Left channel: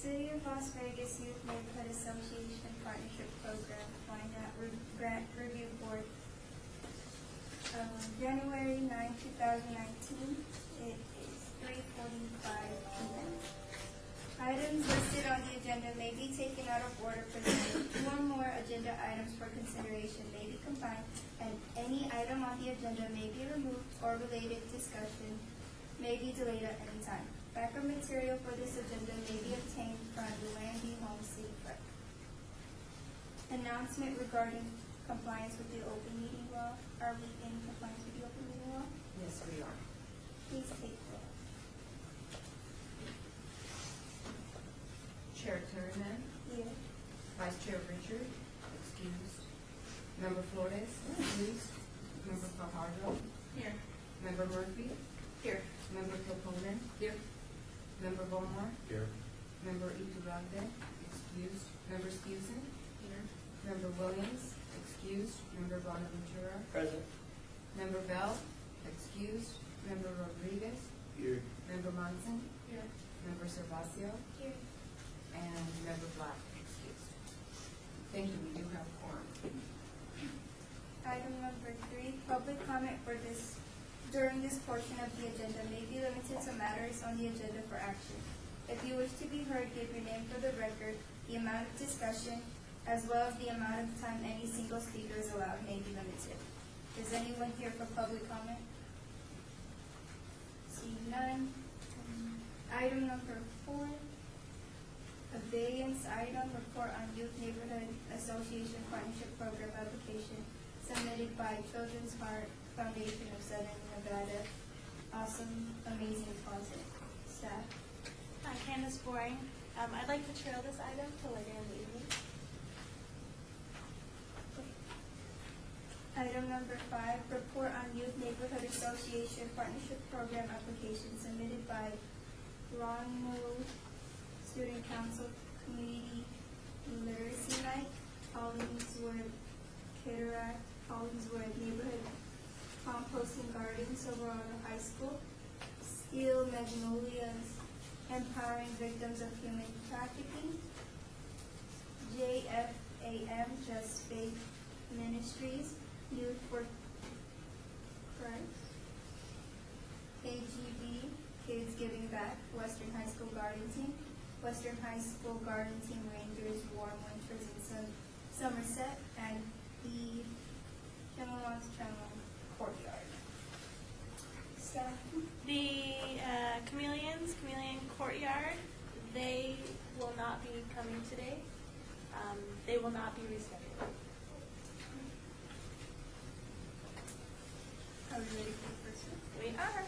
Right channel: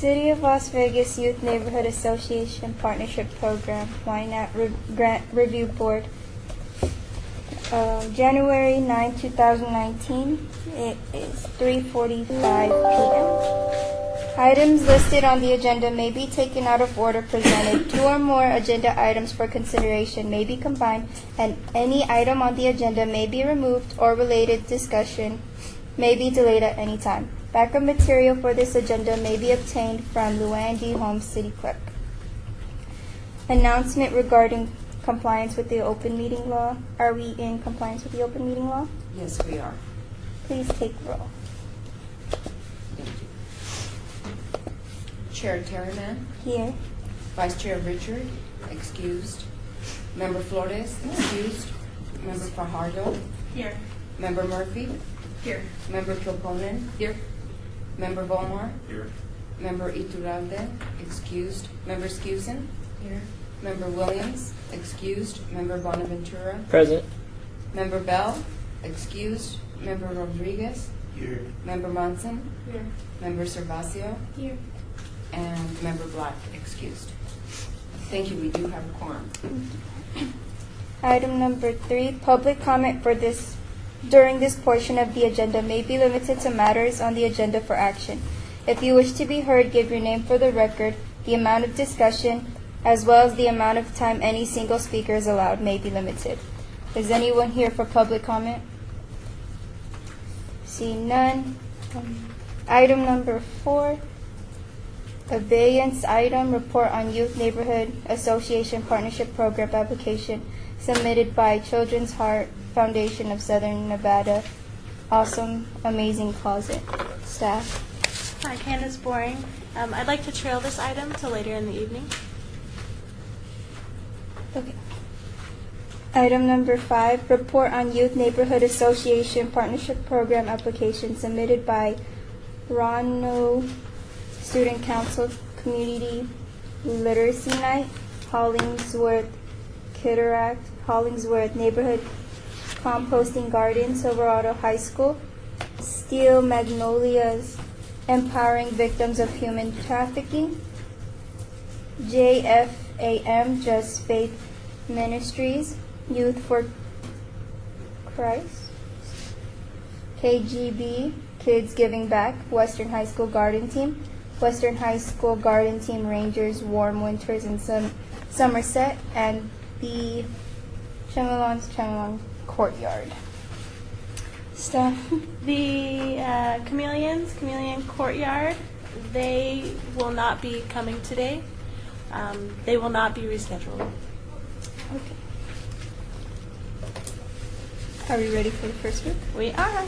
City of Las Vegas Youth Neighborhood Association Partnership Program, Ynapp Grant Review Board. January 9, 2019. It is 3:45 p.m. Items listed on the agenda may be taken out of order presented. Two or more agenda items for consideration may be combined, and any item on the agenda may be removed or related discussion may be delayed at any time. Backup material for this agenda may be obtained from Luann D. Holmes, City Clerk. Announcement regarding compliance with the open meeting law. Are we in compliance with the open meeting law? Yes, we are. Please take roll. Thank you. Chair Terryman, Here. Vice Chair Richard, excused. Member Flores, excused. Member Fajardo, Here. Member Murphy, Here. Member Kilponen, Here. Member Volmar, Here. Member Iturralde, excused. Member Scusen, Here. Member Williams, excused. Member Bonaventura, Present. Member Bell, excused. Member Rodriguez, Here. Member Monson, Here. Member Servacio, Here. and Member Black, excused. Thank you, we do have a quorum. Item number 3, public comment for this during this portion of the agenda may be limited to matters on the agenda for action. If you wish to be heard, give your name for the record. The amount of discussion, as well as the amount of time any single speaker is allowed, may be limited. Is anyone here for public comment? See none. Item number 4, abeyance item, report on Youth Neighborhood Association Partnership Program application submitted by Children's Heart Foundation of Southern Nevada. Awesome, amazing closet. Staff. Hi, Candace Boring. I'd like to trail this item till later in the evening. Okay. Item number 5, report on Youth Neighborhood Association Partnership Program application submitted by Rono Student Council Community Literacy Night, Hollingsworth, Kitaract, Hollingsworth Neighborhood Composting Garden, Silverado High School, Steel Magnolias, Empowering Victims of Human Trafficking, JFAM, Just Faith Ministries, Youth for Christ, KGB, Kids Giving Back, Western High School Garden Team, Western High School Garden Team Rangers, Warm Winters in Somerset, and the Chemelong Courtyard. Staff. The Chameleon Courtyard, they will not be coming today. They will not be rescheduled. Okay. Are we ready for the first group? We are.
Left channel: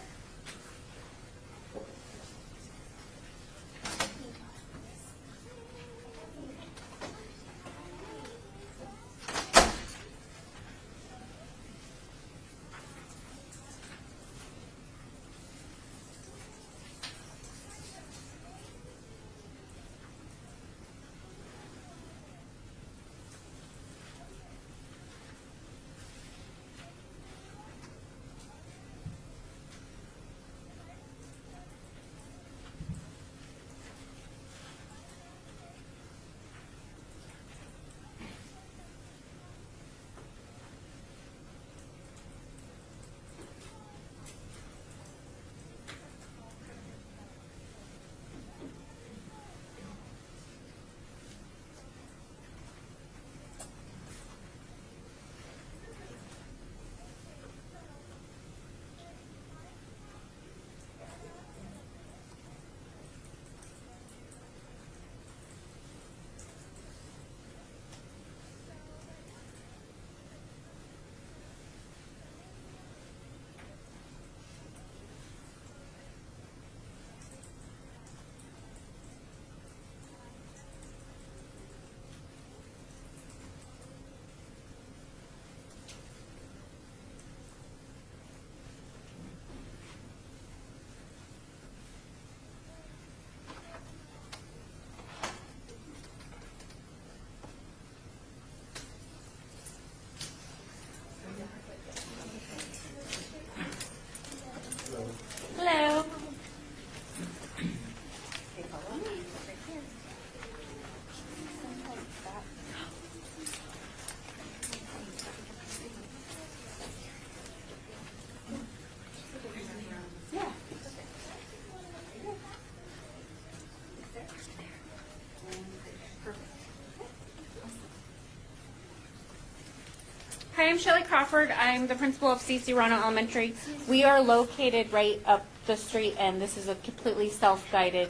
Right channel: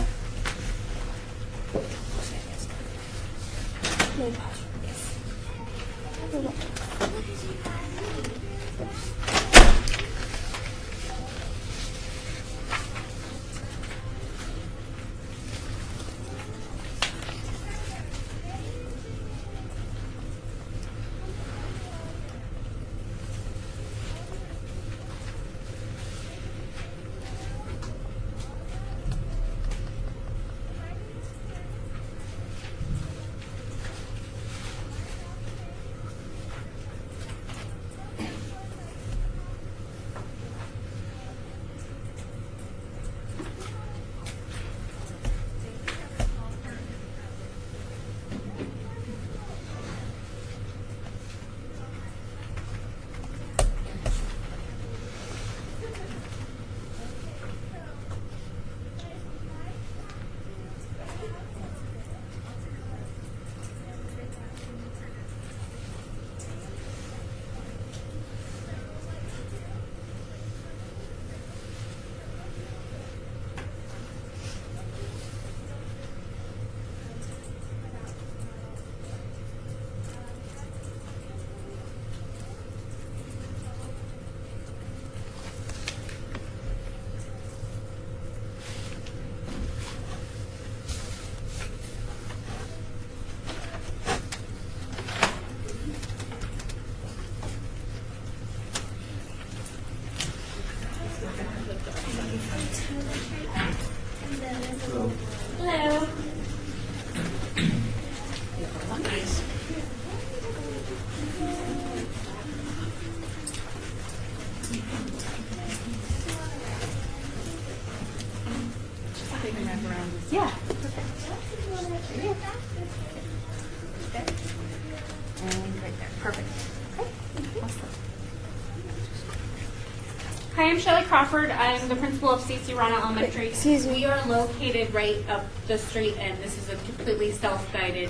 Shelley Crawford. I'm the principal of C.C. Rana Elementary. Excuse me. We are located right up the street, and this is a completely self-guided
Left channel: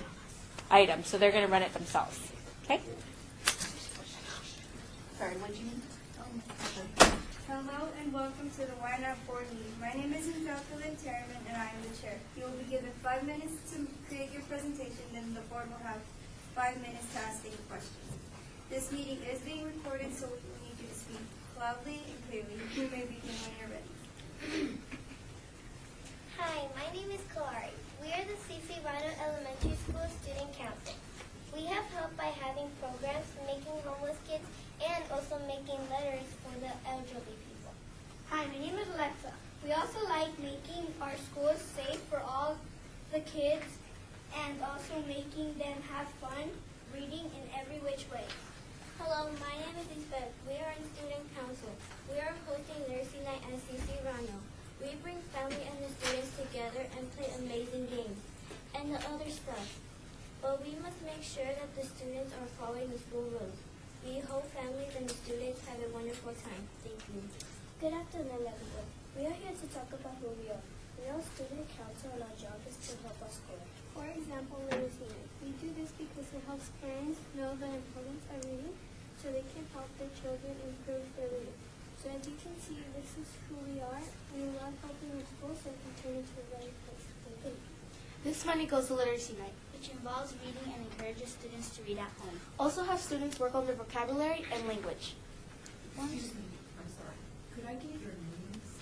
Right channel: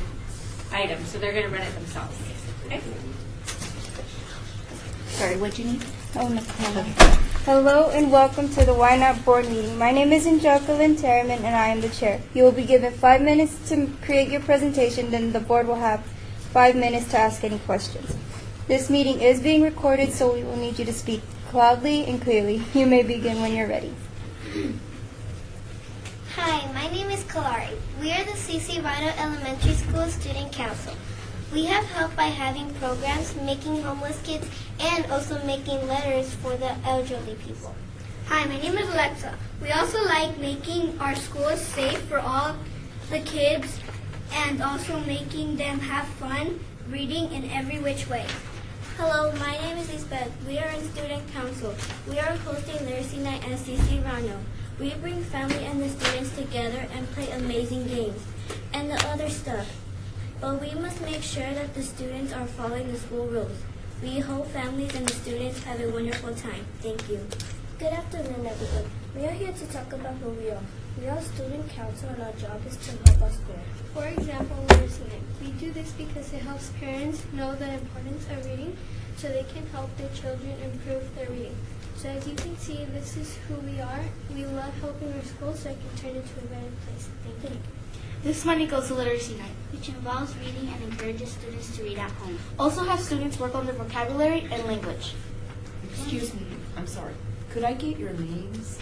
item, so they're going to run it themselves. Okay? Sorry, what'd you need? Oh, no. Hello and welcome to the Ynapp board meeting. My name is Angelica Terriman and I am the chair. You will be given 5 minutes to create your presentation, then the board will have 5 minutes to ask any questions. This meeting is being recorded, so we will need you to speak loudly and clearly. You may begin when you're ready. Hi, my name is Kalari. We are the C.C. Rana Elementary School Student Council. We have help by having programs, making homeless kids, and also making letters for the elderly people. Hi, my name is Alexa. We also like making our schools safe for all the kids and also making them have fun reading in every which way. Hello, my name is Lisbeth. We are in Student Council. We are hosting Literacy Night at C.C. Rana. We bring family and the students together and play amazing games and the other stuff. But we must make sure that the students are following the school rules. We hope families and the students have a wonderful time. Thank you. Good afternoon, everyone. We are here to talk about who we are. We are student council and our job is to help us grow. For example, Literacy Night. We do this because it helps parents know the importance of reading so they can help their children improve their reading. So as you can see, this is who we are. We love helping our school so it can turn into a better place. Thank you. This money goes to Literacy Night, which involves reading and encourages students to read at home. Also has students work on their vocabulary and language. Excuse me, I'm sorry. Could I get your names?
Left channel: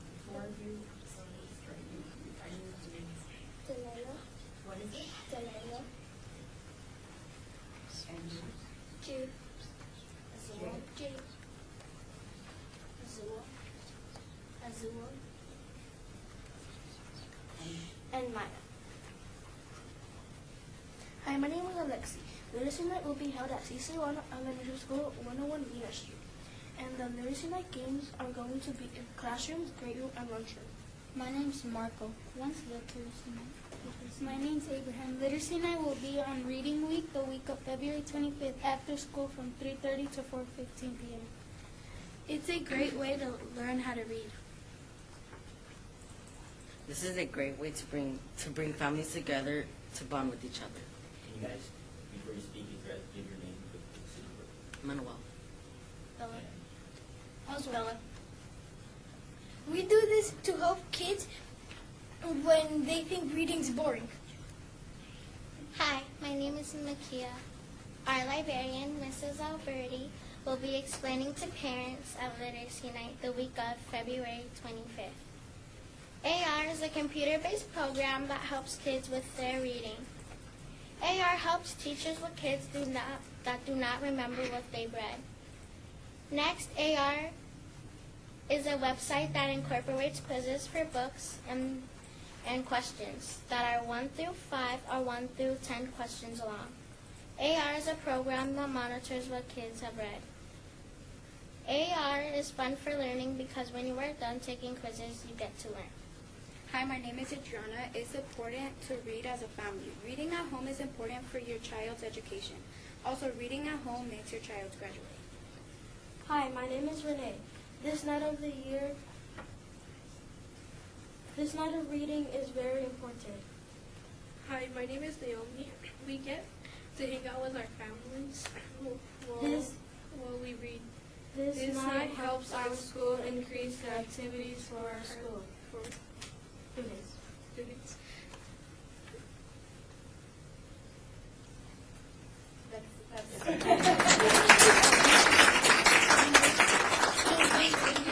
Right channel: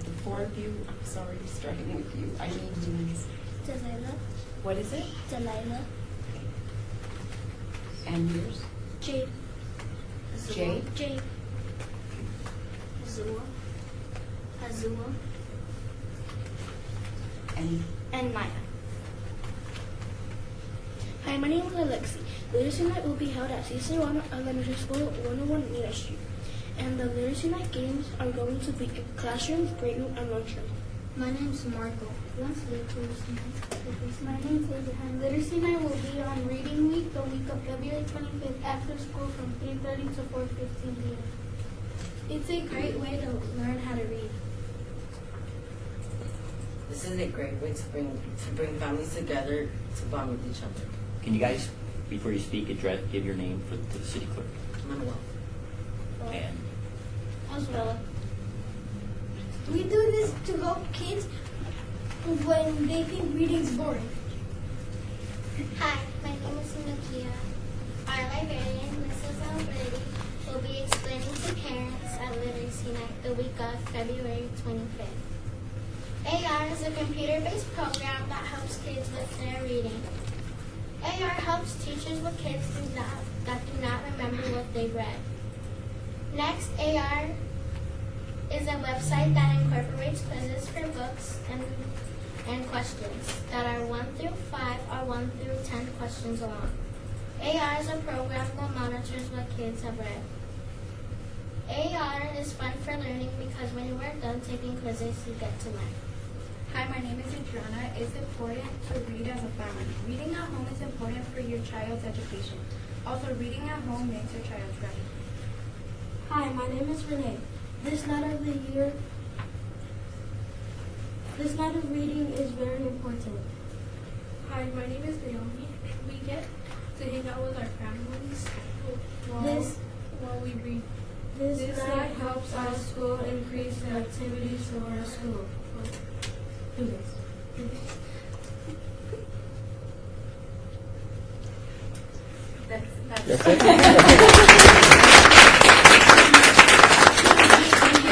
The four of you? I'm sorry, starting with you. I need names. Delilah, What is it? Delilah, And yours? Jade. Jay? Jade. Azua, And and Maya. Hi, my name is Alexi. Literacy Night will be held at C.C. Rana Elementary School, 101 Ynapp Street. And the Literacy Night games are going to be in classrooms, grade room, and lunchroom. My name's Marco. Once Literacy Night. My name's Abraham. Literacy Night will be on Reading Week, the week of February 25th after school from 3:30 to 4:15 p.m. It's a great way to learn how to read. This is a great way to bring families together to bond with each other. Can you guys, before you speak, give your name to the city clerk? Manuel. And Oswald. We do this to help kids when they think reading's boring. Hi, my name is Makia. Our librarian, Mrs. Alberti, will be explaining to parents at Literacy Night the week of February 25th. AR is a computer-based program that helps kids with their reading. AR helps teachers with kids that do not remember what they've read. Next, AR is a website that incorporates quizzes for books and questions that are 1 through 5 or 1 through 10 questions long. AR is a program that monitors what kids have read. AR is fun for learning because when you are done taking quizzes, you get to learn. Hi, my name is Adriana. It's important to read as a family. Reading at home is important for your child's education. Also, reading at home makes your child ready. Hi, my name is Renee. This night of reading is very important. Hi, my name is Naomi. We get to hang out with our families while we read. This night helps our school increase the activities for our school. That's that's This it?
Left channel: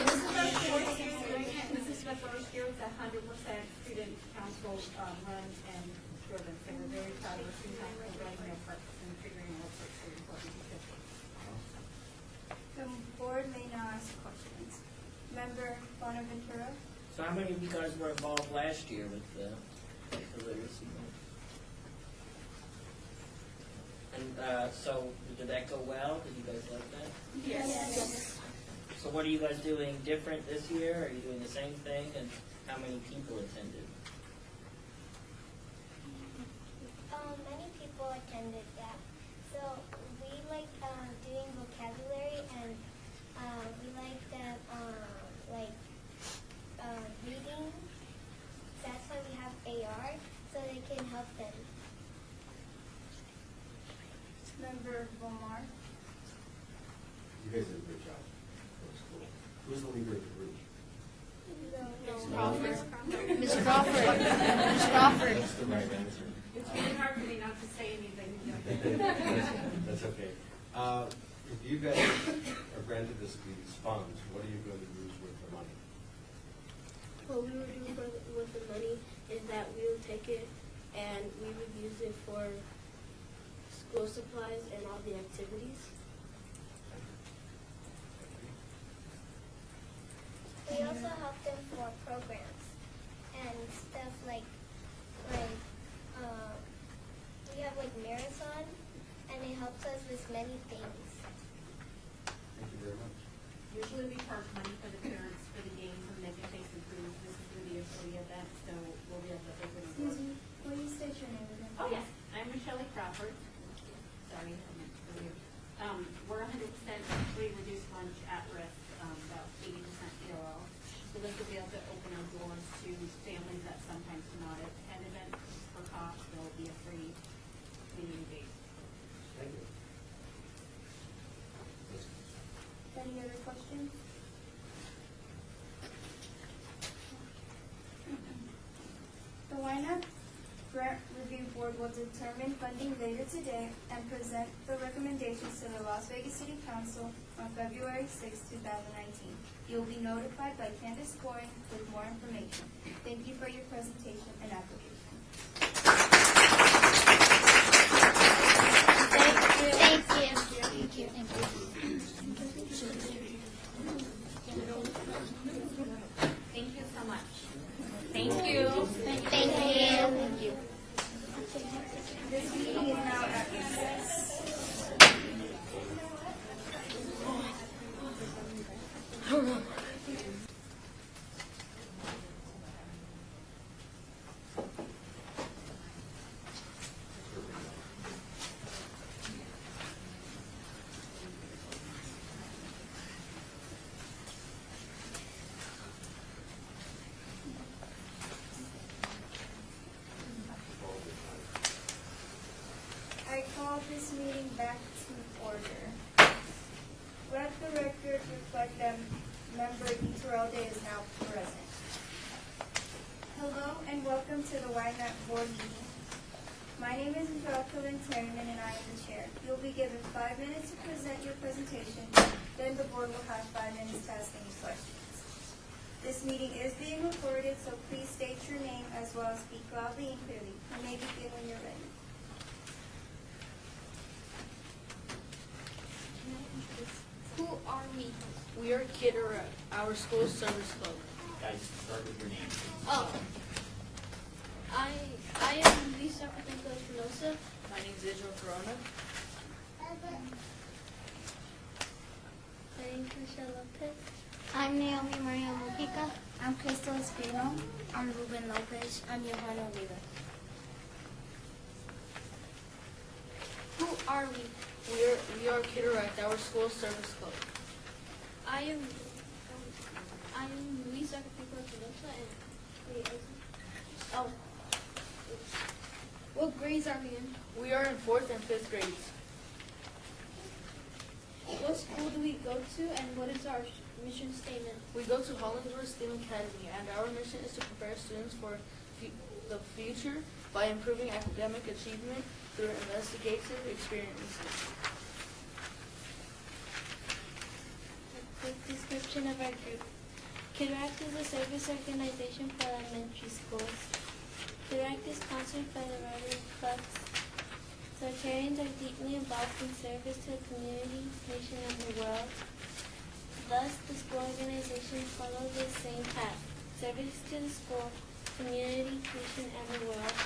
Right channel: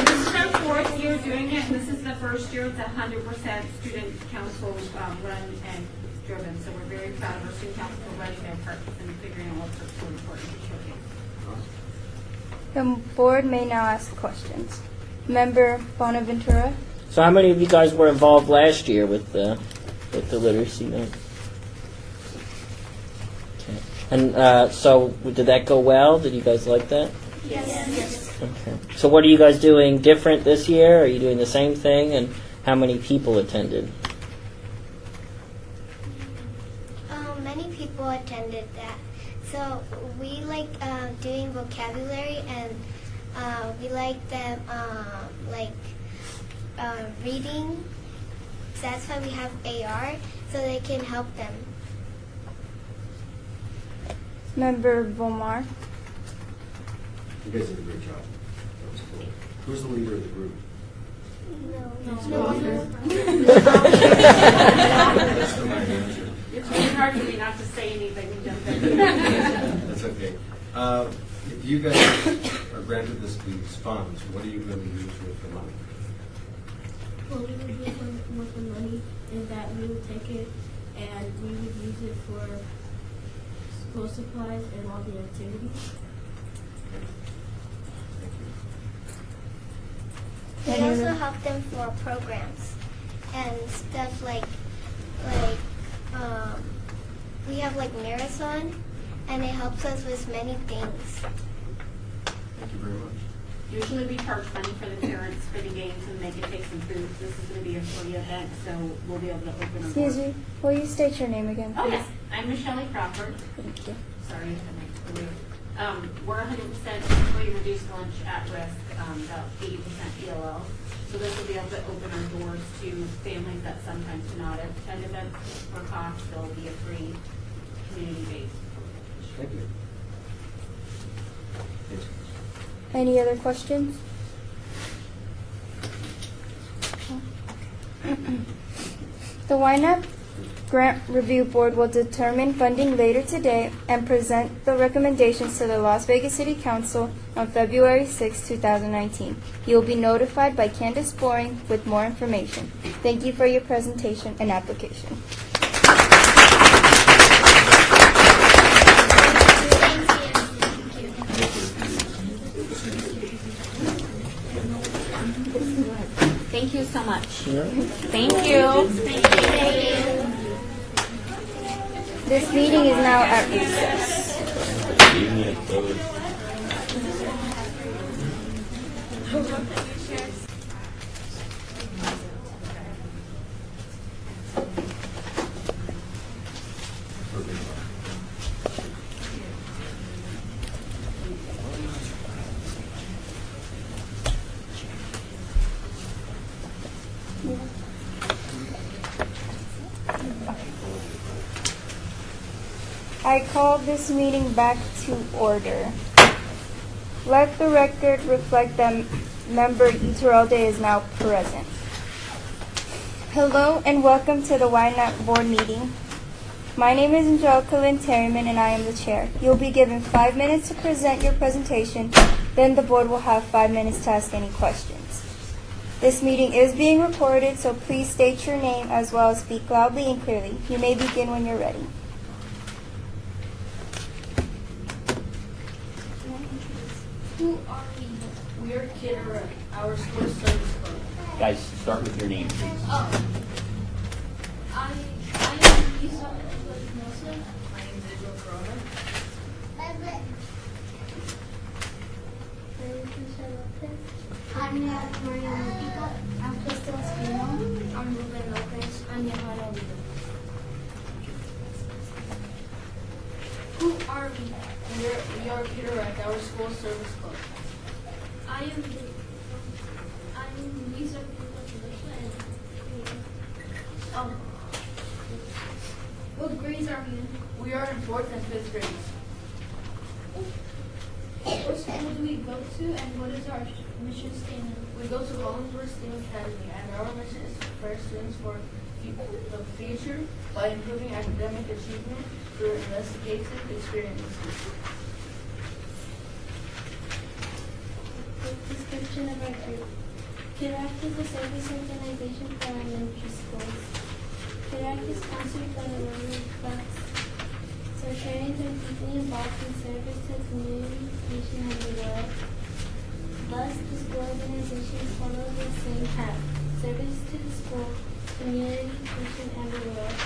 is our fourth year doing it, and this is the first year it's 100% student council run and driven. So we're very proud of our student council for running their parts and figuring out what's so important to children. The board may now ask questions. Member Bonaventura? So how many of you guys were involved last year with the literacy night? Okay. And so did that go well? Did you guys like that? Yes. Okay. So what are you guys doing different this year? Are you doing the same thing? And how many people attended? Many people attended that. So we like doing vocabulary and We like them reading. That's why we have AR, so they can help them. Member Bomar. You guys did a great job. That was cool. Who's the leader of the group? No. That's the right answer. It's really hard for me not to say anything and jump in. That's okay. If you guys are granted these funds, what are you going to use with the money? What we would do with the money is that we would take it and we would use it for school supplies and all the activities. We also help them for programs and stuff like we have like marathon, and it helps us with many things. Thank you very much. Usually we charge money for the parents for the games and they can take some food. This is going to be a free event, so we'll be able to open our Excuse doors. me, will you state your name again, Oh, please? yes. I'm Michelle Crawford. Thank you. Sorry, we're 100% free reduced lunch at risk, about 80% ELL. So this will be able to open our doors to families that sometimes cannot attend events for cost. There'll be a free community-based program. Thank you. Yes. Any other questions? The Ynapp Grant Review Board will determine funding later today and present the recommendations to the Las Vegas City Council on February 6, 2019. You will be notified by Candace Boring with more information. Thank you for your presentation and application. Thank you so much. Thank you. This meeting is now at recess. I call this meeting back to order. Let the record reflect that member Iturralde is now present. Hello and welcome to the Ynapp board meeting. My name is Angelica Lynn Terryman and I am the chair. You'll be given 5 minutes to present your presentation, then the board will have 5 minutes to ask any questions. This meeting is being recorded, so please state your name as well as speak loudly and clearly. You may begin when you're ready. Who are we? We are Kidder, our school service club. Guys, start with your name. Oh. I am Lisa Espinosa. My name is Israel Corona. I'm Naomi Maria Mujica. I'm Crystal Espino. I'm Ruben Lopez. I'm Johanna Oliva. Who are we? We are Kidder at our school service club. I'm Luisa Espinosa and what grades are we in? We are in 4th and 5th grades. What school do we go to and what is our mission statement? We go to Hollingsworth STEAM Academy, and our mission is to prepare students for the future by improving academic achievement through investigative experiences. Description of our group. Ynapp is a service organization for elementary schools. Ynapp is sponsored by the Rotary Clubs. Rotarians are deeply involved in service to the community, nation, and the world. Thus, the school organizations follow the same path: service to the school, community, nation, and the world.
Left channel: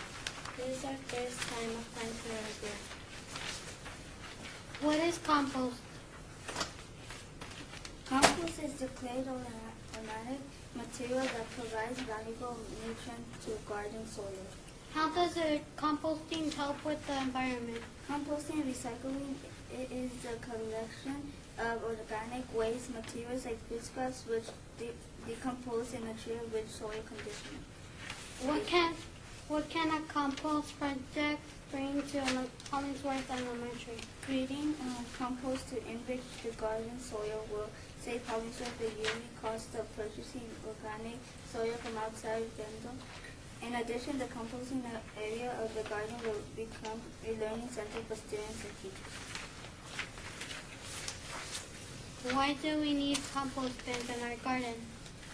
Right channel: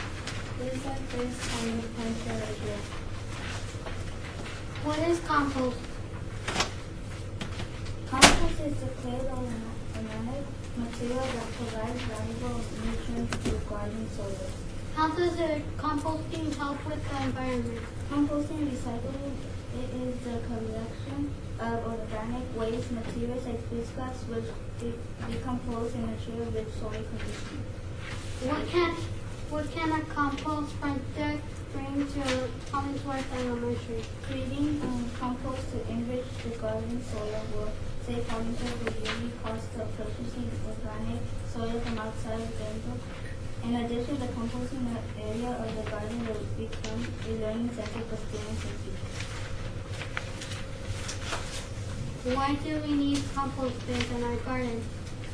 This is our first time applying for our group. What is compost? Compost is declared organic material that provides valuable nutrients to garden soil. How does the composting help with the environment? Composting and recycling It is the collection of organic waste materials like food scraps which decompose in nature-rich soil conditions. What can a compost project bring to Hollingsworth Elementary? Creating compost to enrich the garden soil will save Hollingsworth the yearly cost of purchasing organic soil from outside of Gainesville. In addition, the composting area of the garden will become a learning center for students and teachers. Why do we need compost bins in our garden?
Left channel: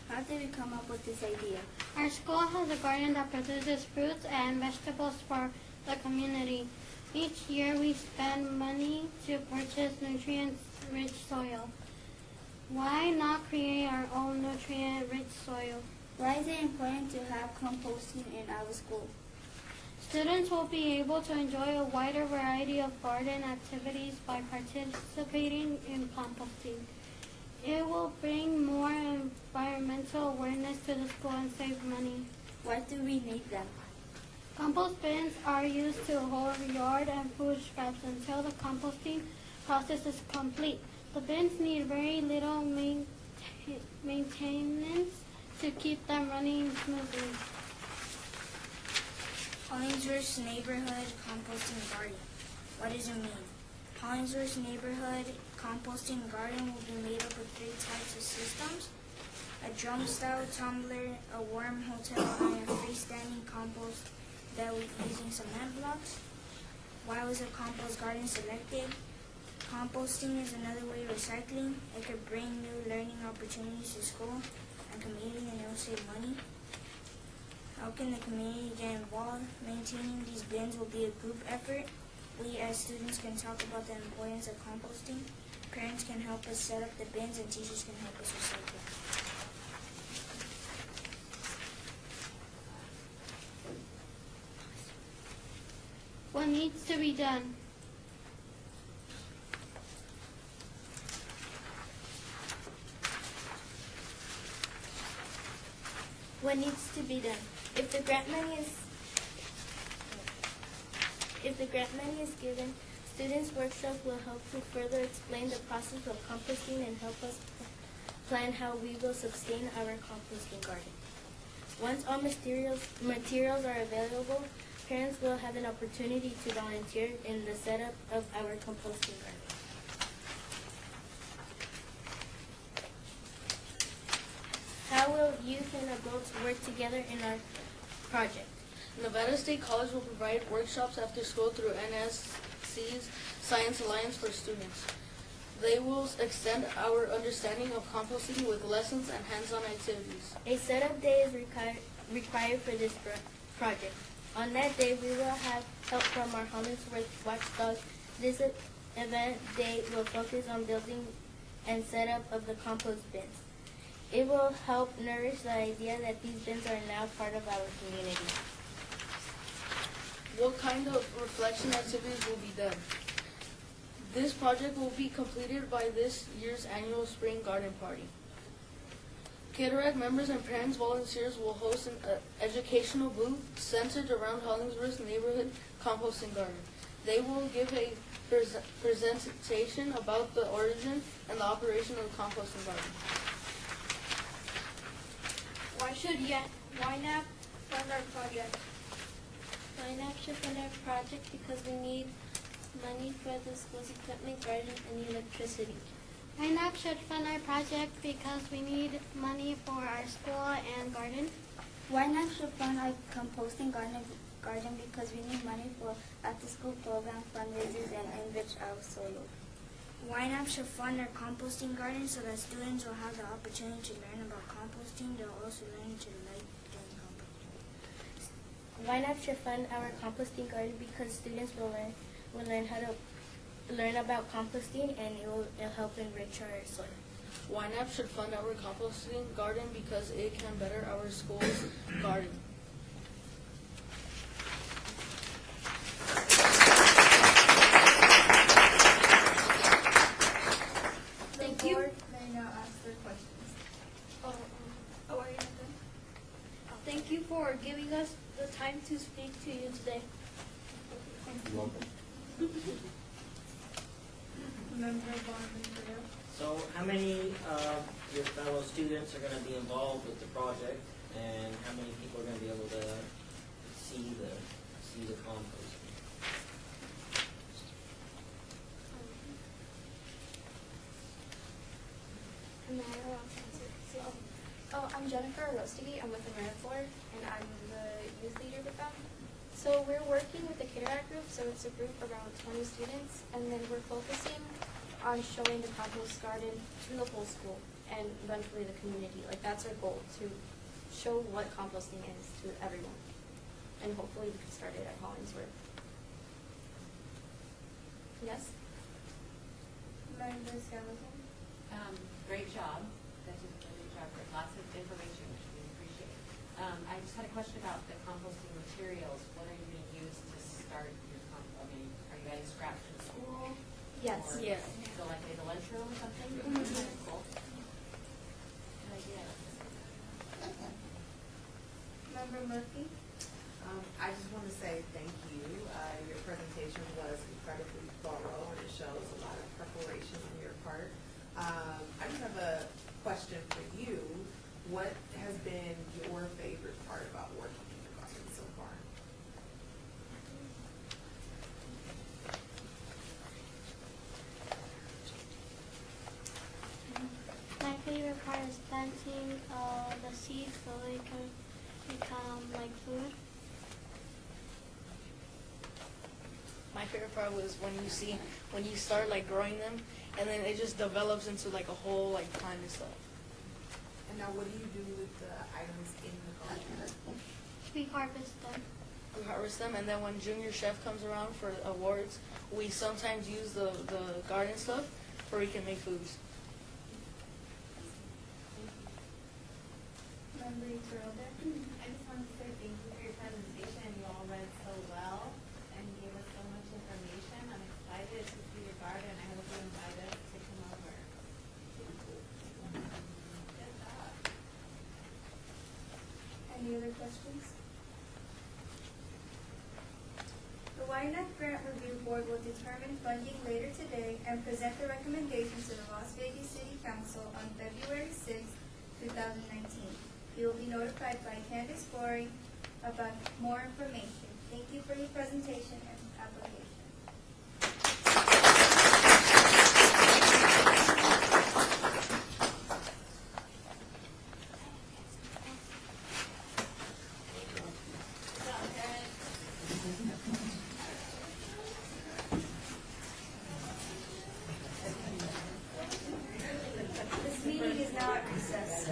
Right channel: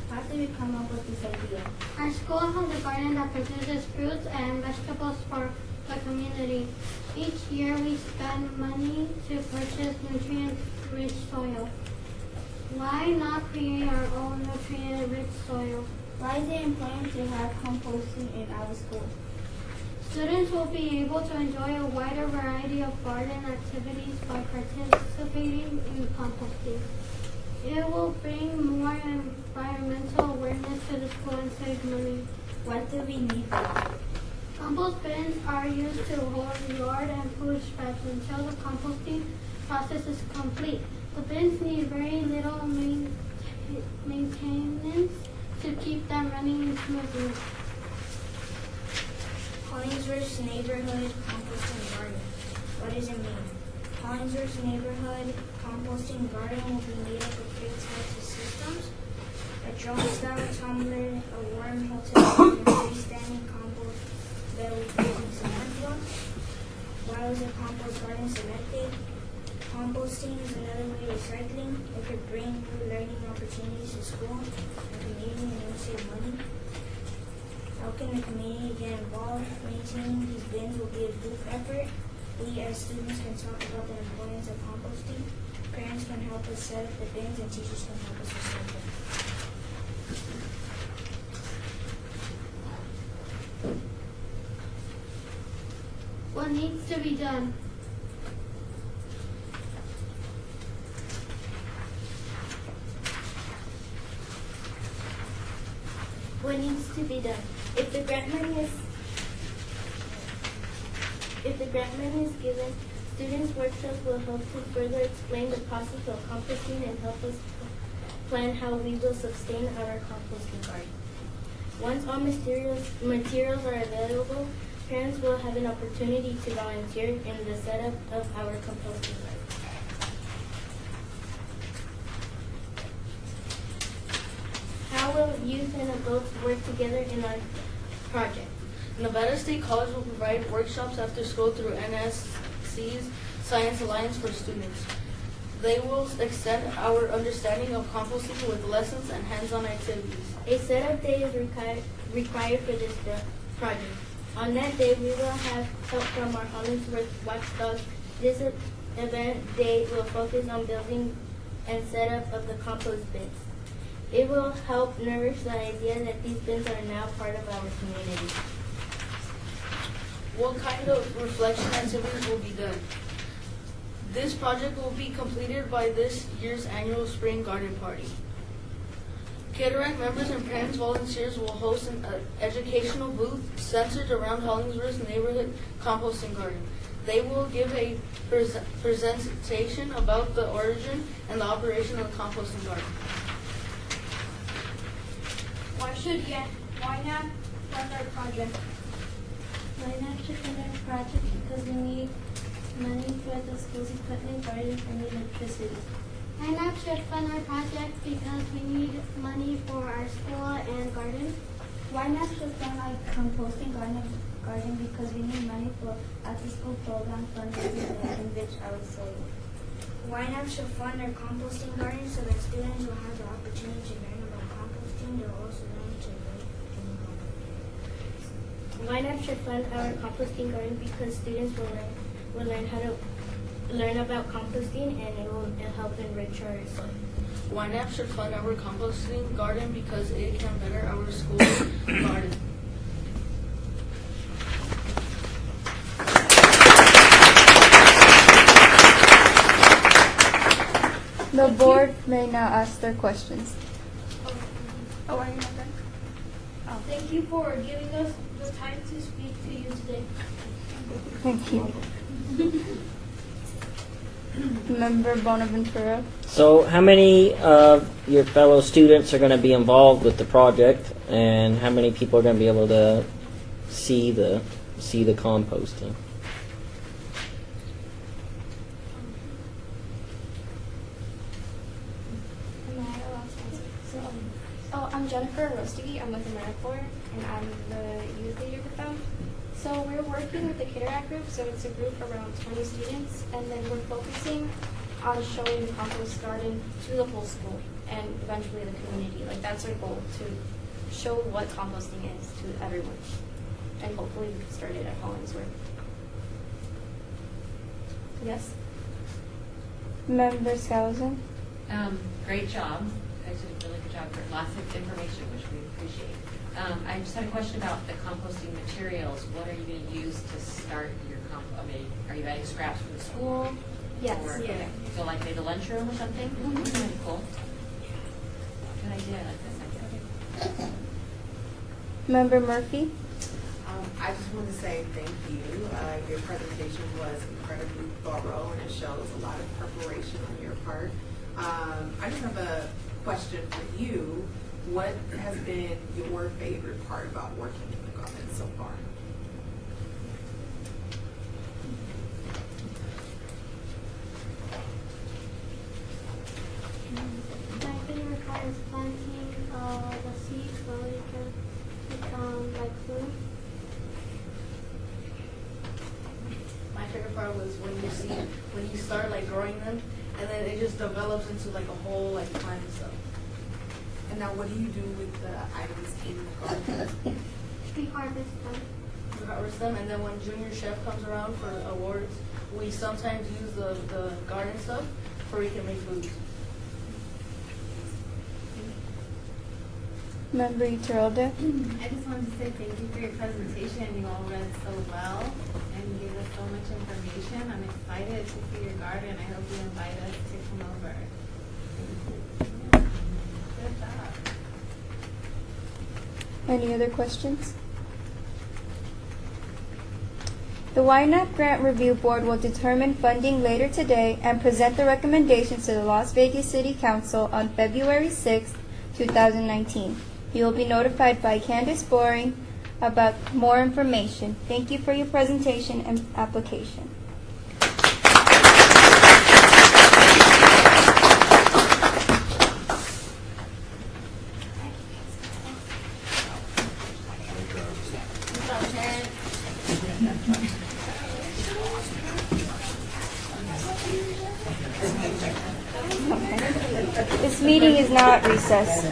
How did we come up with this idea? Our school has a garden that produces fruits and vegetables for the community. Each year we spend money to purchase nutrient-rich soil. Why not create our own nutrient-rich soil? Why is it important to have composting in our school? Students will be able to enjoy a wider variety of garden activities by participating in composting. It will bring more environmental awareness to the school and save money. Why do we need them? Compost bins are used to hold yard and food scraps until the composting process is complete. The bins need very little maintenance to keep them running smoothly. Hollingsworth's neighborhood composting garden. What does it mean? Hollingsworth's neighborhood composting garden will be made up of 3 types of systems: a drum-style tumbler, a wormhole system, and a freestanding compost built using cement blocks. Why was a compost garden selected? Composting is another way of recycling. It could bring new learning opportunities to school and community and help save money. How can the community get involved? Maintaining these bins will be a group effort. We as students can talk about the importance of composting. Parents can help us set up the bins and teachers can help us recycle. What needs to be done? What needs to be done? If the grant money is given, students' workshop will help to further explain the process of composting and help us plan how we will sustain our composting garden. Once all materials are available, parents will have an opportunity to volunteer in the setup of our composting garden. How will youth and adults work together in our project? Nevada State College will provide workshops after school through NSC's Science Alliance for Students. They will extend our understanding of composting with lessons and hands-on activities. A setup day is required for this project. On that day, we will have help from our Hollingsworth watchdogs. This event day will focus on building and setup of the compost bins. It will help nourish the idea that these bins are now part of our community. What kind of reflection activities will be done? This project will be completed by this year's annual spring garden party. Cataract members and parents volunteers will host an educational booth centered around Hollingsworth's neighborhood composting garden. They will give a presentation about the origin and the operation of the composting garden. Why should Ynapp fund our project? Ynapp should fund our project because we need money for the school's equipment, gardens, and electricity. Ynapp should fund our project because we need money for our school and garden. Ynapp should fund our composting garden because we need money for after-school program fundraising that enrich our soil. Ynapp should fund our composting garden so that students will have the opportunity to learn about composting. They will also learn to write and compost. Ynapp should fund our composting garden because students will learn about composting and it will help enrich our soil. Ynapp should fund our composting garden because it can better our school garden. The board may now ask their questions. Thank you for giving us the time to speak to you today. Thank you. Member Bonaventura. So, how many of your fellow students are going to be involved with the project, and how many people are going to be able to see the composting? I'm Jennifer Rostige. I'm with AmeriCorps, and I'm the youth leader with them. So we're working with the Cataract group, so it's a group around 20 students, and then we're focusing on showing the compost garden to the whole school and eventually the community. Like, that's our goal, to show what composting is to everyone, and hopefully start it at Hollingsworth. Yes? Member Skousen. Great job. You guys did a really good job. Lots of information, which we appreciate. I just had a question about the composting materials. What are you going to use to start your are you adding scraps from the school? Yes. Yeah. Okay. So like maybe the lunchroom or something? Really cool. Good idea. I like this idea. Member Murphy. I just want to say thank you. Your presentation was incredibly thorough, and it shows a lot of preparation on your part. I just have a question for you. What has been your favorite part about working in the garden so far? My favorite part is planting the seeds so they can become like food. My favorite part was when you start like growing them, and then it just develops into like a whole like plant and stuff. And now what do you do with the items in the garden? We harvest them. We harvest them, and then when Junior Chef comes around for awards, we sometimes use the garden stuff where we can make foods. Member Iturralde. I just wanted to say thank you for your presentation. You all read so well and gave us so much information. I'm excited to see your garden. I hope you invite us to come over. Good job. Any other questions? The Ynapp Grant Review Board will determine funding later today and present the recommendations to the Las Vegas City Council on February 6, 2019. You will be notified by Candace Boring about more information. Thank you for your presentation and application. This meeting is now at recess.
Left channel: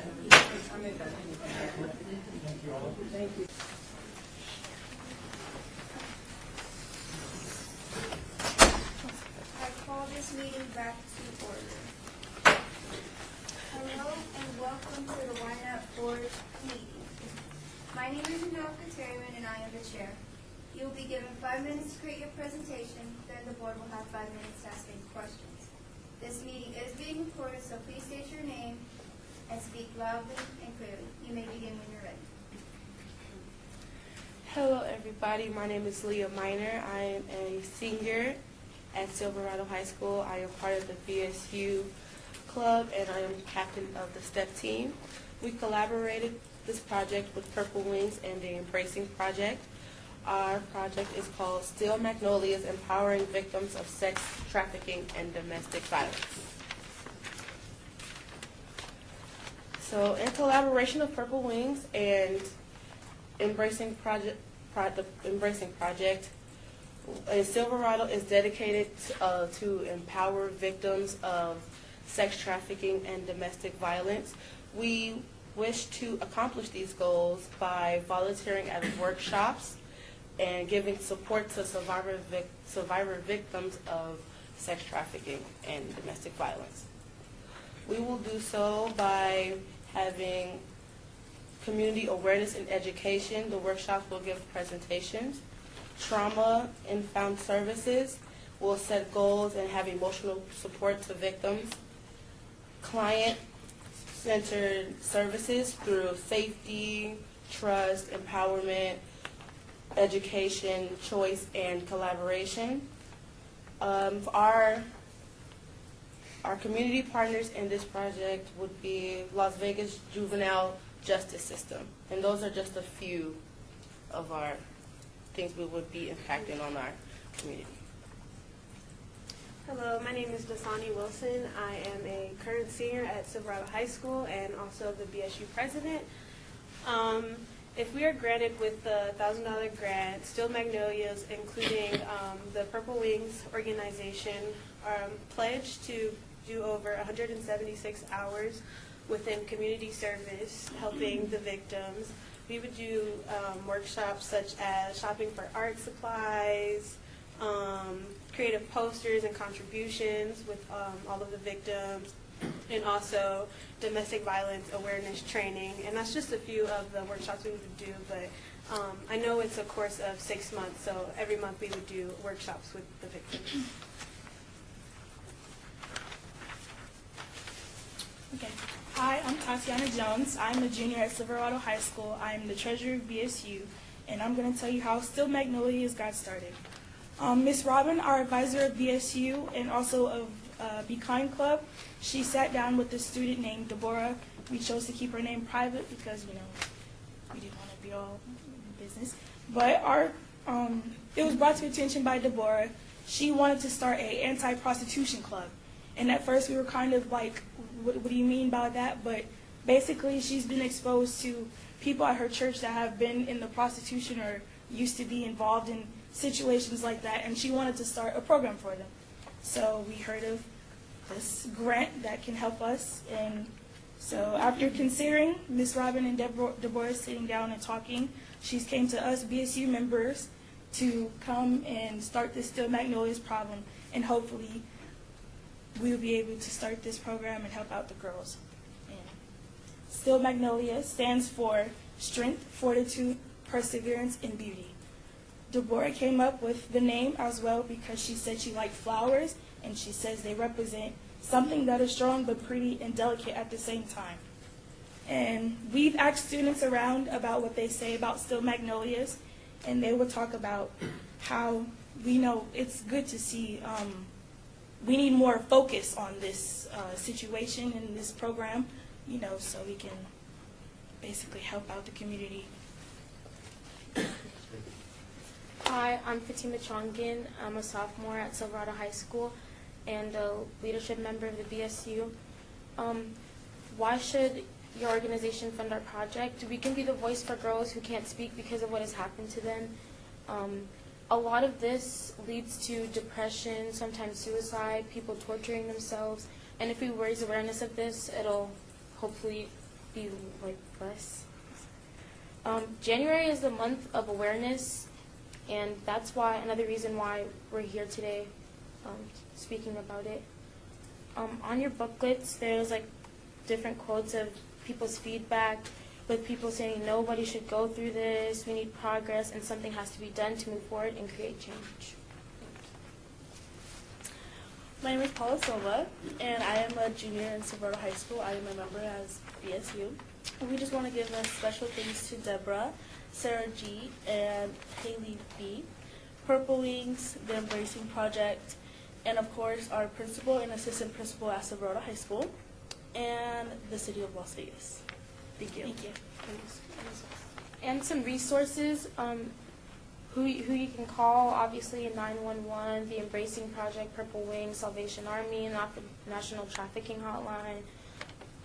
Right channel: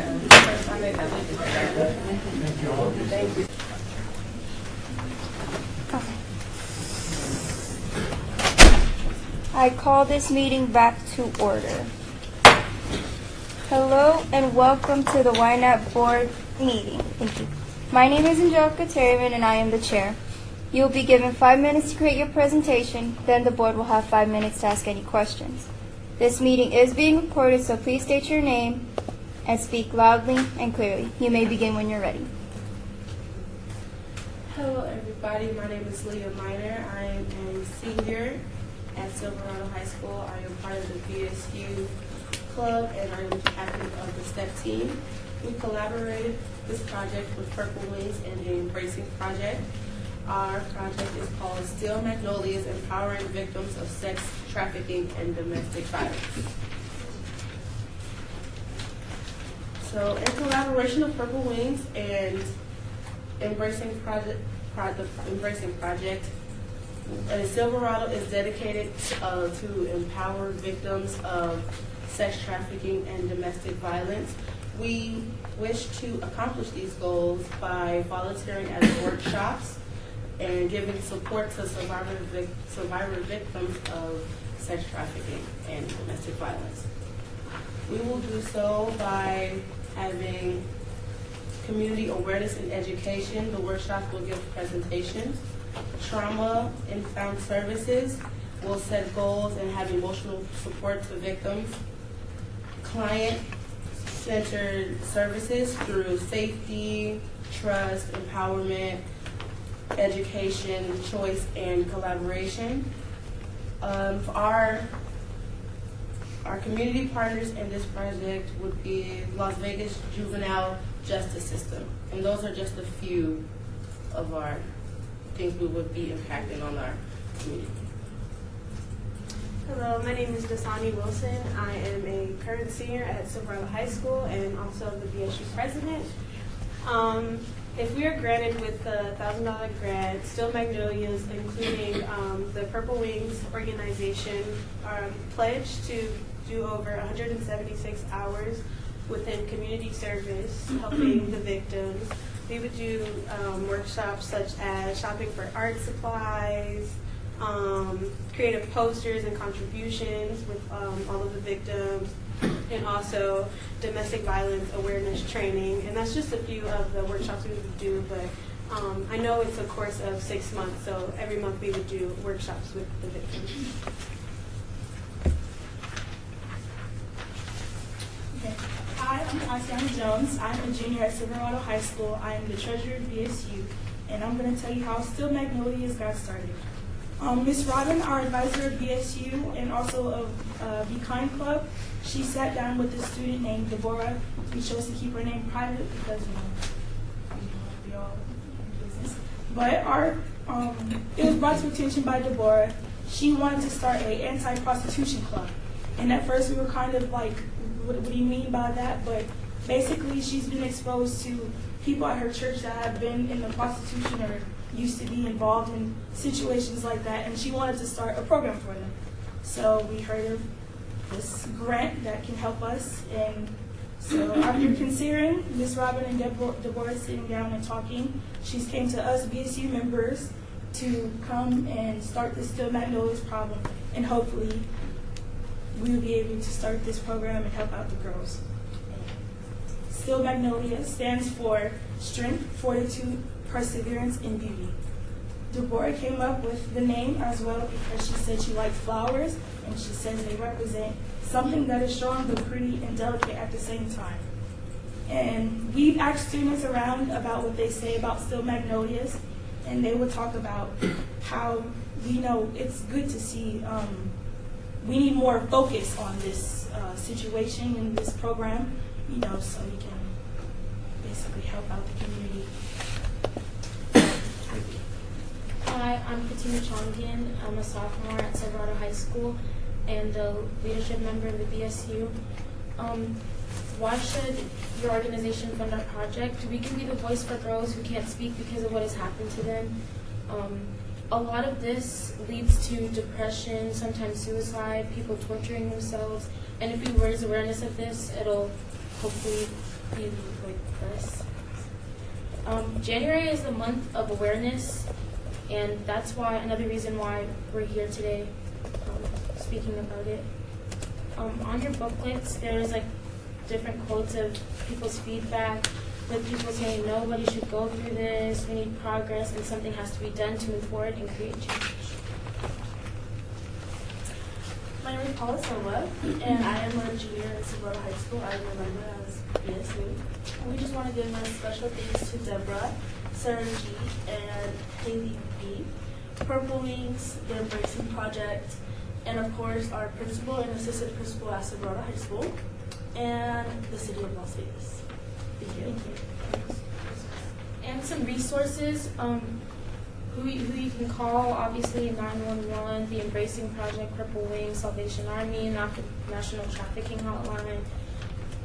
I call this meeting back to order. Hello and welcome to the Ynapp Board meeting. Thank you. My name is Angelica Terryman and I am the chair. You will be given 5 minutes to create your presentation, then the board will have 5 minutes to ask any questions. This meeting is being recorded, so please state your name and speak loudly and clearly. You may begin when you're ready. Hello everybody, my name is Leah Miner. I am a senior at Silverado High School. I am part of the VSU club and I am captain of the STEP team. We collaborated this project with Purple Wings and the Embracing Project. Our project is called Still Magnolias, Empowering Victims of Sex Trafficking and Domestic Violence. So in collaboration with Purple Wings and Embracing Project, Silverado is dedicated to empower victims of sex trafficking and domestic violence. We wish to accomplish these goals by volunteering at workshops and giving support to survivor victims of sex trafficking and domestic violence. We will do so by having community awareness and education. The workshop will give presentations. Trauma-informed services will set goals and have emotional support to victims. Client-centered services through safety, trust, empowerment, education, choice, and collaboration. Our Our community partners in this project would be Las Vegas Juvenile Justice System. And those are just a few of our things we would be impacting on our community. Hello, my name is Dasani Wilson. I am a current senior at Silverado High School and also the BSU president. If we are granted with the $1,000 grant, Still Magnolias, including the Purple Wings organization, pledged to do over 176 hours within community service, helping the victims. We would do workshops such as shopping for art supplies, creative posters and contributions with all of the victims, and also domestic violence awareness training. And that's just a few of the workshops we would do, but I know it's a course of 6 months, so every month we would do workshops with the victims. Okay. Hi, I'm Tatiana Jones. I'm a junior at Silverado High School. I am the treasurer of BSU, and I'm going to tell you how Still Magnolias got started. Ms. Robin, our advisor of BSU and also of Be Kind Club, she sat down with a student named Deborah. We chose to keep her name private because we didn't want to be all in business. But it was brought to attention by Deborah. She wanted to start an anti-prostitution club. And at first we were kind of like, what do you mean by that? But basically she's been exposed to people at her church that have been in the prostitution or used to be involved in situations like that, and she wanted to start a program for them. So we heard of this grant that can help us, and so after considering Ms. Robin and Deborah sitting down and talking, she came to us BSU members to come and start this Still Magnolias problem, and hopefully we will be able to start this program and help out the girls. Still Magnolias stands for Strength, Fortitude, Perseverance, and Beauty. Deborah came up with the name as well because she said she liked flowers, and she says they represent something that is strong but pretty and delicate at the same time. And we've asked students around about what they say about Still Magnolias, and they will talk about how we know it's good to see we need more focus on this situation in this program, so we can basically help out the community. Hi, I'm Katina Chongin. I'm a sophomore at Silverado High School and the leadership member of the BSU. Why should your organization fund our project? We could be the voice for girls who can't speak because of what has happened to them. A lot of this leads to depression, sometimes suicide, people torturing themselves. And if we raise awareness of this, it'll hopefully be less. January is the month of awareness, and that's why another reason why we're here today speaking about it. On your booklets, there's different quotes of people's feedback, with people saying nobody should go through this, we need progress, and something has to be done to move forward and create change. My name is Paula Silva, and I am a junior in Silverado High School. I am a member as BSU. And we just want to give a special thanks to Deborah, Sarah G, and Haley B, Purple Wings, the Embracing Project, and of course our principal and assistant principal at Silverado High School, and the City of Las Vegas. Thank you. Thank you. And some resources who you can call, obviously 911, the Embracing Project, Purple Wings, Salvation Army, and National Trafficking Hotline.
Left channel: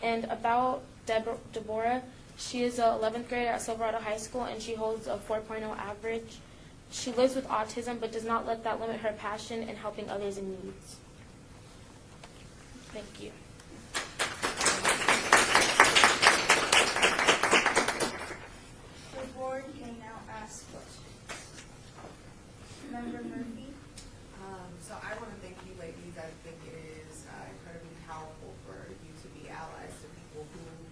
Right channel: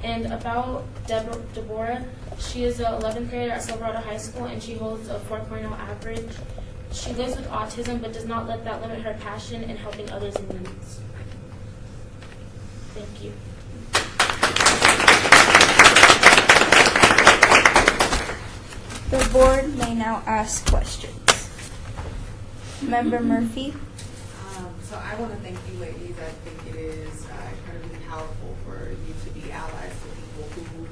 And about Deborah, she is an 11th grader at Silverado High School, and she holds a 4.0 average. She lives with autism, but does not let that limit her passion in helping others in need. Thank you. The board may now ask questions. Member Murphy. So I want to thank you, ladies. I think it is incredibly powerful for you to be allies to people who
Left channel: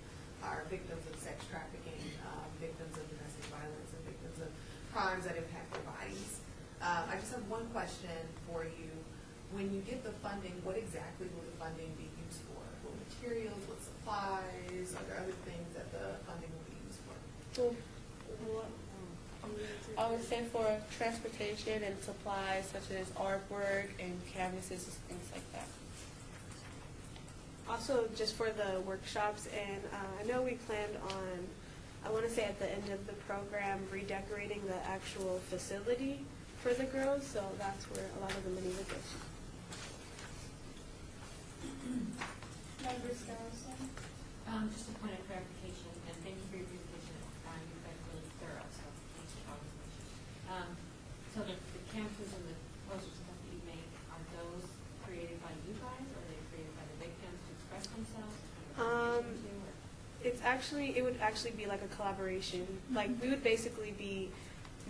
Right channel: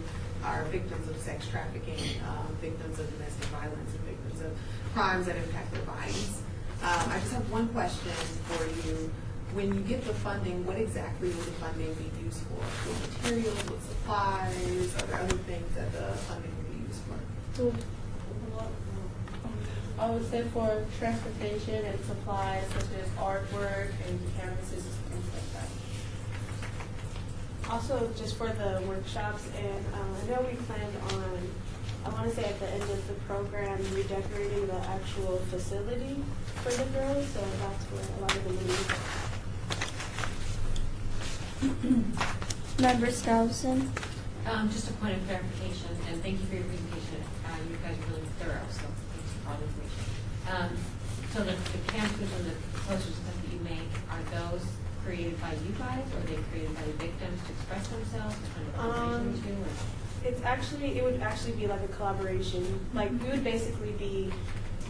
are victims of sex trafficking, victims of domestic violence, and victims of crimes that impact their bodies. I just have one question for you. When you get the funding, what exactly will the funding be used for? What materials, what supplies? Are there other things that the funding will be used for? I would say for transportation and supplies such as artwork and canvases, things like that. also just for the workshops, and I know we planned on, I want to say at the end of the program, redecorating the actual facility for the girls, so that's where a lot of the money is. Member Straussen? Just a point of clarification, and thank you for your presentation. You guys are really thorough, so thanks for all the information. So the pamphlets and the posters and stuff that you make, are those created by you guys, or are they created by the victims to express themselves? It would actually be like a collaboration. Like we would basically be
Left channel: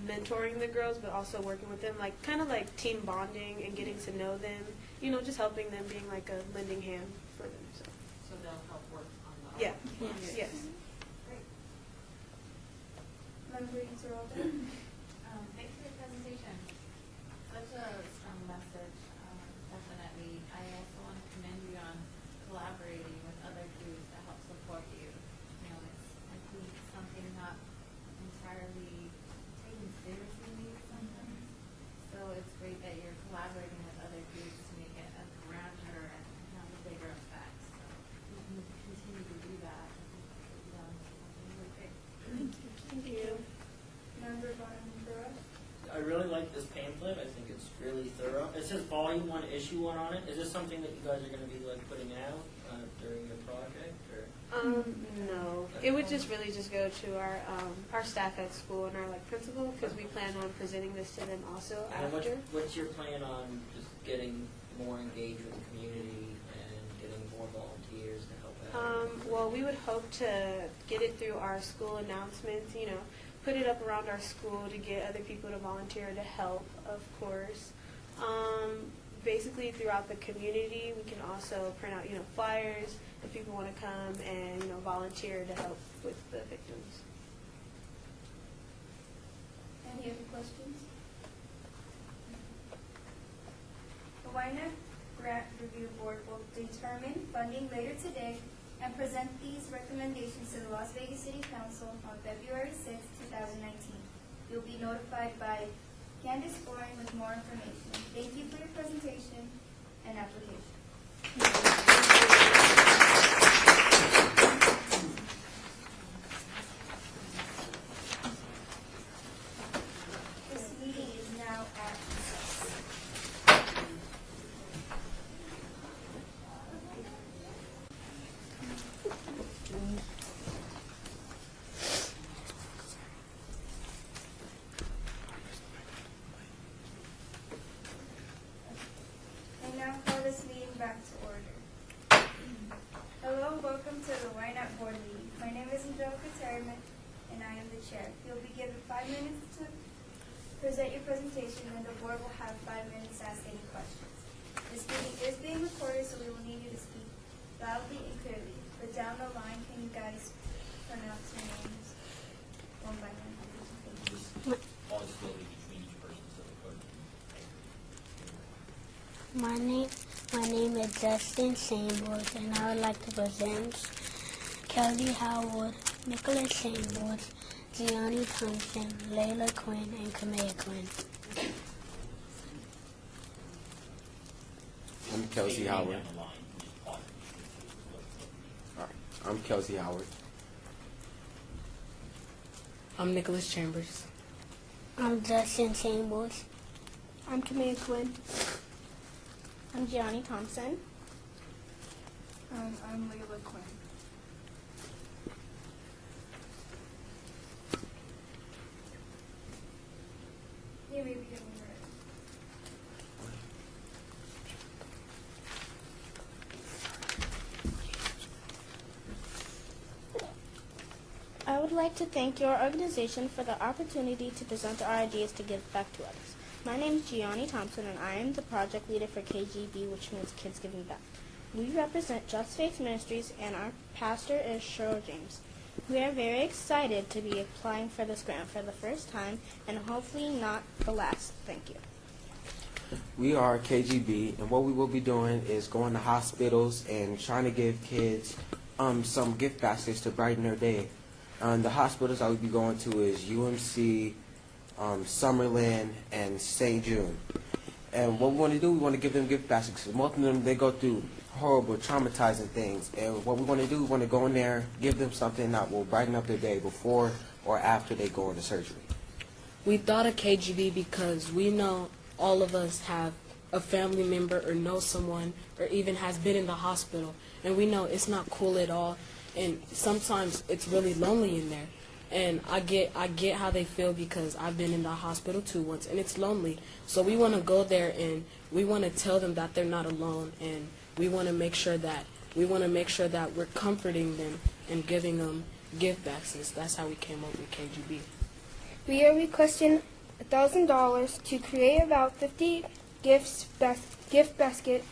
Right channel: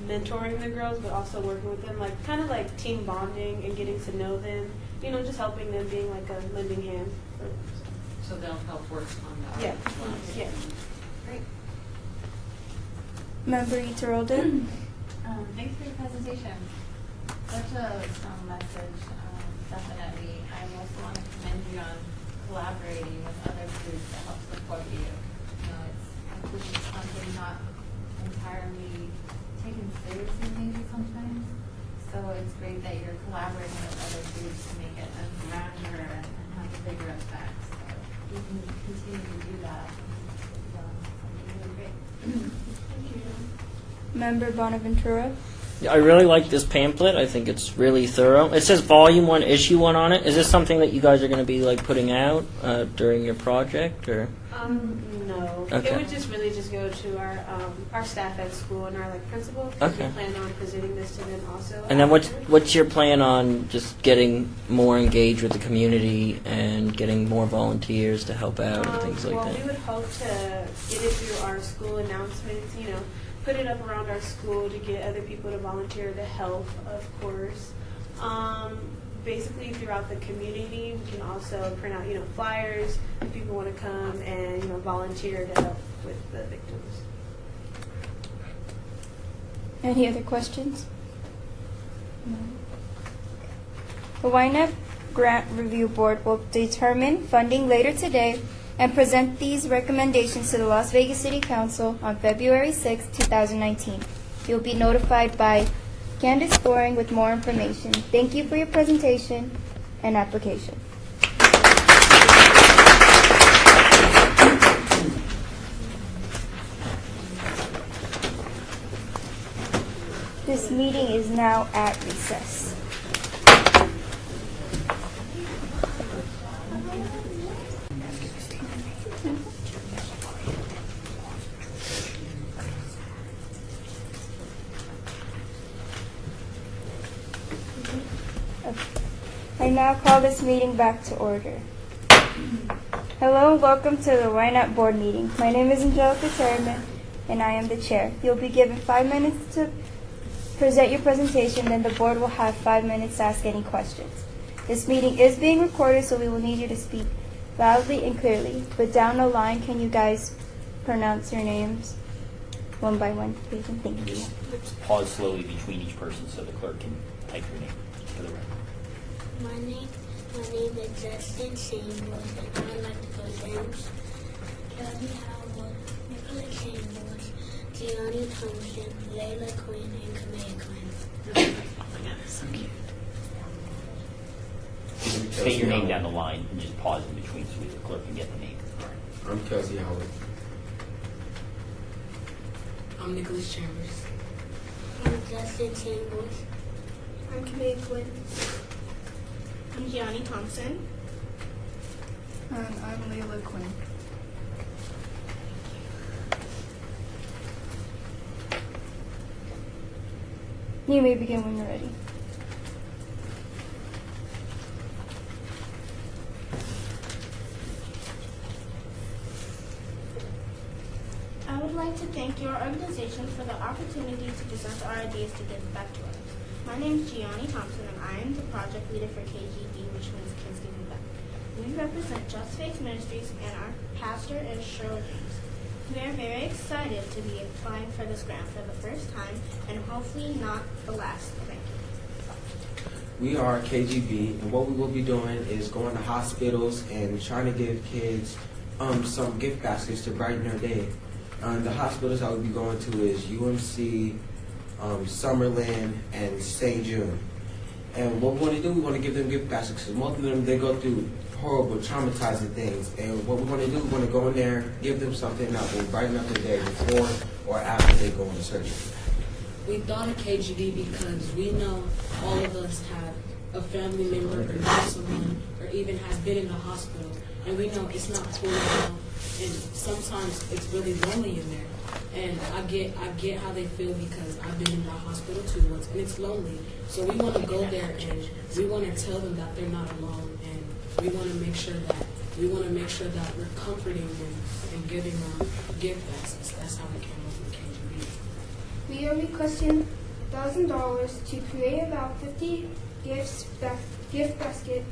mentoring the girls, but also working with them, like kind of like team bonding and getting to know them. You know, just helping them, being like a lending hand. So they'll help work on that. Yeah. Yeah. Great. Member Iterolden? Thanks for your presentation. Such a strong message. Definitely. I also want to commend you on collaborating with other groups to help support you. You know, I think it's something not entirely taken seriously maybe sometimes. So it's great that you're collaborating with other groups to make it a grander and have a bigger effect. So you can continue to do that. Really great. Thank you. Member Bonaventura? I really like this pamphlet. I think it's really thorough. It says Volume 1, Issue 1 on it. Is this something that you guys are going to be like putting out during your project, or? No. Okay. It would just really just go to our staff at school and our like principal. Okay. We plan on presenting this to them also. And then after. what's your plan on just getting more engaged with the community and getting more volunteers to help out and things like well, that? we would hope to get it through our school announcements, you know, put it up around our school to get other people to volunteer to help, of course. Basically throughout the community, we can also print out, you know, flyers if people want to come and, you know, volunteer to help with the victims. Any other questions? No. The Ynapp Grant Review Board will determine funding later today and present these recommendations to the Las Vegas City Council on February 6, 2019. You'll be notified by Candace Boring with more information. Thank you for your presentation and application. This meeting is now at recess. I now call this meeting back to order. Hello and welcome to the Ynapp Board meeting. My name is Angelica Terryman and I am the chair. You'll be given 5 minutes to present your presentation, then the board will have 5 minutes to ask any questions. This meeting is being recorded, so we will need you to speak loudly and clearly. But down the line, can you guys pronounce your names one by one, please? And thank you. Pause slowly between each person so the clerk can type your name for the record. My name is Justin Chambers, and I would like to present Kelly Howard, Nicholas Chambers, Gianni Thompson, Layla Quinn, and Kamea Quinn. State your name down the line and just pause in between so the clerk can get the name. All right. I'm Kelsey Howard. I'm Nicholas Chambers. I'm Justin Chambers. I'm Kamea Quinn. I'm Gianni Thompson. And I'm Layla Quinn. You may begin when you're ready. I would like to thank your organization for the opportunity to present our ideas to give back to others. My name is Gianni Thompson, and I am the project leader for KGB, which means Kids Giving Back. We represent Just Faith Ministries, and our pastor is Cheryl James. We are very excited to be applying for this grant for the first time, and hopefully not the last. Thank you. We are KGB, and what we will be doing is going to hospitals and trying to give kids some gift baskets to brighten their day. The hospitals I will be going to is UMC, Summerlin, and St. June. And what we want to do, we want to give them gift baskets. Most of them, they go through horrible, traumatizing things. And what we're going to do, we're going to go in there, give them something that will brighten up their day before or after they go into surgery. We thought of KGB because we know all of us have a family member or know someone or even has been in the hospital. And we know it's not cool at all. And sometimes it's really lonely in there. And I get how they feel because I've been in the hospital too once, and it's lonely. So we want to go there and we want to tell them that they're not alone, and we want to make sure that we're comforting them and giving them gift baskets. That's how we came up with KGB. We are requesting $1,000 to create about 50 gift basket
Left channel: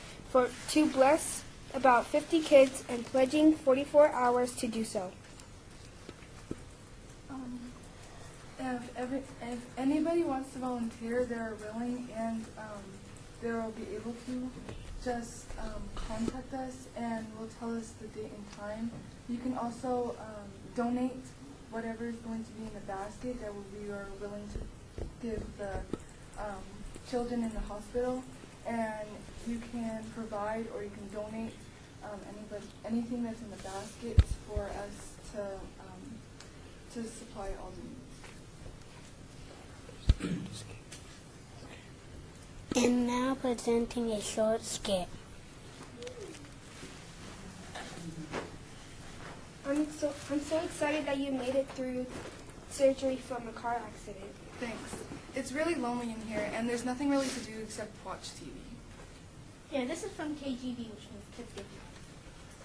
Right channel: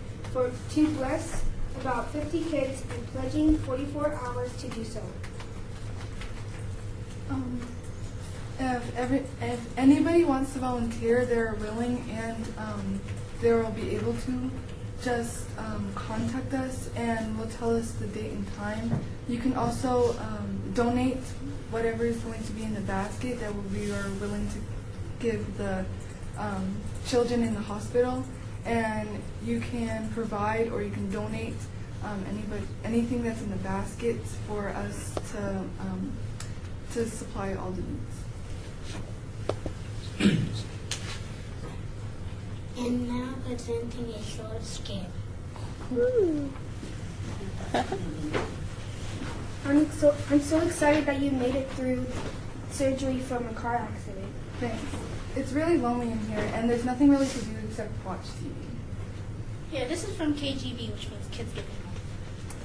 to bless about 50 kids and pledging 44 hours to do so. If anybody wants to volunteer, they're willing and they will be able to. Just contact us and we'll tell us the date and time. You can also donate whatever is going to be in the basket that we are willing to give the children in the hospital. And you can provide or you can donate anything that's in the basket for us to supply all the needs. And now presenting a short skit. I'm so excited that you made it through surgery from a car accident. Thanks. It's really lonely in here, and there's nothing really to do except watch TV. Yeah, this is from KGB, which means kids get home.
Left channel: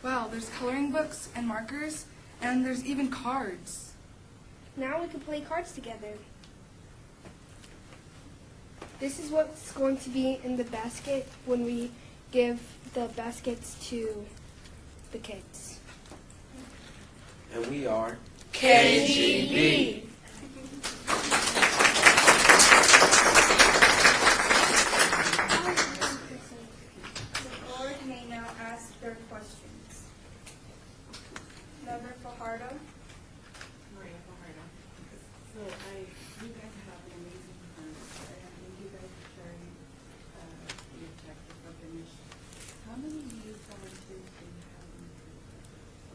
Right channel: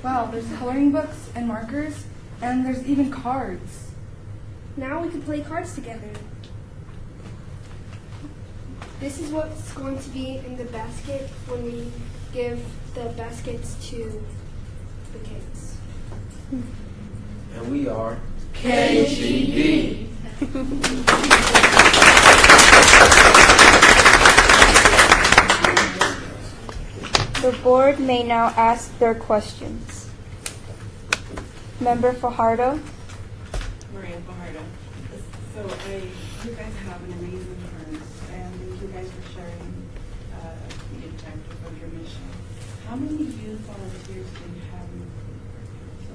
Wow, there's coloring books and markers, and there's even cards. Now we can play cards together. This is what's going to be in the basket when we give the baskets to the kids. And we are KGB. The board may now ask their questions. Member Fajardo. Maria Fajardo. So you guys have an amazing firm, and thank you guys for sharing the impact of your mission. How many youth volunteers do you have in so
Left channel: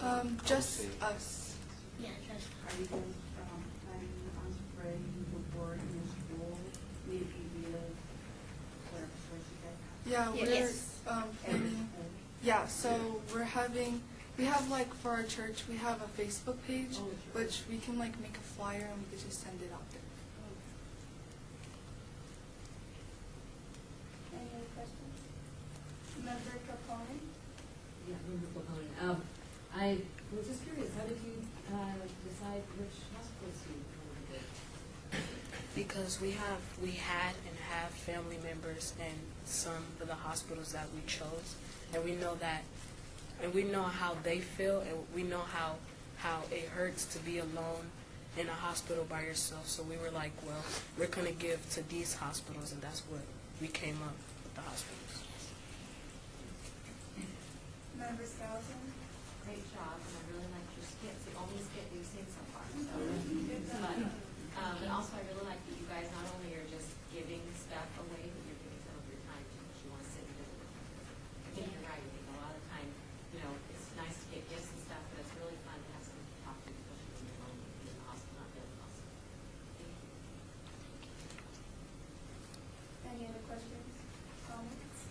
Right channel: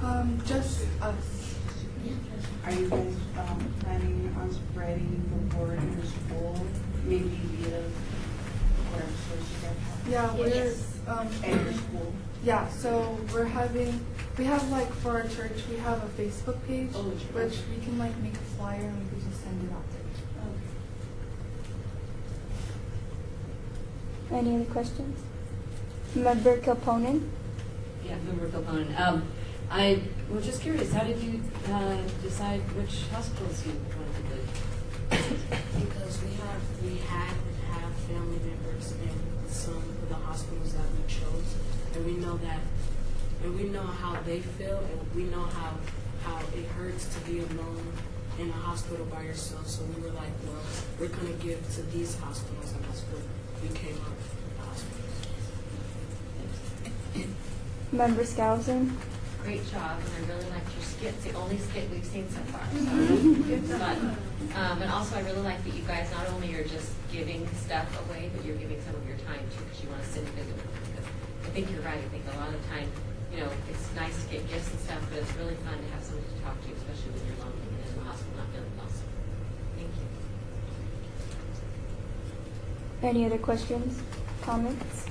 far? Just us. Are you guys planning on spreading the word in your school, maybe via whatever source you guys have? Yeah, At your school? Yeah, so we have like for our church, we have a Facebook page, which we can like make a flyer and we can just send it out there. Any other questions? Member Kilponen. Yeah, Member Kilponen. I was just curious, how did you decide which hospitals you wanted to go to? Because we had and have family members in some of the hospitals that we chose, and we know how they feel, and we know how it hurts to be alone in a hospital by yourself. So we were like, well, we're going to give to these hospitals, and that's what we came up with the hospitals. Member Skousen. Great job, and I really liked your skit. It's the only skit we've seen so far. So it's fun. And also, I really like that you guys not only are just giving stuff away, but you're giving some of your time too, because you want to sit and visit with them. Because I think you're right. I think a lot of the time, it's nice to get gifts and stuff, but it's really fun to have someone to talk to, especially when you're lonely and in the hospital not feeling well. So, thank you. Any other questions, comments?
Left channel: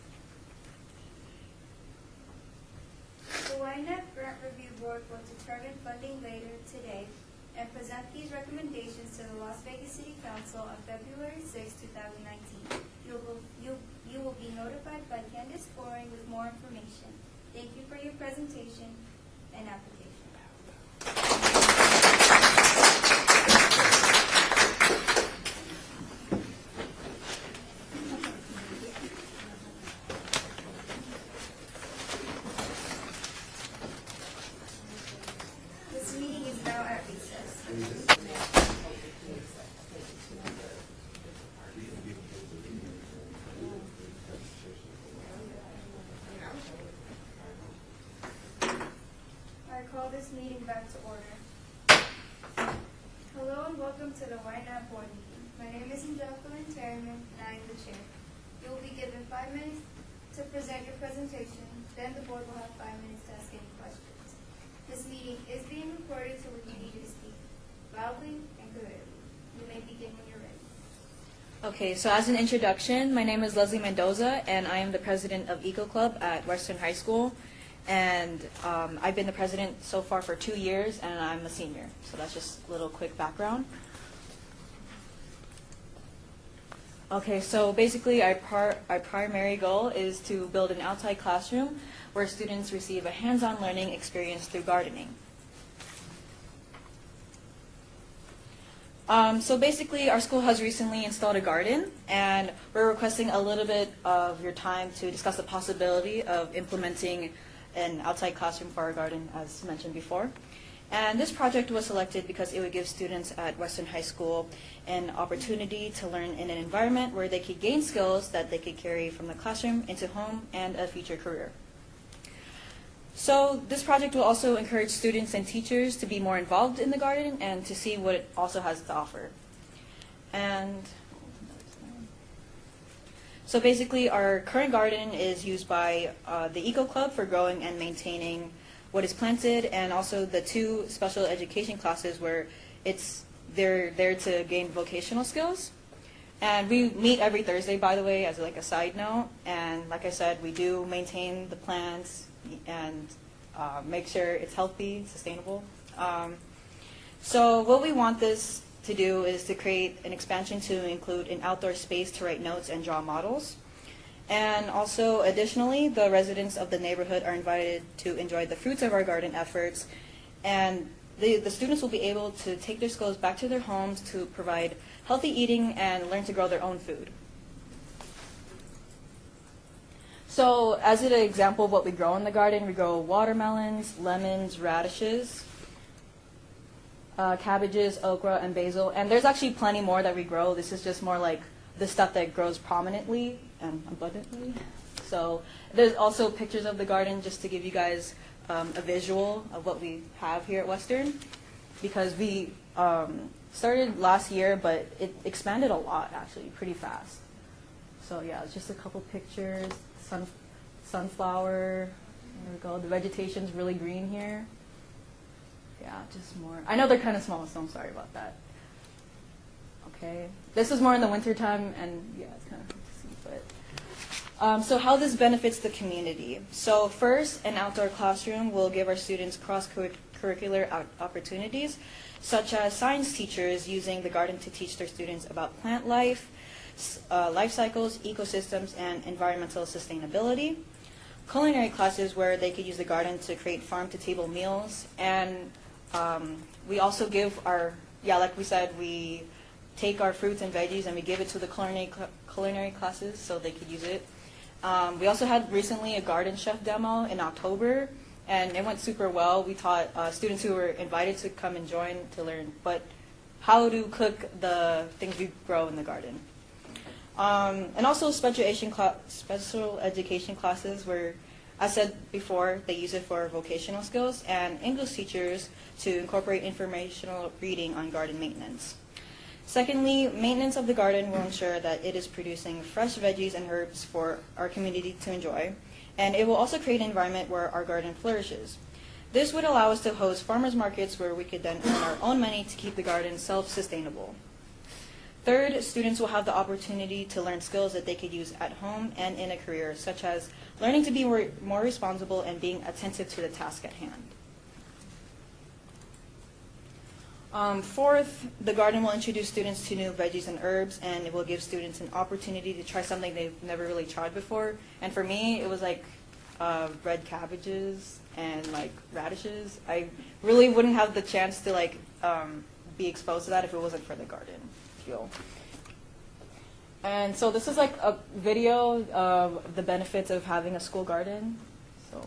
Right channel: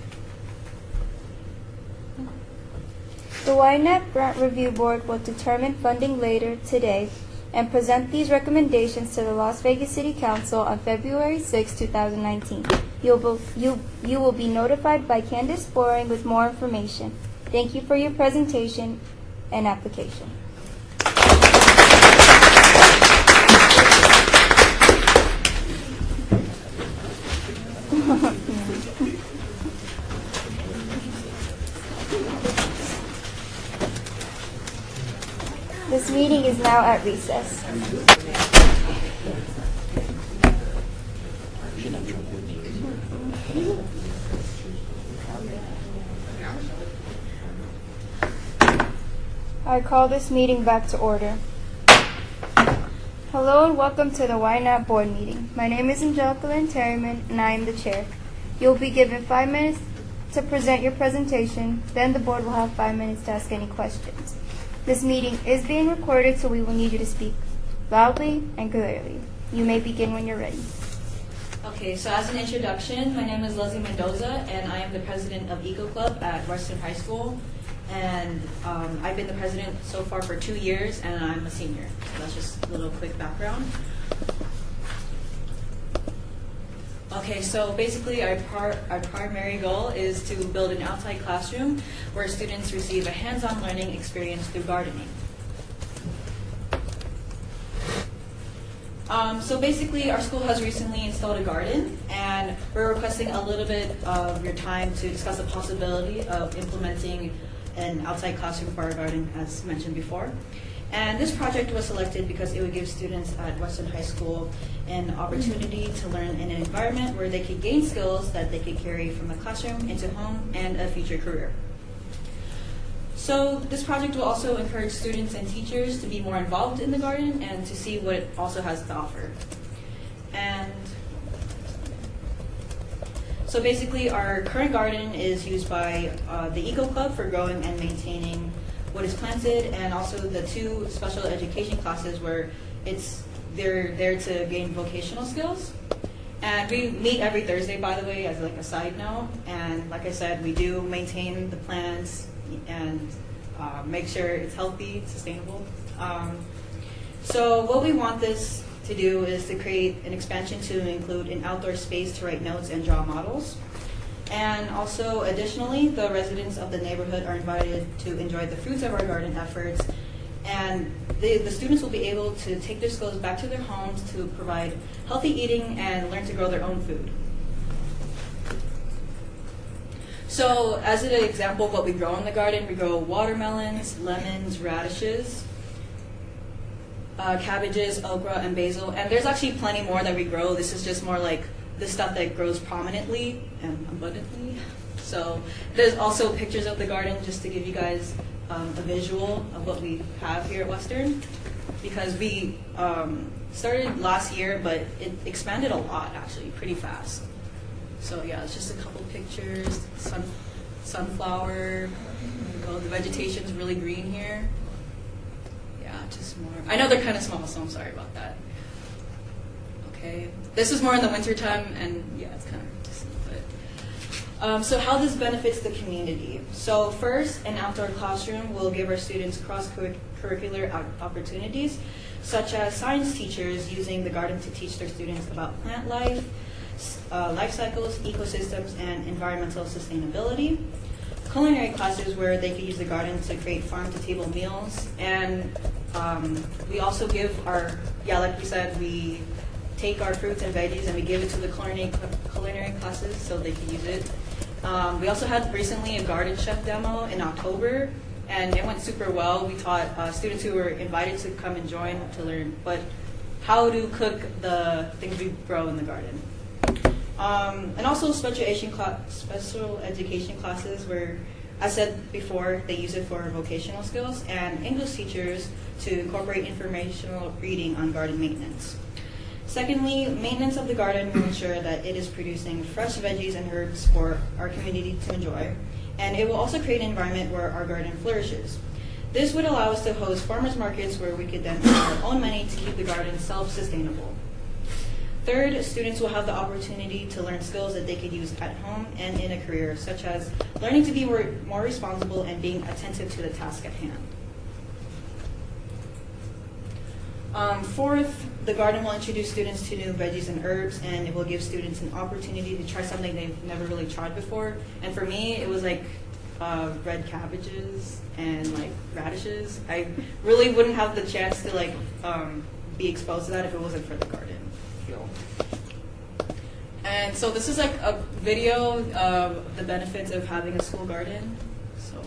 The Ynapp Grant Review Board will determine funding later today and present these recommendations to the Las Vegas City Council on February 6, 2019. You will be notified by Candace Boring with more information. Thank you for your presentation and application. This meeting is now at recess. I call this meeting back to order. Hello and welcome to the Ynapp board meeting. My name is Angelica Lynn Terryman and I am the chair. You'll be given 5 minutes to present your presentation. Then the board will have 5 minutes to ask any questions. This meeting is being recorded, so we will need you to speak loudly and clearly. You may begin when you're ready. Okay, so as an introduction, my name is Leslie Mendoza, and I am the president of Eco Club at Western High School. And I've been the president so far for 2 years, and I'm a senior. So that's just a little quick background. Okay, so basically our primary goal is to build an outside classroom where students receive a hands-on learning experience through gardening. So basically our school has recently installed a garden, and we're requesting a little bit of your time to discuss the possibility of implementing an outside classroom for our garden, as mentioned before. And this project was selected because it would give students at Western High School an opportunity to learn in an environment where they could gain skills that they could carry from the classroom into home and a future career. So this project will also encourage students and teachers to be more involved in the garden and to see what it also has to offer. And so basically our current garden is used by the Eco Club for growing and maintaining what is planted, and also the 2 special education classes where they're there to gain vocational skills. And we meet every Thursday, by the way, as like a side note. And like I said, we do maintain the plants and make sure it's healthy, sustainable. So what we want this to do is to create an expansion to include an outdoor space to write notes and draw models. And also, additionally, the residents of the neighborhood are invited to enjoy the fruits of our garden efforts. And the students will be able to take their skills back to their homes to provide healthy eating and learn to grow their own food. So as an example of what we grow in the garden, we grow watermelons, lemons, radishes, cabbages, okra, and basil. And there's actually plenty more that we grow. This is just more like the stuff that grows prominently and abundantly. So there's also pictures of the garden just to give you guys a visual of what we have here at Western, because we started last year, but it expanded a lot, actually, pretty fast. So yeah, it's just a couple pictures. Sunflower. There we go. The vegetation's really green here. Yeah, just more. I know they're kind of small, so I'm sorry about that. Okay, this is more in the winter time, and yeah, it's kind of distant, but so how this benefits the community. So first, an outdoor classroom will give our students cross-curricular opportunities, such as science teachers using the garden to teach their students about plant life, life cycles, ecosystems, and environmental sustainability. Culinary classes where they could use the garden to create farm-to-table meals. And we also give our, like we said, we take our fruits and veggies and we give it to the culinary classes so they could use it. We also had recently a garden chef demo in October, and it went super well. We taught students who were invited to come and join to learn how to cook the things we grow in the garden. And also special education classes where, as said before, they use it for vocational skills, and English teachers to incorporate informational reading on garden maintenance. Secondly, maintenance of the garden will ensure that it is producing fresh veggies and herbs for our community to enjoy, and it will also create an environment where our garden flourishes. This would allow us to host farmers markets where we could then earn our own money to keep the garden self-sustainable. Third, students will have the opportunity to learn skills that they could use at home and in a career, such as learning to be more responsible and being attentive to the task at hand. Fourth, the garden will introduce students to new veggies and herbs, and it will give students an opportunity to try something they've never really tried before. And for me, it was like red cabbages and like radishes. I really wouldn't have the chance to be exposed to that if it wasn't for the garden. And so this is like a video of the benefits of having a school garden. So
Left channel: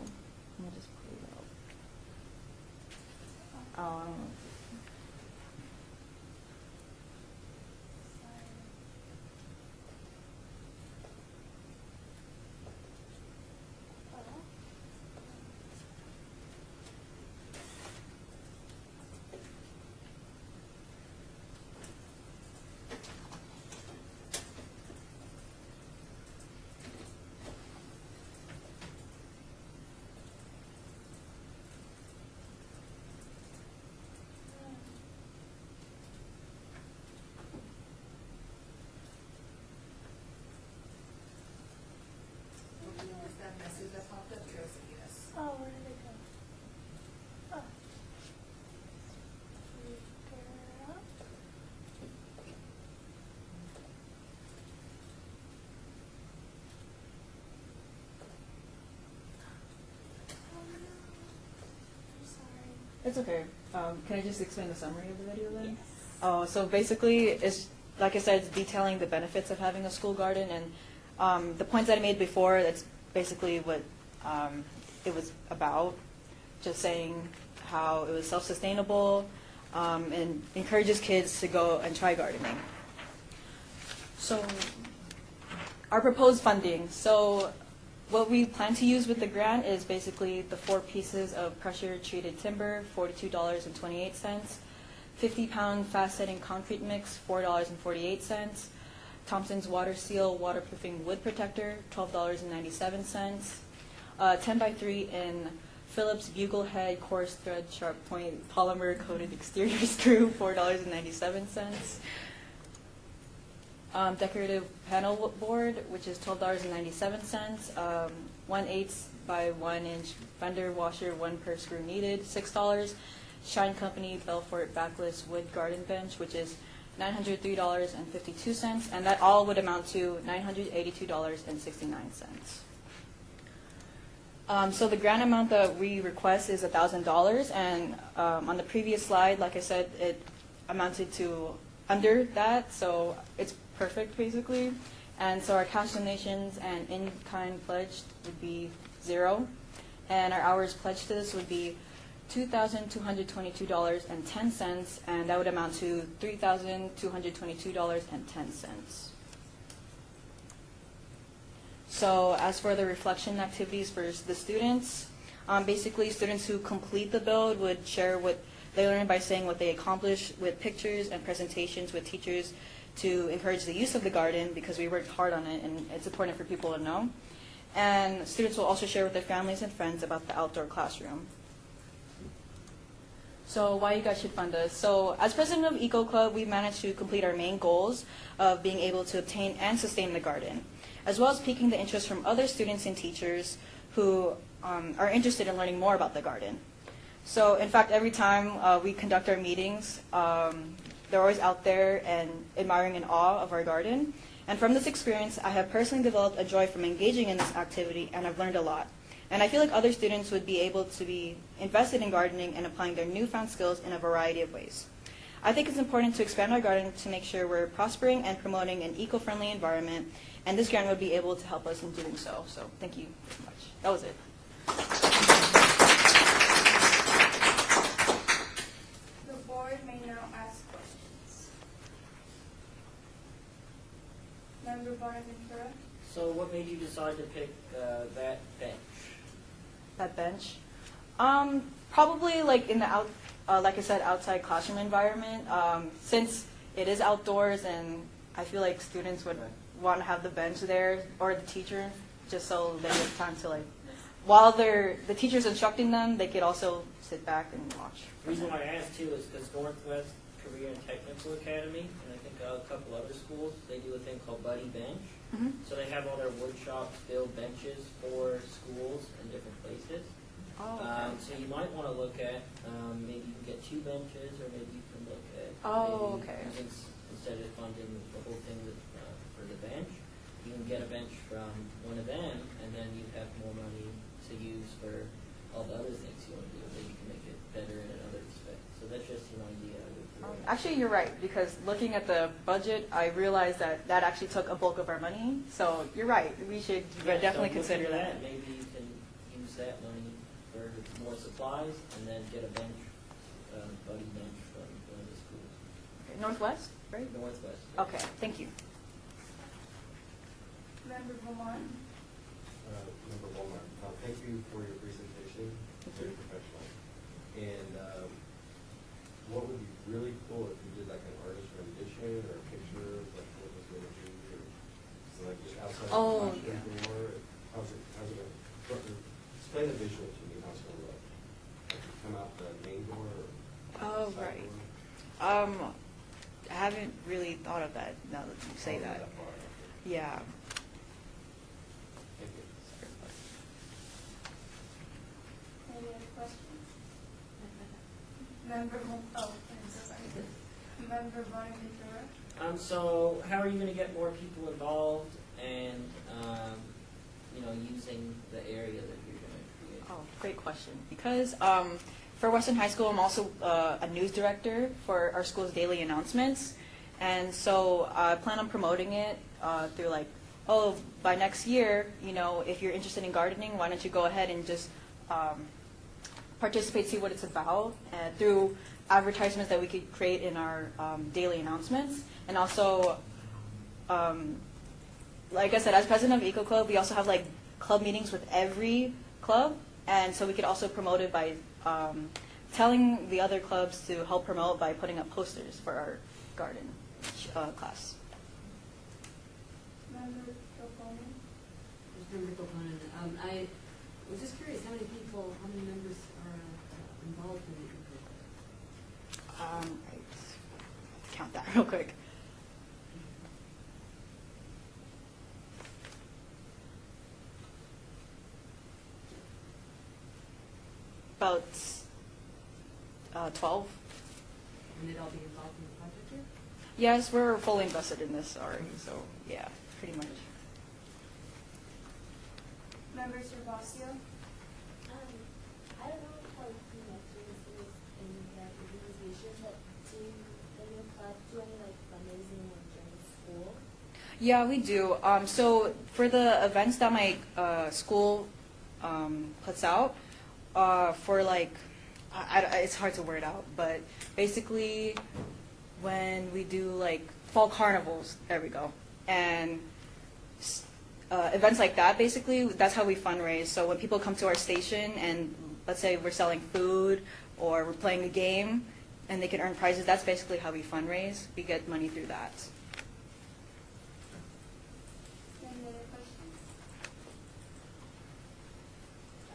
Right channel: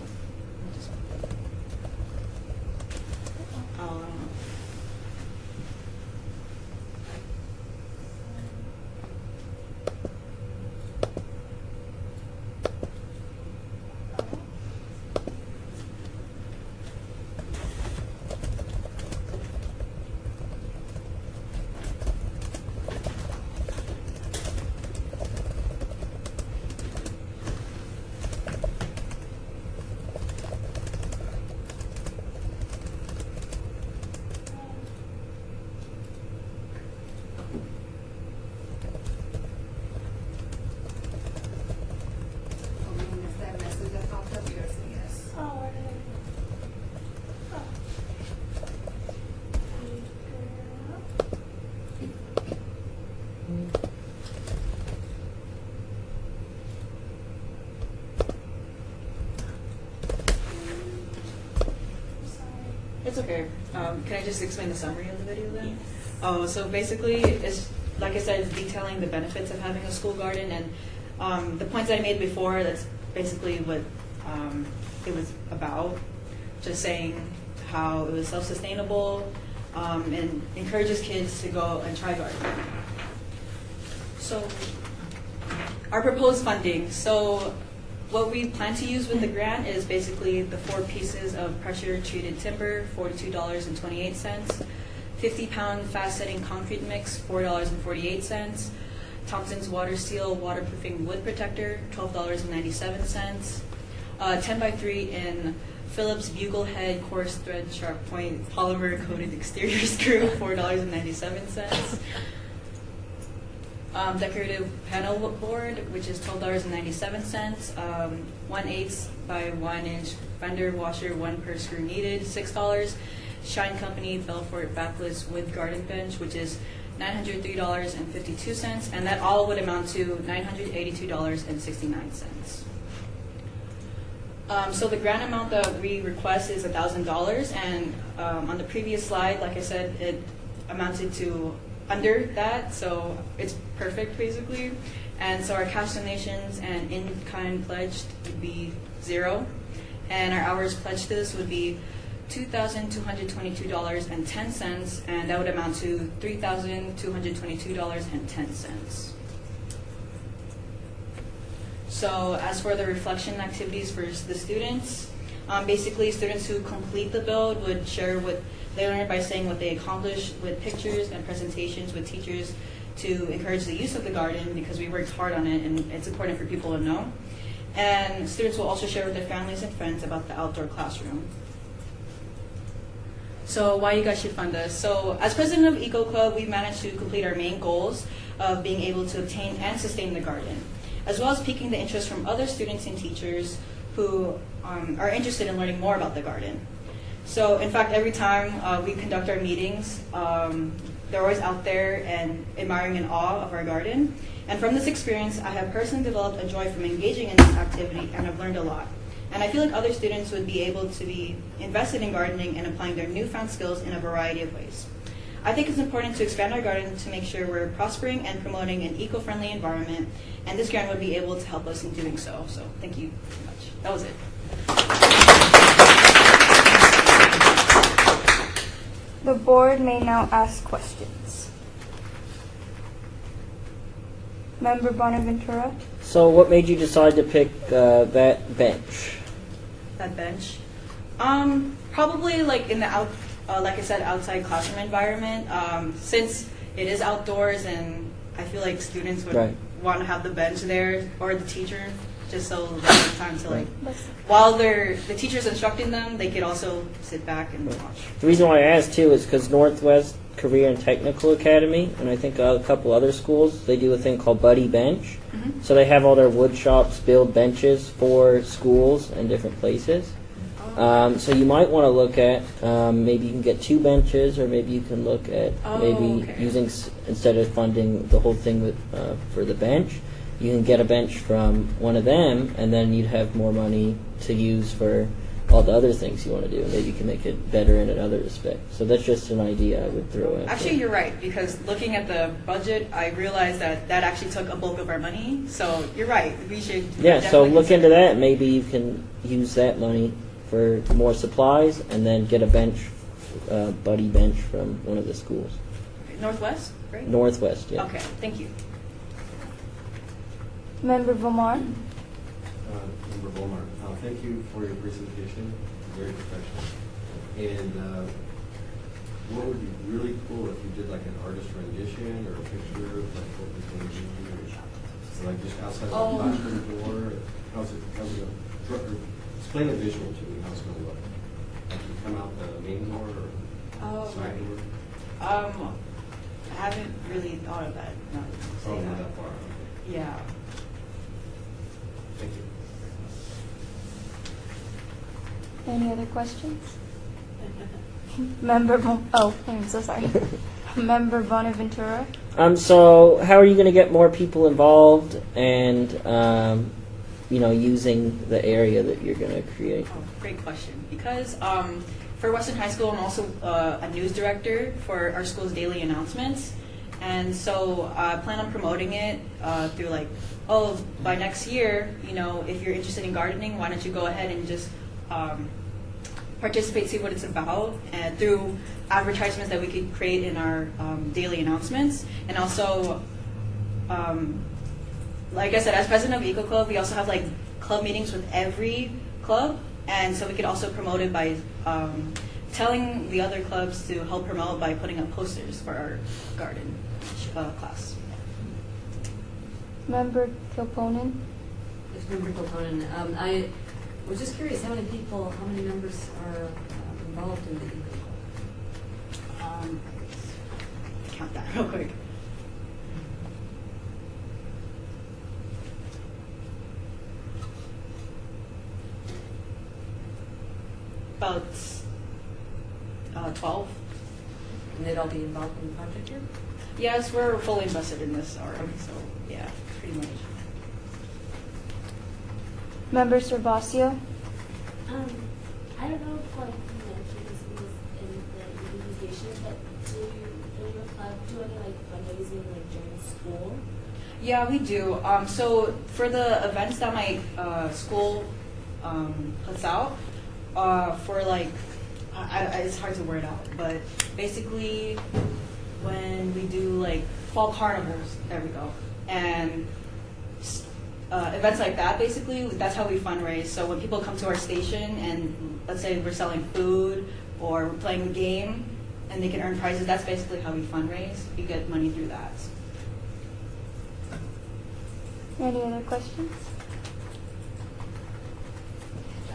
Okay. Can I just explain the summary of the video then? Oh, so basically, it's like I said, it's detailing the benefits of having a school garden, and the points I made before. That's basically what it was about. Just saying how it was self-sustainable and encourages kids to go and try gardening. So, our proposed funding. So, what we plan to use with the grant is basically the 4 pieces of pressure-treated timber, $42.28. 50-pound fast-setting concrete mix, $4.48. Thompson's Water Seal waterproofing wood protector, $12.97. 10x3 in Phillips Bugle Head coarse thread sharp point polymer coated exterior screw, $4.97. Decorative panel board, which is $12.97. 1/8 by 1 inch fender washer, 1 per screw needed, $6. Shine Company Belfort backless wood garden bench, which is $903.52, and that all would amount to $982.69. So the grant amount that we request is $1,000, and on the previous slide, like I said, it amounted to under that, so it's perfect basically. And so our cash donations and in-kind pledged would be 0, and our hours pledged to this would be $2,222.10, and that would amount to $3,222.10. So as for the reflection activities for the students, basically students who complete the build would share what they learned by saying what they accomplished with pictures and presentations with teachers to encourage the use of the garden, because we worked hard on it and it's important for people to know. And students will also share with their families and friends about the outdoor classroom. So why you guys should fund us. So as president of Eco Club, we've managed to complete our main goals of being able to obtain and sustain the garden, as well as piquing the interest from other students and teachers who are interested in learning more about the garden. So in fact, every time we conduct our meetings, they're always out there and admiring in awe of our garden. And from this experience, I have personally developed a joy from engaging in this activity, and I've learned a lot. And I feel like other students would be able to be invested in gardening and applying their newfound skills in a variety of ways. I think it's important to expand our garden to make sure we're prospering and promoting an eco-friendly environment, and this grant would be able to help us in doing so. So thank you very much. That was it. The board may now ask questions. Member Bonaventura? So what made you decide to pick that bench? That bench? Probably like in the like I said, outside classroom environment. Since it is outdoors, and I feel like students would want to have the bench there, or the teacher, just so they have time to like, while the teacher's instructing them, they could also sit back and watch. The reason why I asked too is because Northwest Career and Technical Academy, and I think a couple other schools, they do a thing called Buddy Bench. Mm-hmm. So they have all their wood shops build benches for schools and different places. So you might want to look at maybe you can get 2 benches, or maybe you can look at using instead of funding the whole thing with for the bench, you can get a bench from one of them, and then you'd have more money to use for all the other things you want to do, and maybe you can make it better in another respect. So that's just an idea I would throw out. Actually, you're right, because looking at the budget, I realized that actually took a bulk of our money. So you're right. We should. Yeah. So look into that. Maybe you can use that money for more supplies, and then get a bench, buddy bench from one of the schools. Okay. Northwest, right? Northwest, yeah. Okay, thank you. Member Vomar? Member Beaumont, thank you for your presentation. Very professional. And what would be really cool if you did like an artist rendition or a picture of like what was going to be, or like just outside the classroom door. How's it going? Explain the visual to me. How's it going to look? Like you come out the main door or side door? I haven't really thought of that. No, say that. Not that far. Yeah. Thank you. Any other questions? I'm so sorry. Member Bonaventura? So how are you going to get more people involved and, using the area that you're going to create? Oh, great question. Because for Western High School, I'm also a news director for our school's daily announcements. And so I plan on promoting it through like, oh, by next year, you know, if you're interested in gardening, why don't you go ahead and just participate, see what it's about, and through advertisements that we could create in our daily announcements. And also, like I said, as president of Eco Club, we also have like club meetings with every club, and so we could also promote it by telling the other clubs to help promote by putting up posters for our garden class. Member Kilponen? Yes, Member Kilponen. I was just curious, how many members are involved in the Eco Club? Count that real quick. About 12. And they'd all be involved in the project here? Yes, we're fully invested in this already, so yeah, pretty much. Member Servacio? I don't know if like you mentioned this in the presentation, but does your club do any like fundraising like during school? Yeah, we do. So for the events that my school puts out, for like, it's hard to word out, but basically when we do like fall carnivals, there we go, and events like that, basically, that's how we fundraise. So when people come to our station and let's say we're selling food or we're playing a game and they can earn prizes, that's basically how we fundraise. We get money through that. Any other questions?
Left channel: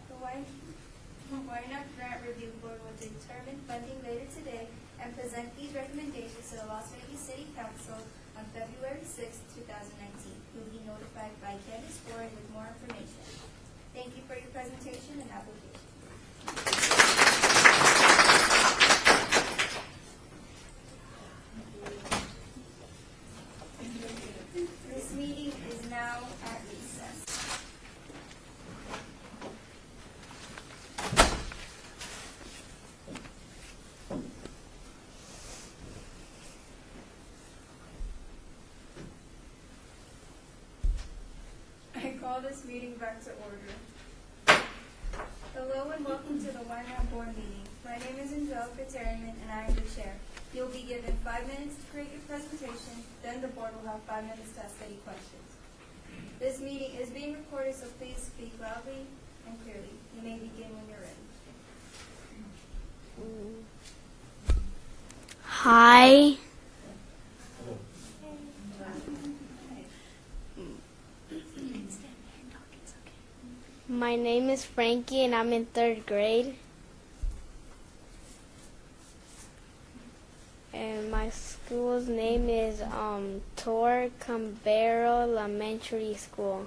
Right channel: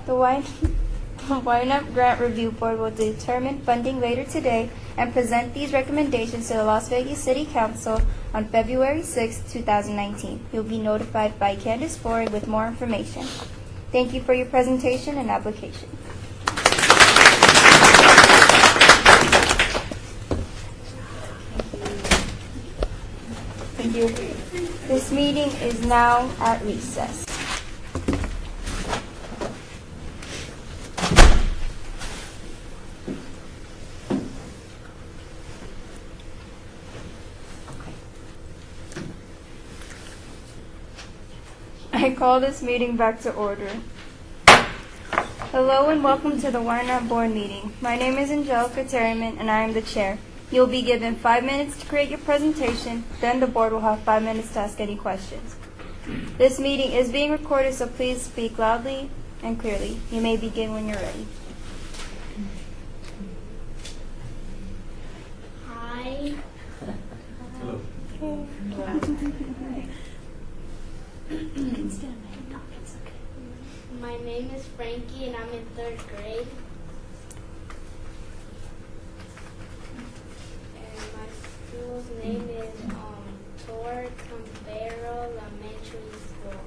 The Ynapp Grant Review Board will determine funding later today and present these recommendations to the Las Vegas City Council on February 6, 2019. You'll be notified by Candace Ford with more information. Thank you for your presentation and application. Thank you. This meeting is now at recess. I call this meeting back to order. Hello and welcome to the Ynapp Board meeting. My name is Angelica Terryman and I am the chair. You'll be given 5 minutes to create your presentation, then the board will have 5 minutes to ask any questions. This meeting is being recorded, so please speak loudly and clearly. You may begin when you're ready. Hi. Hello. My name is Frankie and I'm in 3rd grade. And my school's name is Tor Cambero Elementary School.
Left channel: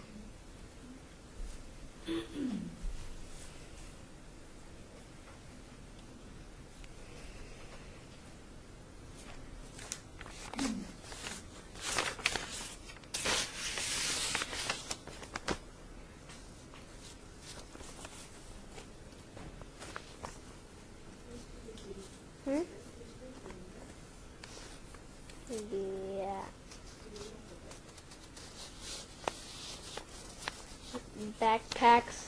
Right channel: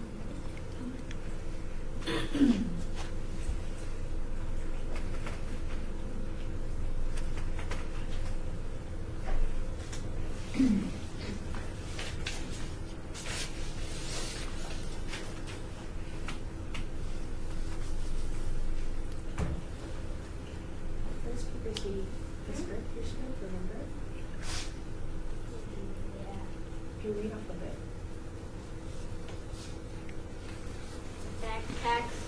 Backpacks,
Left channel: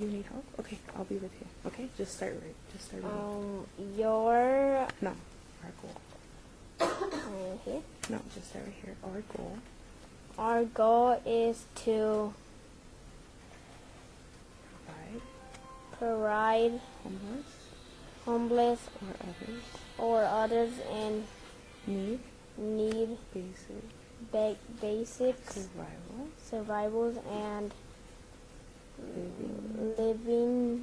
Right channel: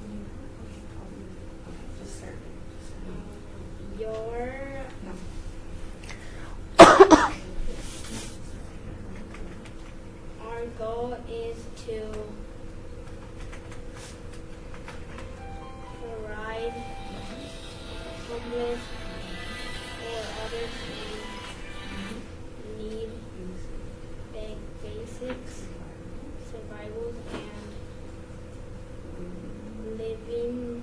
You need help? Okay, I'll be with you. Okay, just start. your No. No, just start right here. Our goal is to provide homeless or others in need basic survivals and living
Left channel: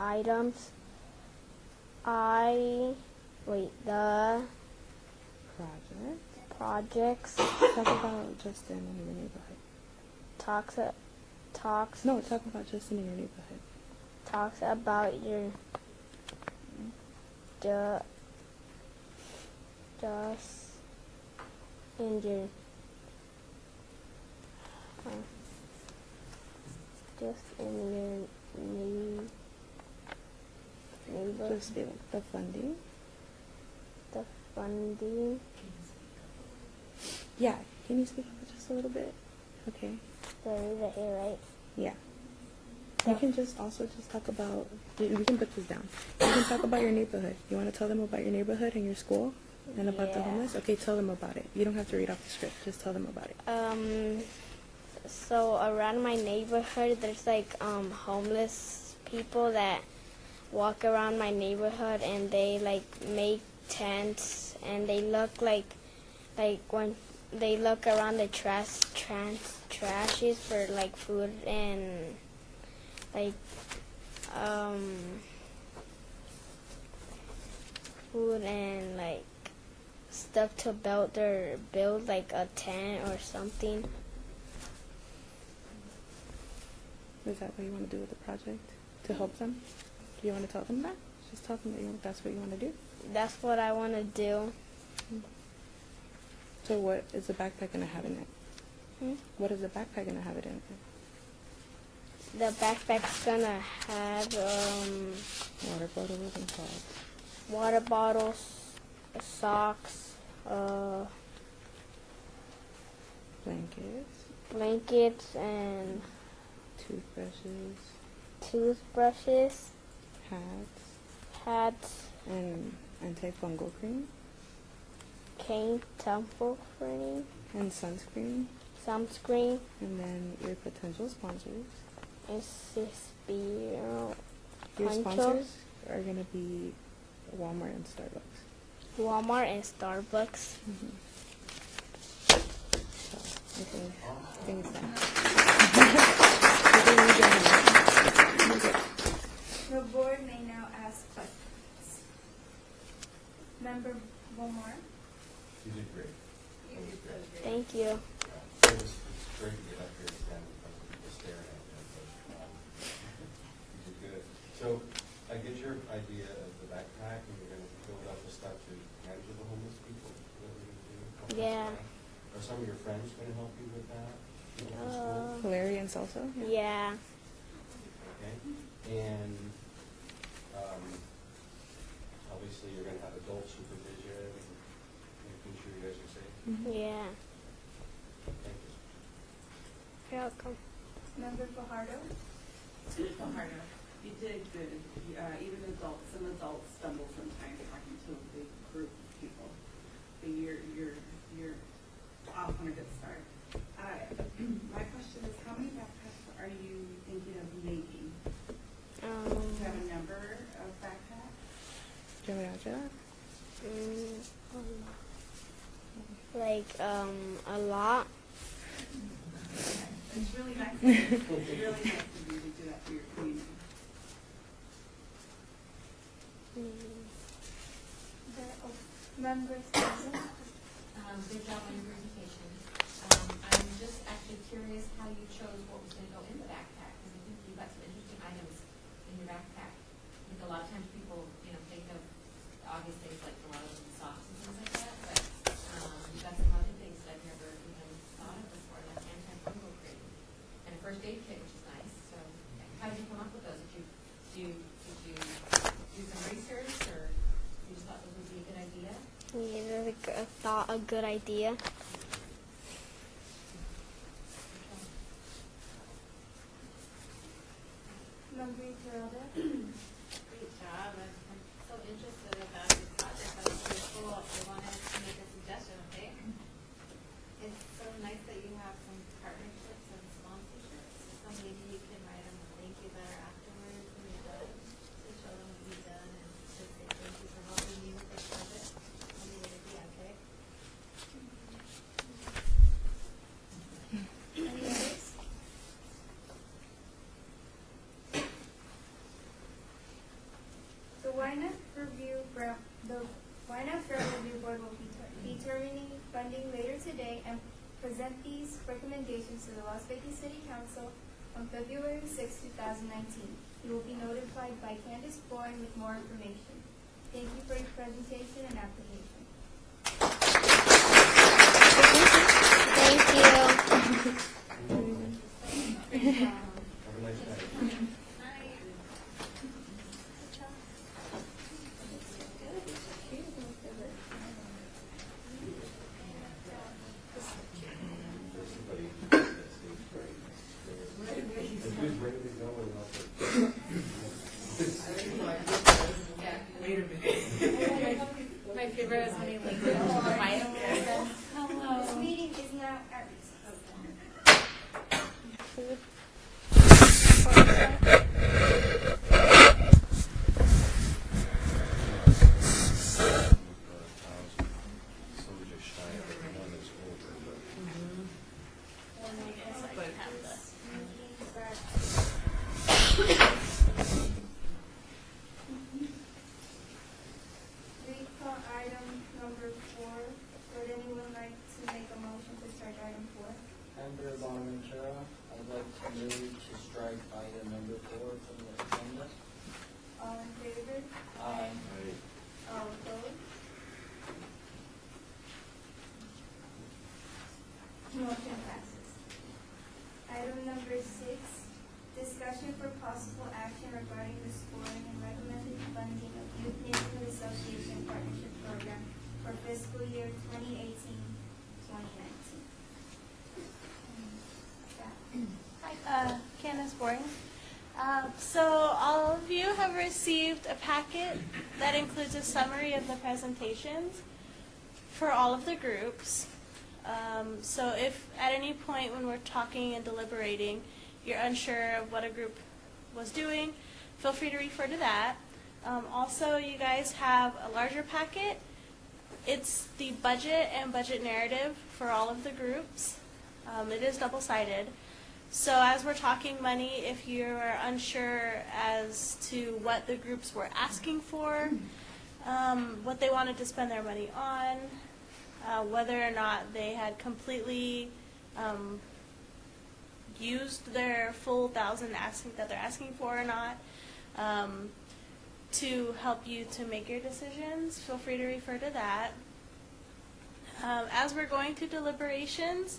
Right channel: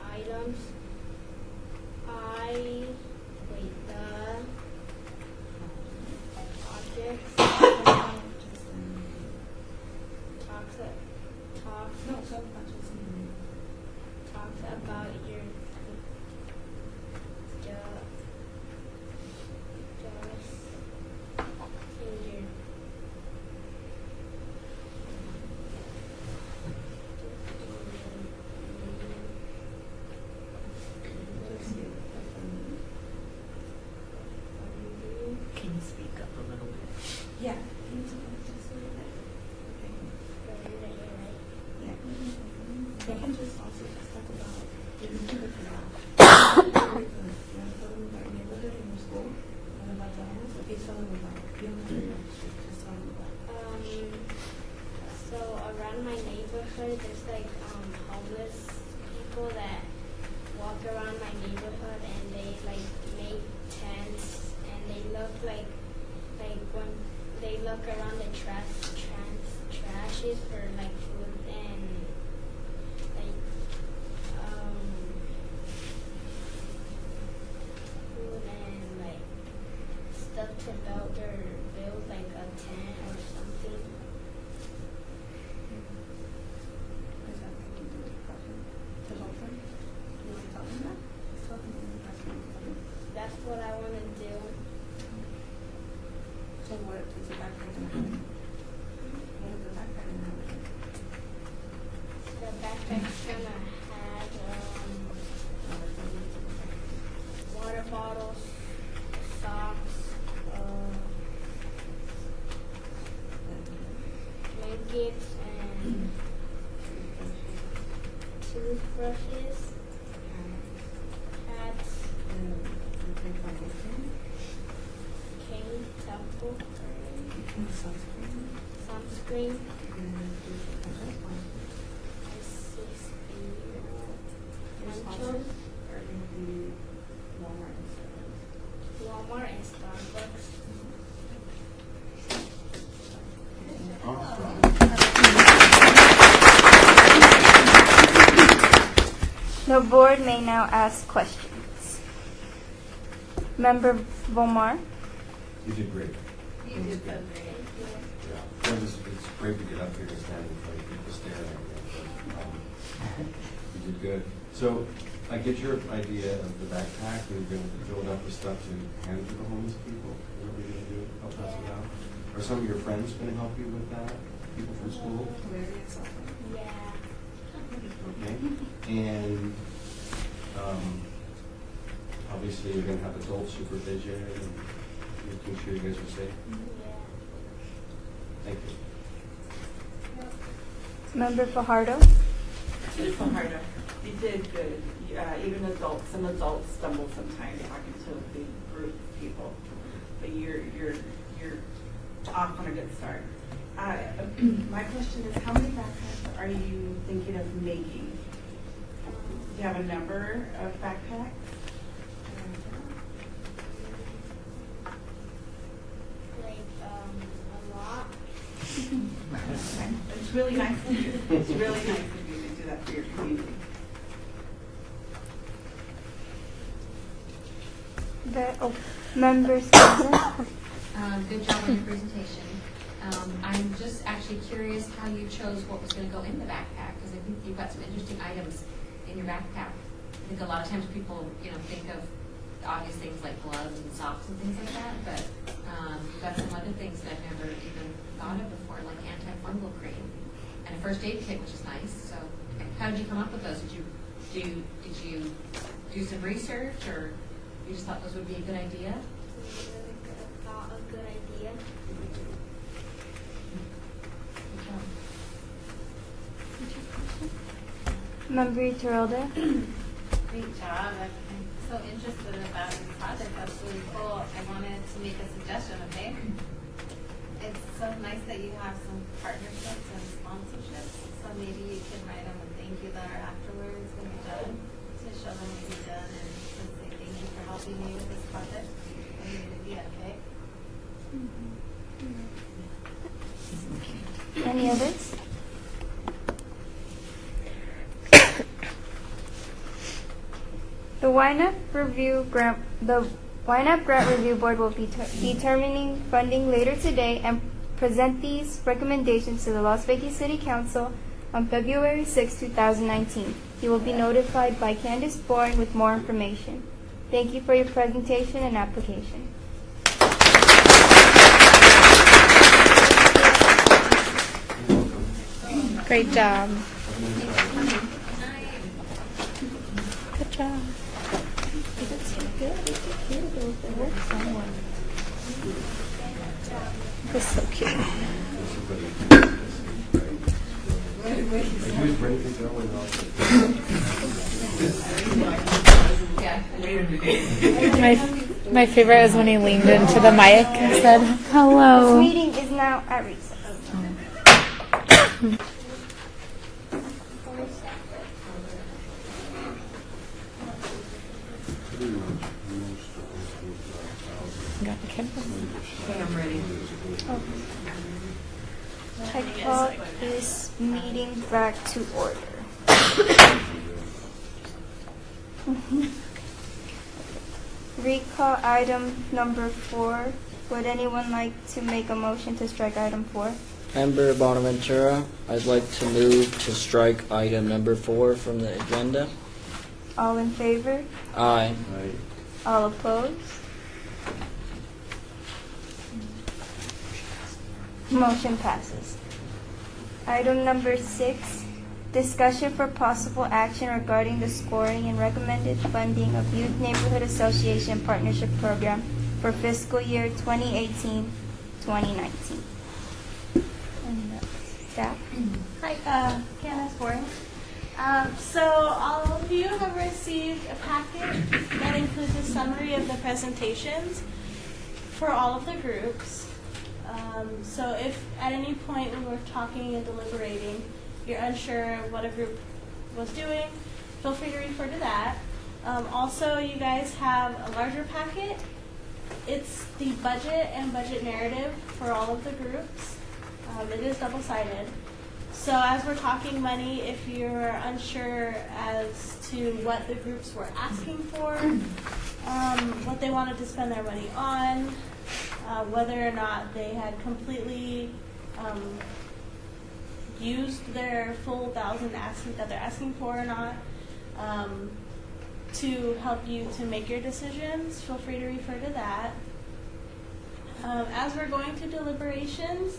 items. The projects talks No, talk about just in your neighborhood. talks about your just in your just in your neighborhood. Just the funding. The funding. Can you speak up a little bit? Yeah. Can you speak up just a little bit? Okay. Right? Yeah. You can just also just talk about, you can put this down. Talk about your neighborhood. You want to tell them about your neighborhood and your school and about the homeless? Okay, tell them about it. You don't have to read off the script. Just tell them about it. So around my neighborhood, there's like homeless people that walk around my neighborhood, and they like make tents, and they look like when they look around the trashes for like food and like stuff to build like a tent or something. Is that what you want to do with the project? To help them? Do you want to tell them that? Just tell them that that's what you want to do. That's what I want to do. So what is the backpack going to have in it? What is the backpack going to have it in? The backpack's going to have water bottles, socks, blankets, and toothbrushes, hats, and antifungal cream, cane, temple cream, and sunscreen, and then your potential sponsors. Your sponsors are going to be Walmart and Starbucks. Walmart and Starbucks. The board may now ask questions. Member Vomar? You did great. You did good. Thank you. Yeah. It's great to get up here and stand in front of people staring at you. But, you did good. So I get your idea of the backpack. We're going to build up with stuff to hand to the homeless people. What are we going to do? Help us out? Are some of your friends going to help you with that? People from school? Larry and Salsa? Yeah. Okay. And obviously you're going to have adult supervision and making sure you guys are safe. Yeah. Thank you. You're welcome. Member Fajardo? Fajardo, you did good. Even adults, some adults stumble sometimes talking to a big group of people, but you're off on a good start. My question is, how many backpacks are you thinking of making? Do you have a number of backpacks? Like a lot. It's really nice of you. It's really nice of you to do that for your community. Member Spencer? Good job on your presentation. I'm just actually curious how you chose what was going to go in the backpack, because I think you've got some interesting items in your backpack. I think a lot of times people, think of obvious things like gloves and socks and things like that, but you've got some other things that I've never even thought of before, like antifungal cream and a first aid kit, which is nice. So, how did you come up with those? Did you do some research, or you just thought those would be a good idea? We thought a good idea. Member Terrelda? Great job. I'm so interested about this project. That's really cool. I wanted to make a suggestion, okay? It's so nice that you have some partnerships and sponsorships. So maybe you can write them a thank you letter afterwards when you're done to show them what you've done and to say thank you for helping me with this project. I mean, it'd be okay. Any others? The Ynapp Grant Review Board will be determining funding later today and present these recommendations to the Las Vegas City Council on February 6, 2019. You will be notified by Candace Bourne with more information. Thank you for your presentation and application. Great job. Good job. That's so cute. My favorite is when he leaned into the mic and said, hello. This meeting is now at recess. Got the camera? I'm ready. I call this meeting back to order. Recall item number 4. Would anyone like to make a motion to strike item 4? Member Bonaventura, I'd like to move to strike item number 4 from the agenda. All in favor? Aye. All opposed? Motion passes. Item number 6, discussion for possible action regarding the scoring and recommended funding of Youth Neighborhood Association Partnership Program for fiscal year 2018-2019. And staff? Hi, Candace Bourne. So all of you have received a packet that includes a summary of the presentations for all of the groups. So if at any point when we're talking and deliberating, you're unsure what a group was doing, feel free to refer to that. Also, you guys have a larger packet. It's the budget and budget narrative for all of the groups. It is double-sided. So as we're talking money, if you're unsure as to what the groups were asking for, what they wanted to spend their money on, whether or not they had completely used their full 1,000 that they're asking for or not, to help you to make your decisions, feel free to refer to that. As we're going to deliberations,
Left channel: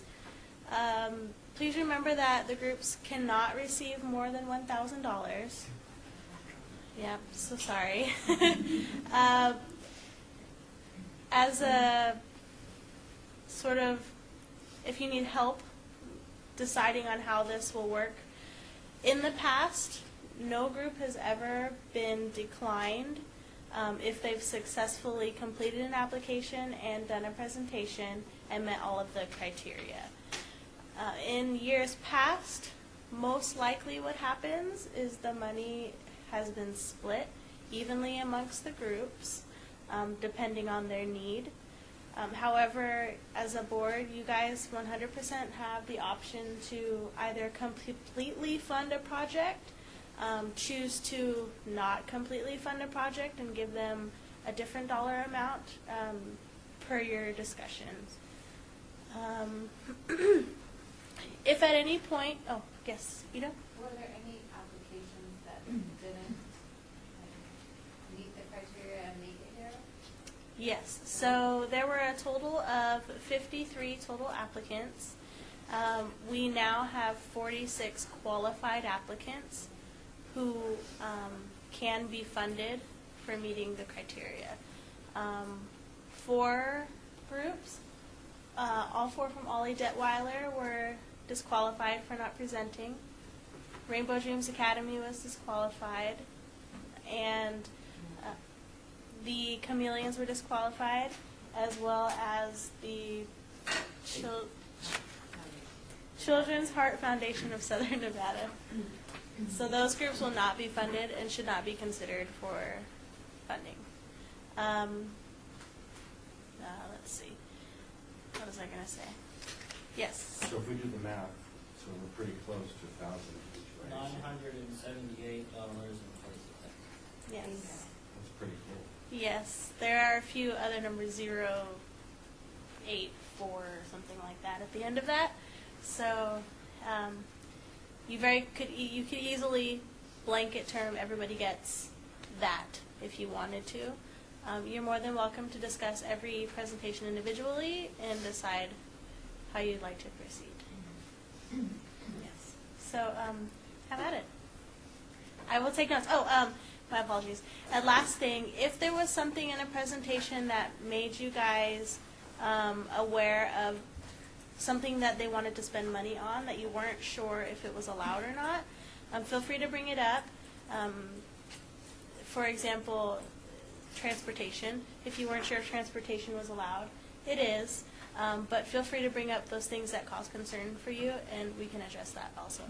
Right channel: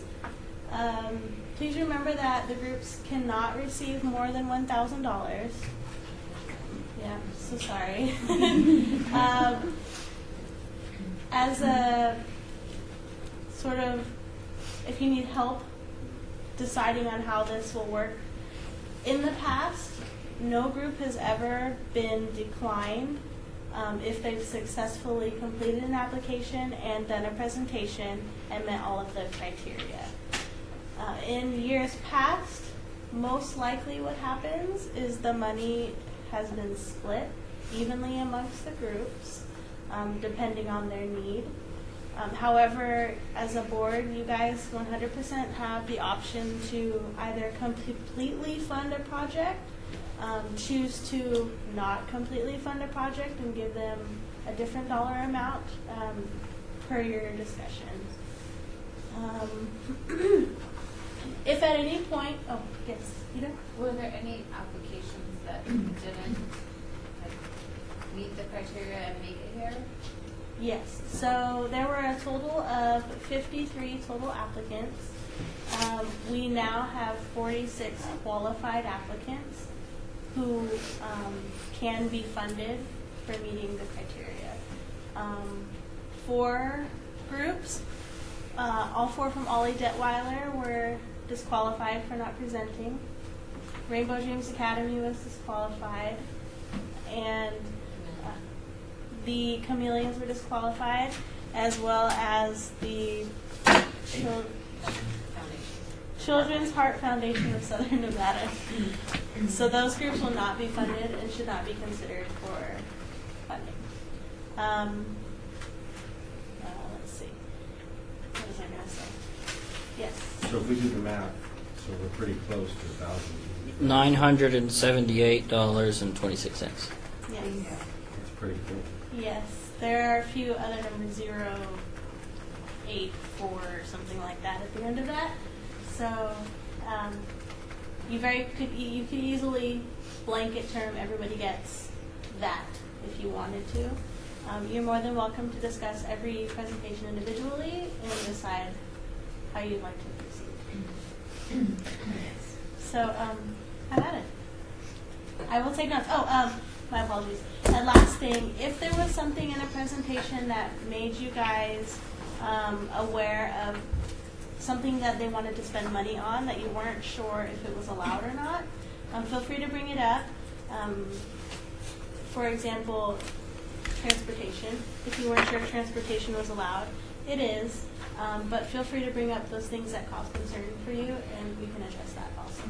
please remember that the groups cannot receive more than $1,000. Yeah, so sorry. As a sort of, if you need help deciding on how this will work, in the past, no group has ever been declined if they've successfully completed an application and done a presentation and met all of the criteria. In years past, most likely what happens is the money has been split evenly amongst the groups, depending on their need. However, as a board, you guys 100% have the option to either completely fund a project, choose to not completely fund a project and give them a different dollar amount per your discussions. If at any point, oh, yes, Ida? Were there any applications that didn't meet the criteria and make it here? Yes, so there were a total of 53 total applicants. We now have 46 qualified applicants who can be funded for meeting the criteria. 4 groups, all 4 from Ollie Detweiler were disqualified for not presenting. Rainbow Dreams Academy was disqualified, and the Chameleons were disqualified, as well as the Children's Heart Foundation of Southern Nevada. So those groups will not be funded and should not be considered for funding. Let's see. What was I going to say? Yes. So if we do the math, so we're pretty close to 1,000. $978.26. Yes. That's pretty cool. Yes. There are a few other numbers, 0, 8 for something like that at the end of that. So you could easily blanket term everybody gets that if you wanted to. You're more than welcome to discuss every presentation individually and decide how you'd like to proceed. So have at it. I will take notes. My apologies. And last thing, if there was something in a presentation that made you guys aware of something that they wanted to spend money on that you weren't sure if it was allowed or not, feel free to bring it up. For example, transportation. If you weren't sure if transportation was allowed, it is. But feel free to bring up those things that cause concern for you, and we can address that also.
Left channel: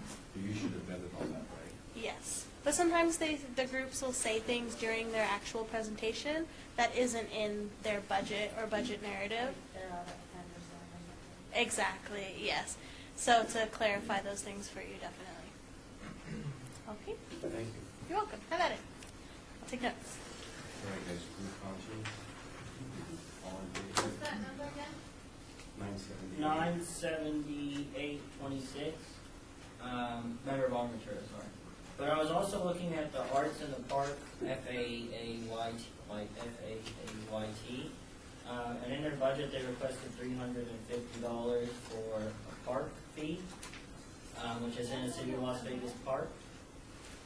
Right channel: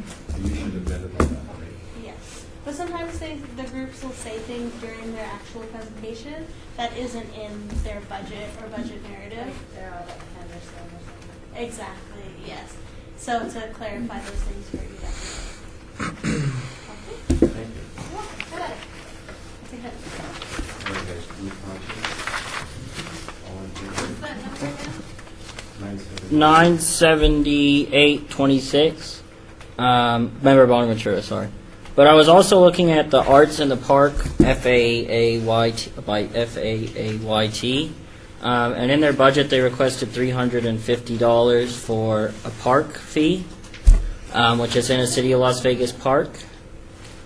You should have vetted on that already. Yes. But sometimes the groups will say things during their actual presentation that isn't in their budget or budget narrative. They're all like Henderson or something. Exactly, yes. So to clarify those things for you, definitely. Okay. Thank you. You're welcome. I take notes. All right, guys, group conscience. All in favor? What's that number again? 97826. Member Bonaventura, sorry. But I was also looking at the Arts in the Park, FAAYT, by FAAYT. And in their budget, they requested $350 for a park fee, which is in a City of Las Vegas park.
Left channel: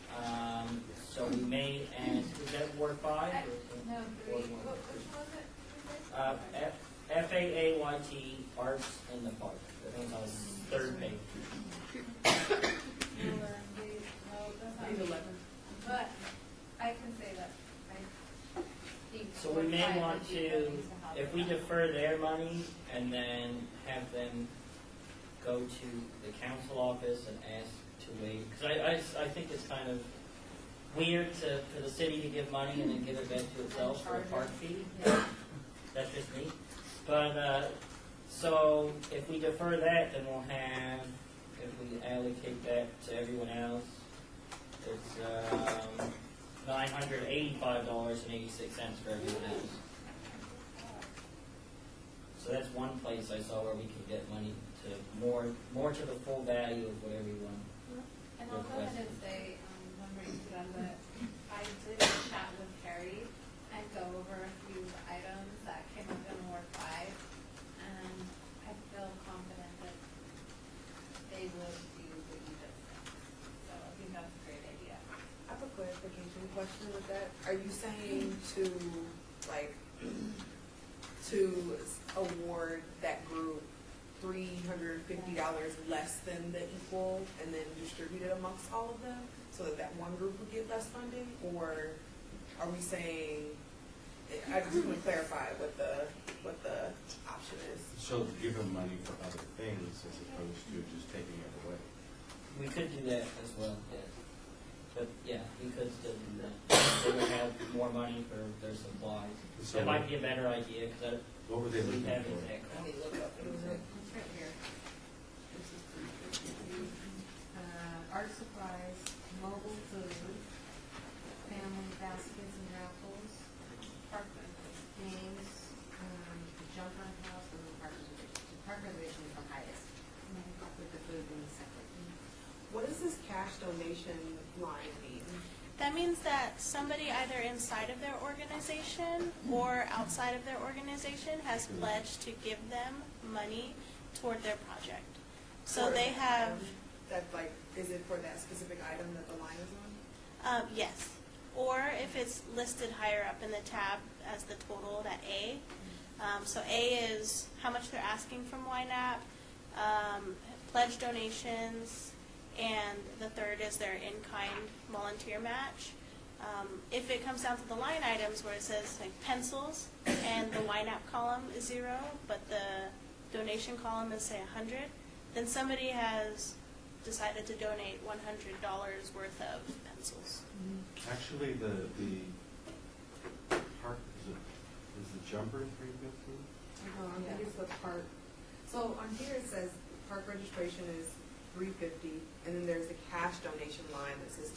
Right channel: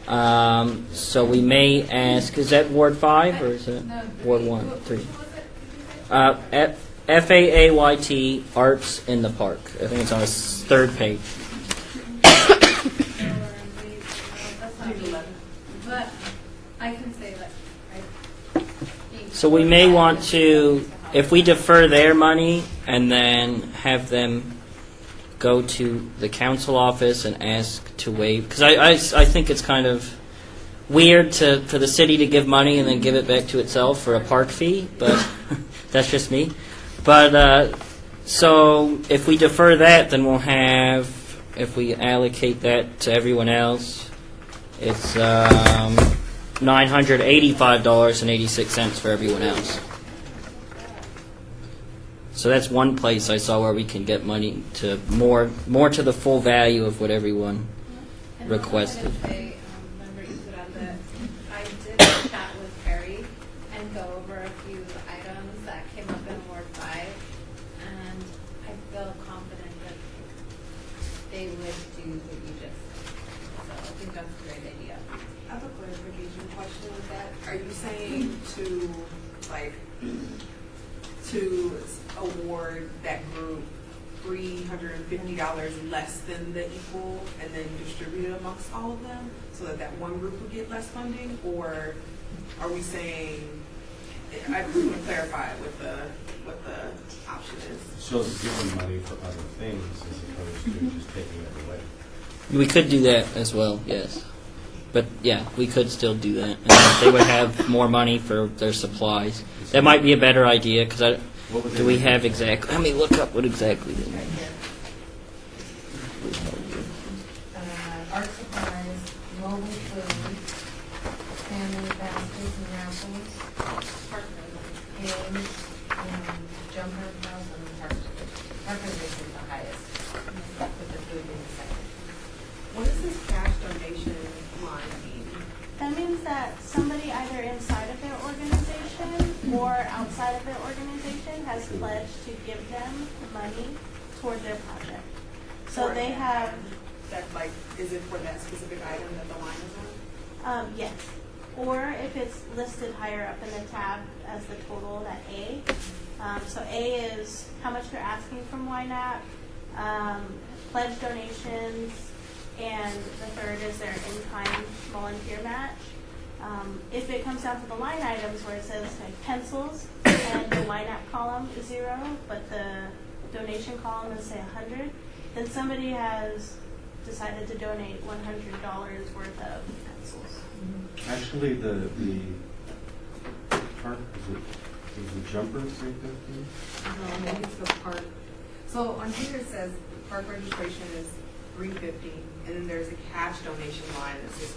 So we may ask, is that Ward 5 or is it Ward 1, 3? FAAYT, Arts in the Park. I think it's on the third page. But I can say that. So we may want to, if we defer their money and then have them go to the council office and ask to waive, because I think it's kind of weird for the city to give money and then give it back to itself for a park fee, but that's just me. But so if we defer that, then we'll have, if we allocate that to everyone else, it's $985.86 for everyone else. So that's one place I saw where we can get money to more to the full value of what everyone requested. I did chat with Perry and go over a few items that came up in Ward 5, and I feel confident that they would do what you just said. So I think that's a great idea. I have a clarification question with that. Are you saying to award that group $350 less than the equal and then distribute it amongst all of them so that one group would get less funding? Or are we saying, I just want to clarify what the option is. So it's giving money for other things as opposed to just taking it away. We could do that as well, yes. But yeah, we could still do that. And they would have more money for their supplies. That might be a better idea because do we have exactly? Let me look up what exactly they mean. Art supplies, mobile food, family baskets and raffles, games, jumper house, and park reservation is the highest, with the food being the second. What does this cash donation line mean? That means that somebody either inside of their organization or outside of their organization has pledged to give them money toward their project. So For they have, that, like, is it for that specific item that the line is on? yes. Or if it's listed higher up in the tab as the total, that A. So A is how much they're asking from Ynapp, pledge donations, and the third is their in-kind volunteer match. If it comes down to the line items where it says like pencils and the Ynapp column is 0, but the donation column is say 100, then somebody has decided to donate $100 worth of pencils. Actually, the park, is the jumper 350? No, I think it's the park. So on here it says park registration is $350, and then there's a cash donation line that says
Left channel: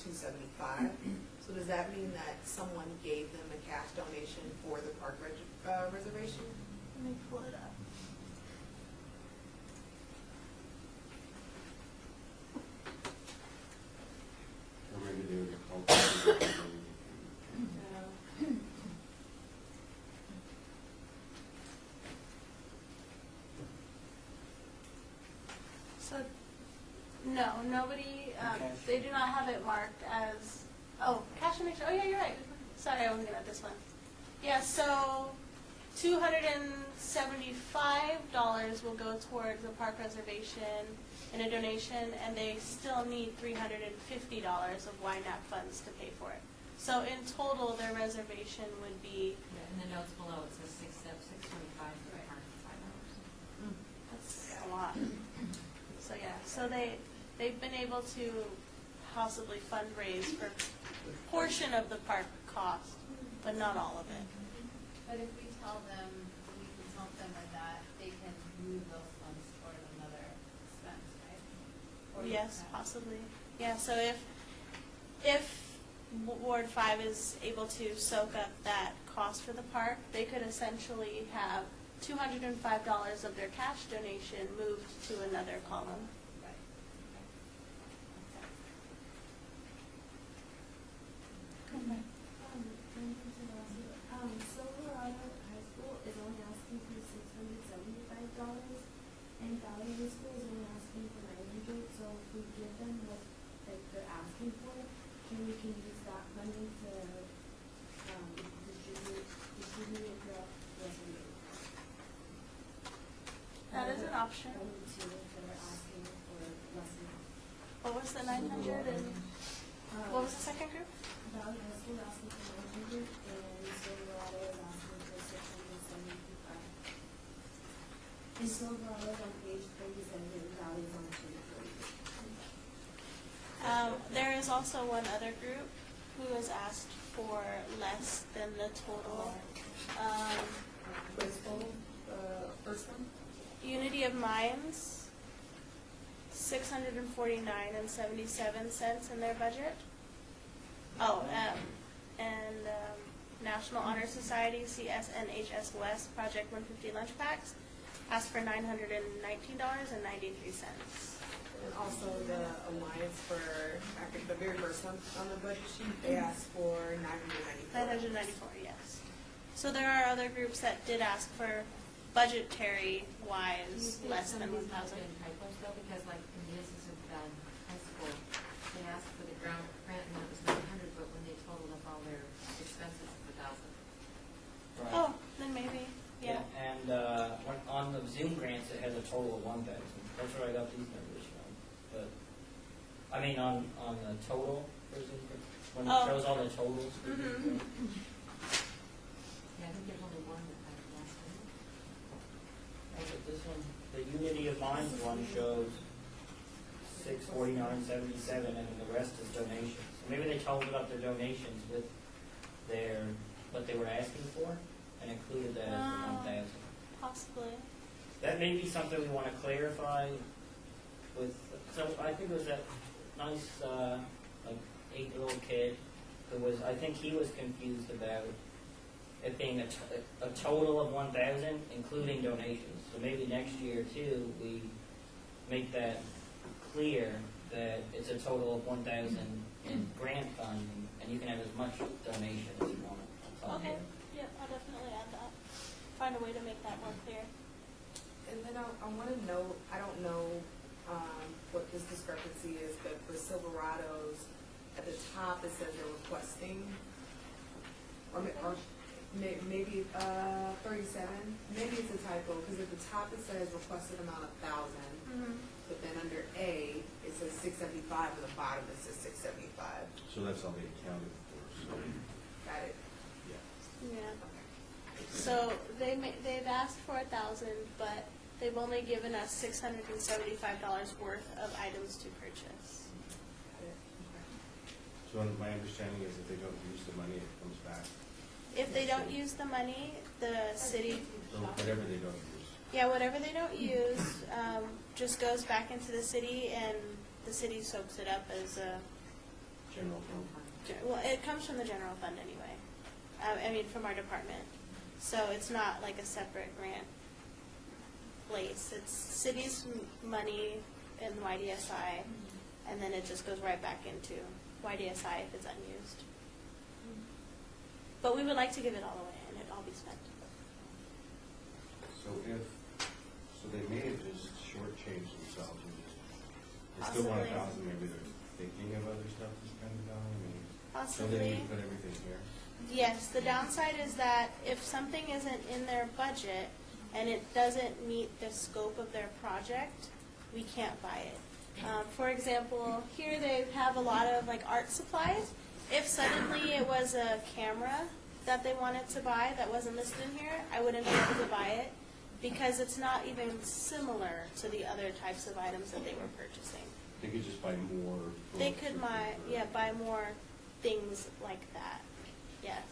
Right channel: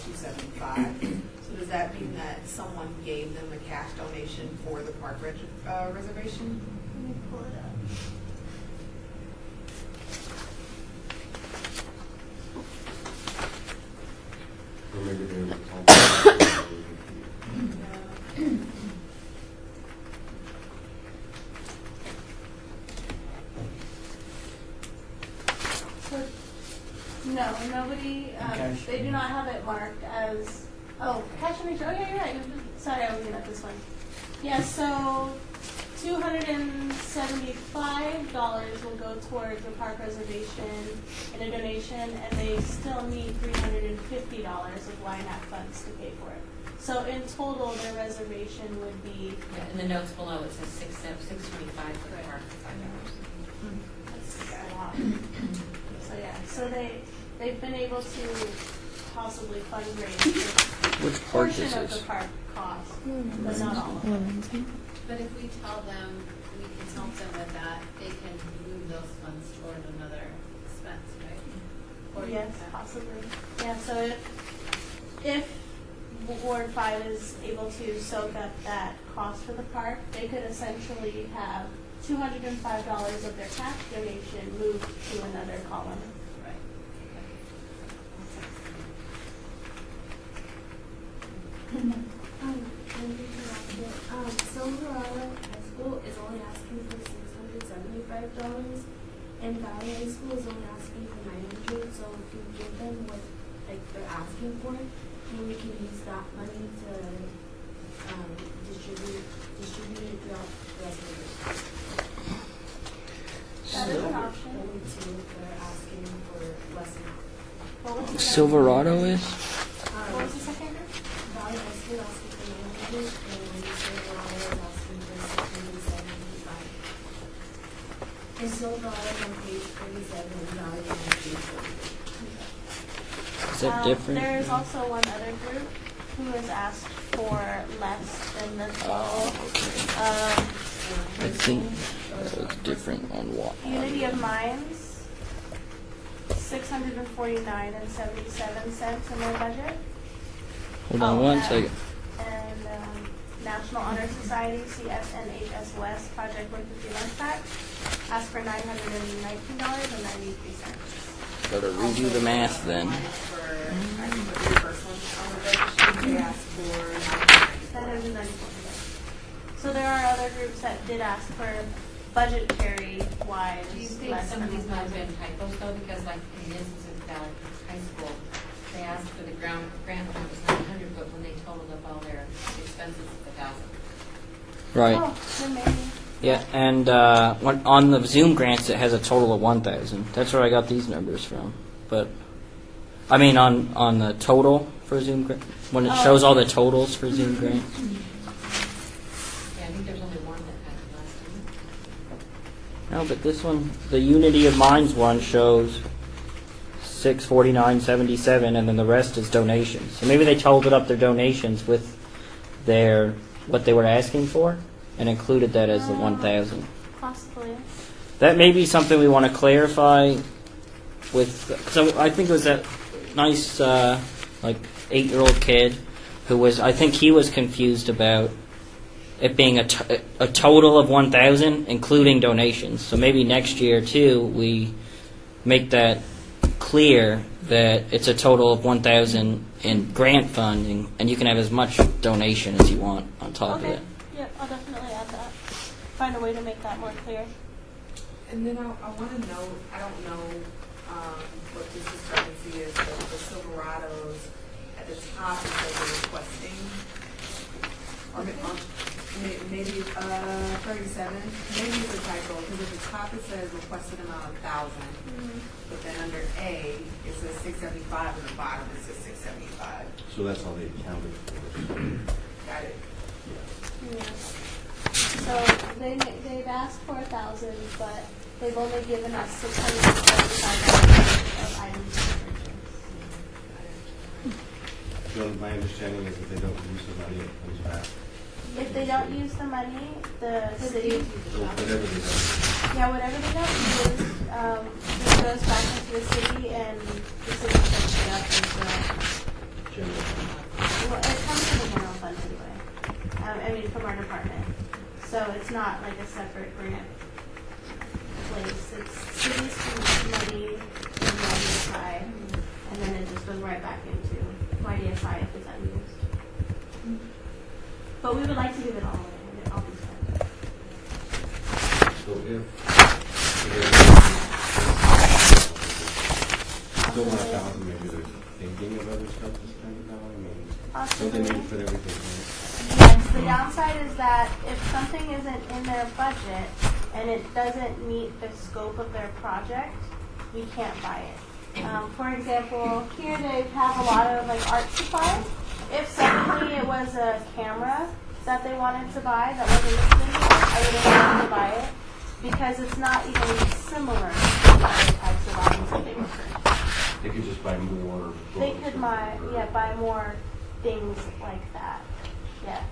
$275. So does that mean that someone gave them a cash donation for the park reservation? Let me pull it up. No, nobody, Okay. they do not have it marked as, cash and nature, yeah, you're right. Sorry, I was looking at this one. Yeah, so $275 will go towards the park reservation in a donation, and they still need $350 of Ynapp funds to pay for it. So in total, their reservation would be. Yeah, in the notes below, it says $625 for the park for $5. That's a lot. So yeah, so they've been able to possibly fundraise Which a park portion is of this? the park cost, but not all of it. But if we tell them, we can help them with that, they can move those funds toward another expense, right? Or Yes, possibly. Yeah, so if Ward 5 is able to soak up that cost for the park, they could essentially have $205 of their cash donation moved to another column. Right. Silverado High School is only asking for $675, and Valley High School is only asking for $900. So if we give them what they're asking for, then we can use that money to distribute it throughout the rest of the year. That is an option. Only two if they're asking for less than that. What was the Silverado is? What was the second group? Valley High School asking for $900, and Silverado is asking for $675. And Silverado is on page 47, and Valley is on page 48. Is that different? There is also one other group who has asked for less than the total. I think it's different on what. Unity of Minds, $649.77 in their budget. Hold on one second. And National Honor Society, CSNHS West, Project 150 Lunch Packs, asked for $919.93. Gotta redo the math then. One is for, I think the very first one on the registration, they asked for $994. $994, yes. So there are other groups that did ask for budgetary wise Do you think less some than of these might have $1,000. been typos though? Because like in the instance of Valley High School, they asked for the grant amount was $900, but when they totaled up all their expenses, it's $1,000. Right. Oh, then maybe. Yeah, and on the Zoom grants, it has a total of 1,000. That's where I got these numbers from. But I mean, on the total for Zoom grant, when it shows all the totals for Zoom grants. Yeah, I think there's only one that had less, didn't it? No, but this one, the Unity of Minds one shows $649.77, and then the rest is donations. So maybe they totaled up their donations with their what they were asking for, and included that as the 1,000. Possibly. That may be something we want to clarify with. So I think it was that nice, like 8-year-old kid who was. I think he was confused about it being a total of 1,000, including donations. So maybe next year too, we make that clear that it's a total of 1,000 in grant funding, and you can have as much donation as you want on top of Okay. it. Yeah, I'll definitely add that. Find a way to make that more clear. And then I want to know, I don't know what this discrepancy is, but the Silverados, at the top it says they're requesting, or maybe 37, maybe it's a typo, because at the top it says requested amount of 1,000, but then under A, it says 675, and the bottom it says 675. So that's all they counted for. Got it? So they've asked for 1,000, but they've only given us $675 of items to purchase. So my understanding is if they don't use the money, it comes back. If they don't use the money, the city, So whatever they do. whatever they don't use, just goes back into the city, and the city picks it up. Well, it comes from the general fund anyway. From our department. So it's not like a separate grant place. It's city's money and YDSI, and then it just goes right back into YDSI if it's unused. But we would like to give it all away, and it all be spent. So if don't want to So they possibly. need to put everything Yes, the downside is that if something isn't in their budget and it doesn't meet the scope of their project, we can't buy it. For example, here they have a lot of like art supplies. If suddenly it was a camera that they wanted to buy that wasn't listed in here, I wouldn't want to buy it because it's not even similar to the other types of items that they were purchasing. They could just buy more. They could buy more things like that. Yes.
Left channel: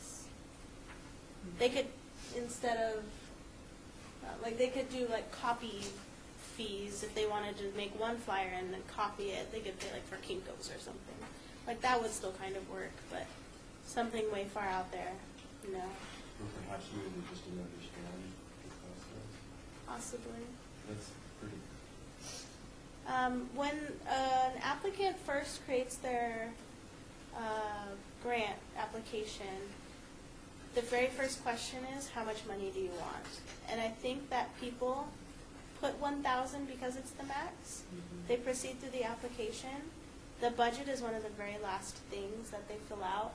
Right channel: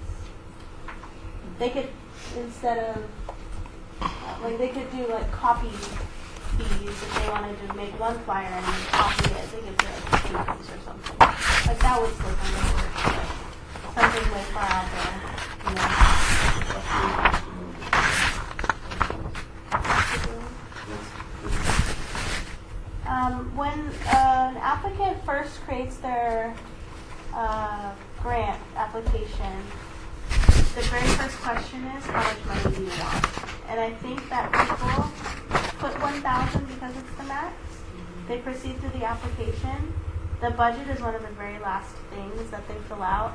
They could, instead of, like they could do like copy fees if they wanted to make one flyer and copy it. They could do like papers or something. Like that would slip in the work, but something way far out there, you know. When an applicant first creates their grant application, the very first question is, how much money do you want? And I think that people put 1,000 because it's the max. They proceed through the application. The budget is one of the very last things that they fill out.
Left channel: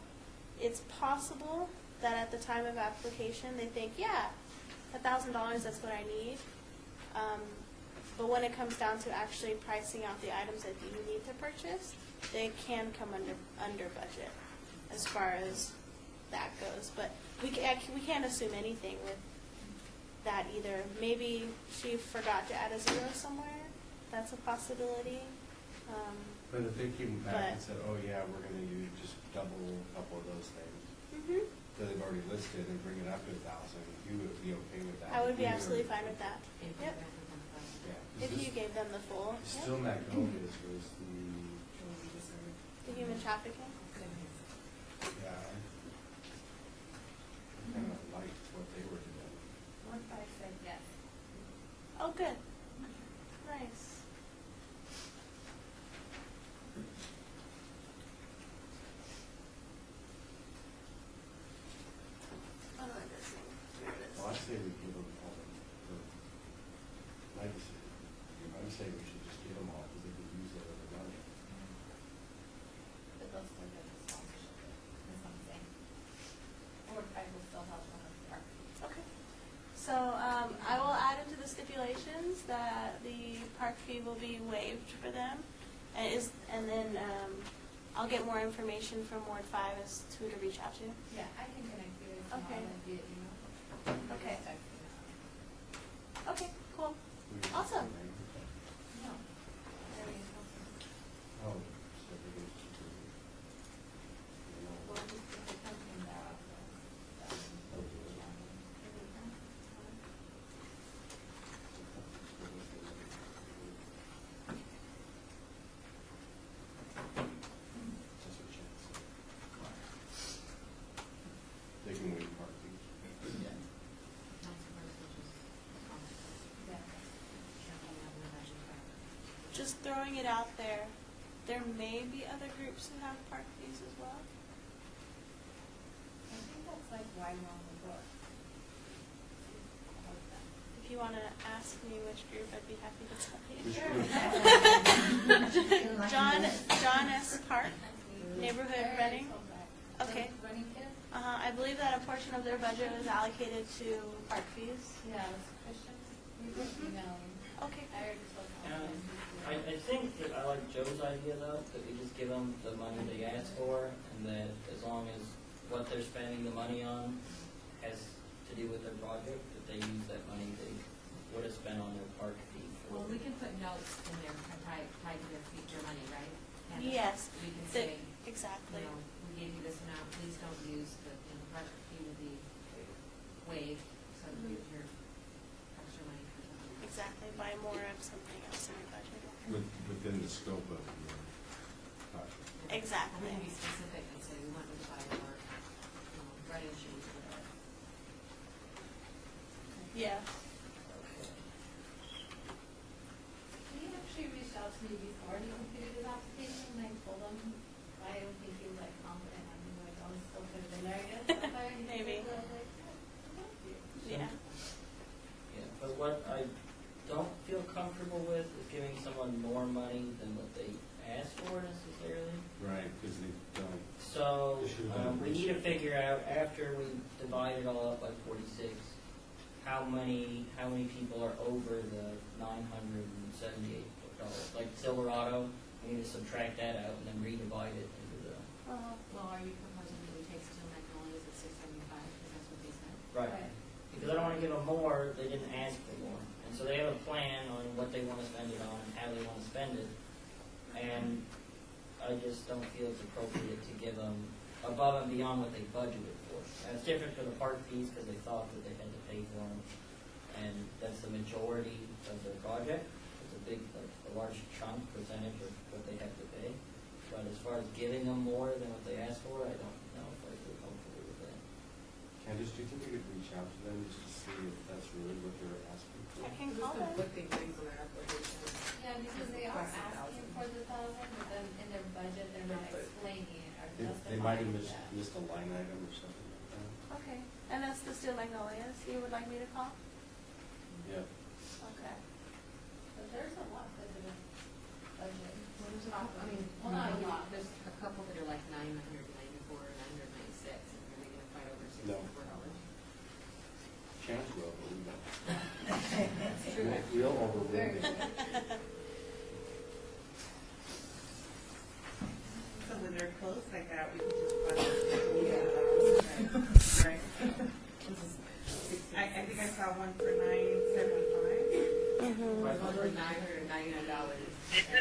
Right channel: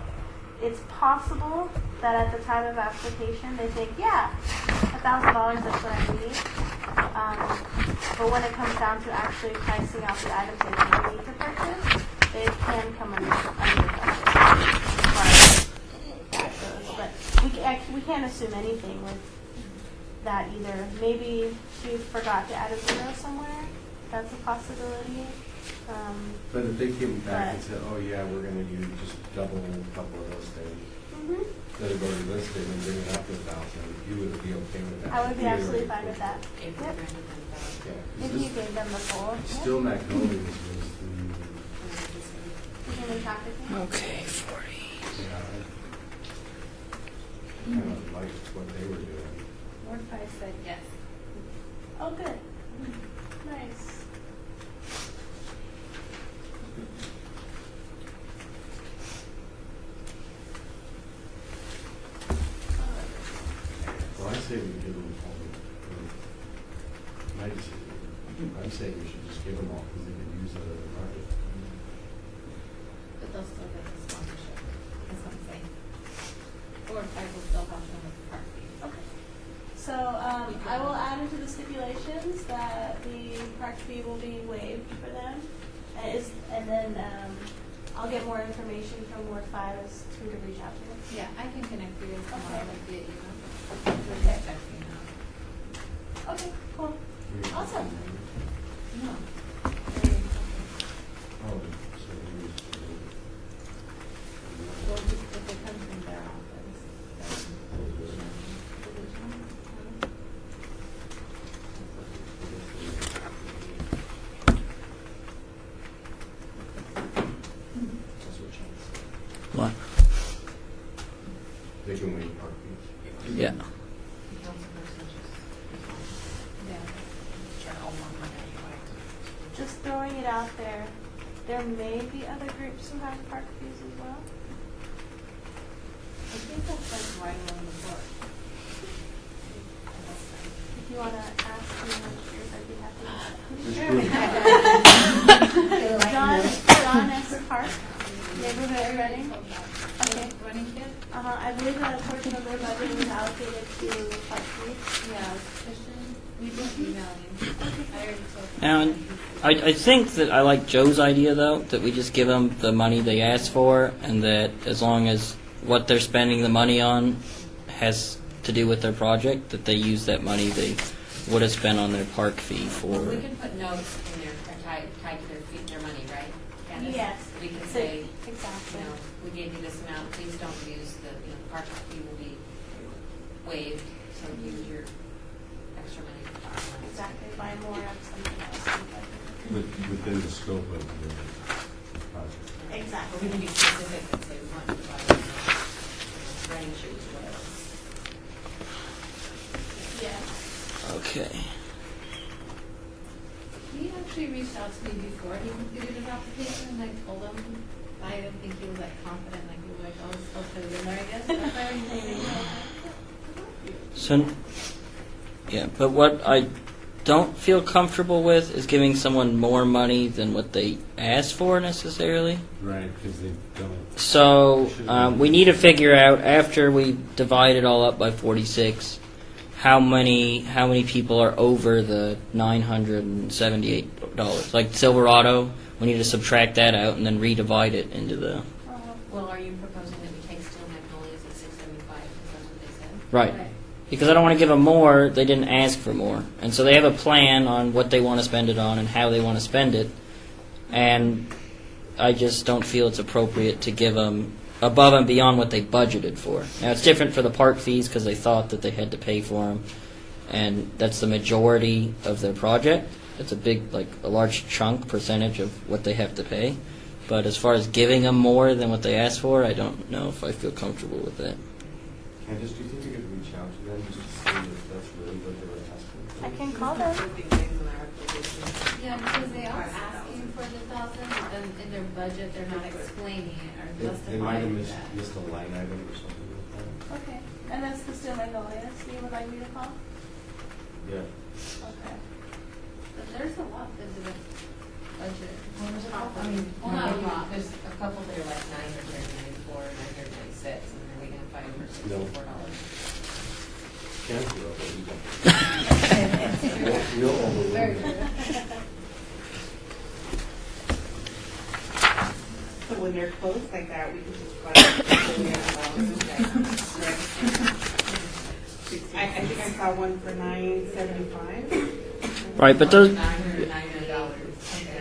It's possible that at the time of application they think, yeah, $1,000, that's what I need. But when it comes down to actually pricing out the items they really need to purchase, they can come under budget as far as that goes. But we can't assume anything with that either. Maybe she forgot to add a zero somewhere. That's a possibility. But if they came back and said, oh yeah, we're going to use just double a couple of those things, that have already listed and bring it up to 1,000, you would be okay with that? I would be absolutely fine with that. Yeah, If you gave them the full. Still Magnolia's was the human trafficking. Okay, 40. Yeah, I kind of liked what they were doing. Ward 5 said yes. Oh, good. Nice. Well, I say we give them all. My decision. I'm saying we should just give them all because they can use it as a budget. But they'll still get the sponsorship. That's what I'm saying. Ward 5 will still have them with park fees. Okay. So I will add into the stipulations that the park fee will be waived for them, and then I'll get more information from Ward 5 as to who to reach out to. Yeah, I can connect you with someone via email. Okay. Okay, cool. Awesome. No. Oh, so we use Well, just if it comes from their office. What? They can waive park fees. Yeah. Just throwing it out there, there may be other groups who have park fees as well. I think that's like right along the board. If you want to ask me which group, I'd be happy to tell you. John S. Park, neighborhood running. Okay. Running kid? I believe that a portion of their budget is allocated to park fees. Yeah, Christian, we just email you. I already told you. And I think that I like Joe's idea, though, that we just give them the money they asked for, and that as long as what they're spending the money on has to do with their project, that they use that money they would have spent on their park fee for. Well, we can put notes in there tied to their money, right? Candace? Yes. We can say, exactly. you know, we gave you this amount, please don't use the, you know, the park fee will be waived, so use your extra money for park funds. Exactly. Buy more of something else. Within the scope of the project. Exactly. But we can be specific and say we want to buy running shoes, whatever. Yeah. Okay. He actually reached out to me before he completed his application, and I told him I didn't think he was like confident, like he was like, oh, it's supposed to have been there, I guess. That's why I was like, So, yeah, but what I don't feel comfortable with is giving someone more money than what they asked for necessarily. Right, because they don't. So we need to figure out, after we divide it all up by 46, how many people are over the $978. Like Silverado, we need to subtract that out and then redivide it into the. Well, are you proposing that we take Steel Magnolias at 675? Because that's what they said. Right. Because I don't want to give them more, they didn't ask for more. And so they have a plan on what they want to spend it on and how they want to spend it. And I just don't feel it's appropriate to give them above and beyond what they budgeted for. Now, it's different for the park fees because they thought that they had to pay for them. And that's the majority of their project. It's a big, like a large chunk, percentage of what they have to pay. But as far as giving them more than what they asked for, I don't know if I feel comfortable with that. Candace, do you think you could reach out to them just to see if that's really what they were asking for? I can call them. Yeah, because they are asking for the 1,000, but then in their budget, they're not explaining it or They might have justifying that. missed a line item or something like that. Okay, and that's the Steel Magnolias you would like me to call? Yeah. Okay. But there's a lot into the budget. Well, there's a couple, I mean, well, not a lot, there's a couple that are like 994, 996, and then we can find over $64. Can't do it, real overwhelming. So when they're close like that, we I think I saw one for $975. Right, but those.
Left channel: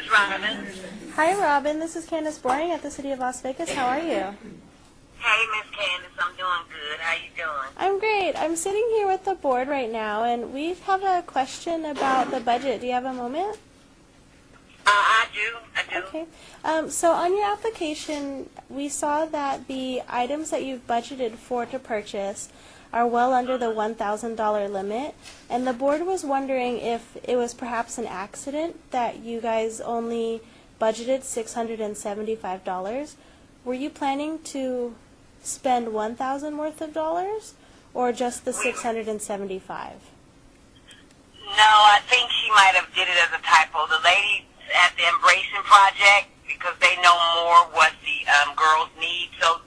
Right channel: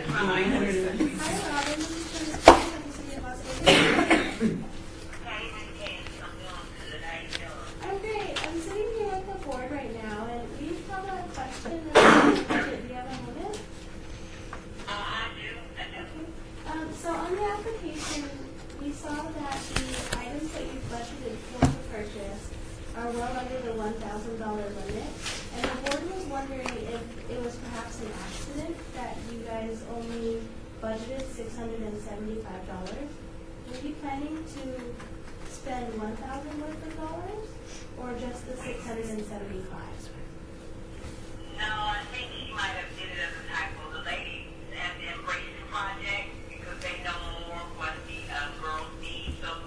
Hi, Robin. This is Candace Boring at the City of Las Vegas. How are you? Hey, Miss Candace. I'm doing good. How you doing? I'm great. I'm sitting here with the board right now, and we have a question about the budget. Do you have a moment? I do. Okay. So on your application, we saw that the items that you've budgeted for to purchase are well under the $1,000 limit, and the board was wondering if it was perhaps an accident that you guys only budgeted $675. Were you planning to spend $1,000 worth of dollars, or just the $675? No, I think she might have did it as a typo. The lady at the Embracing Project, because they know more what the girls need, so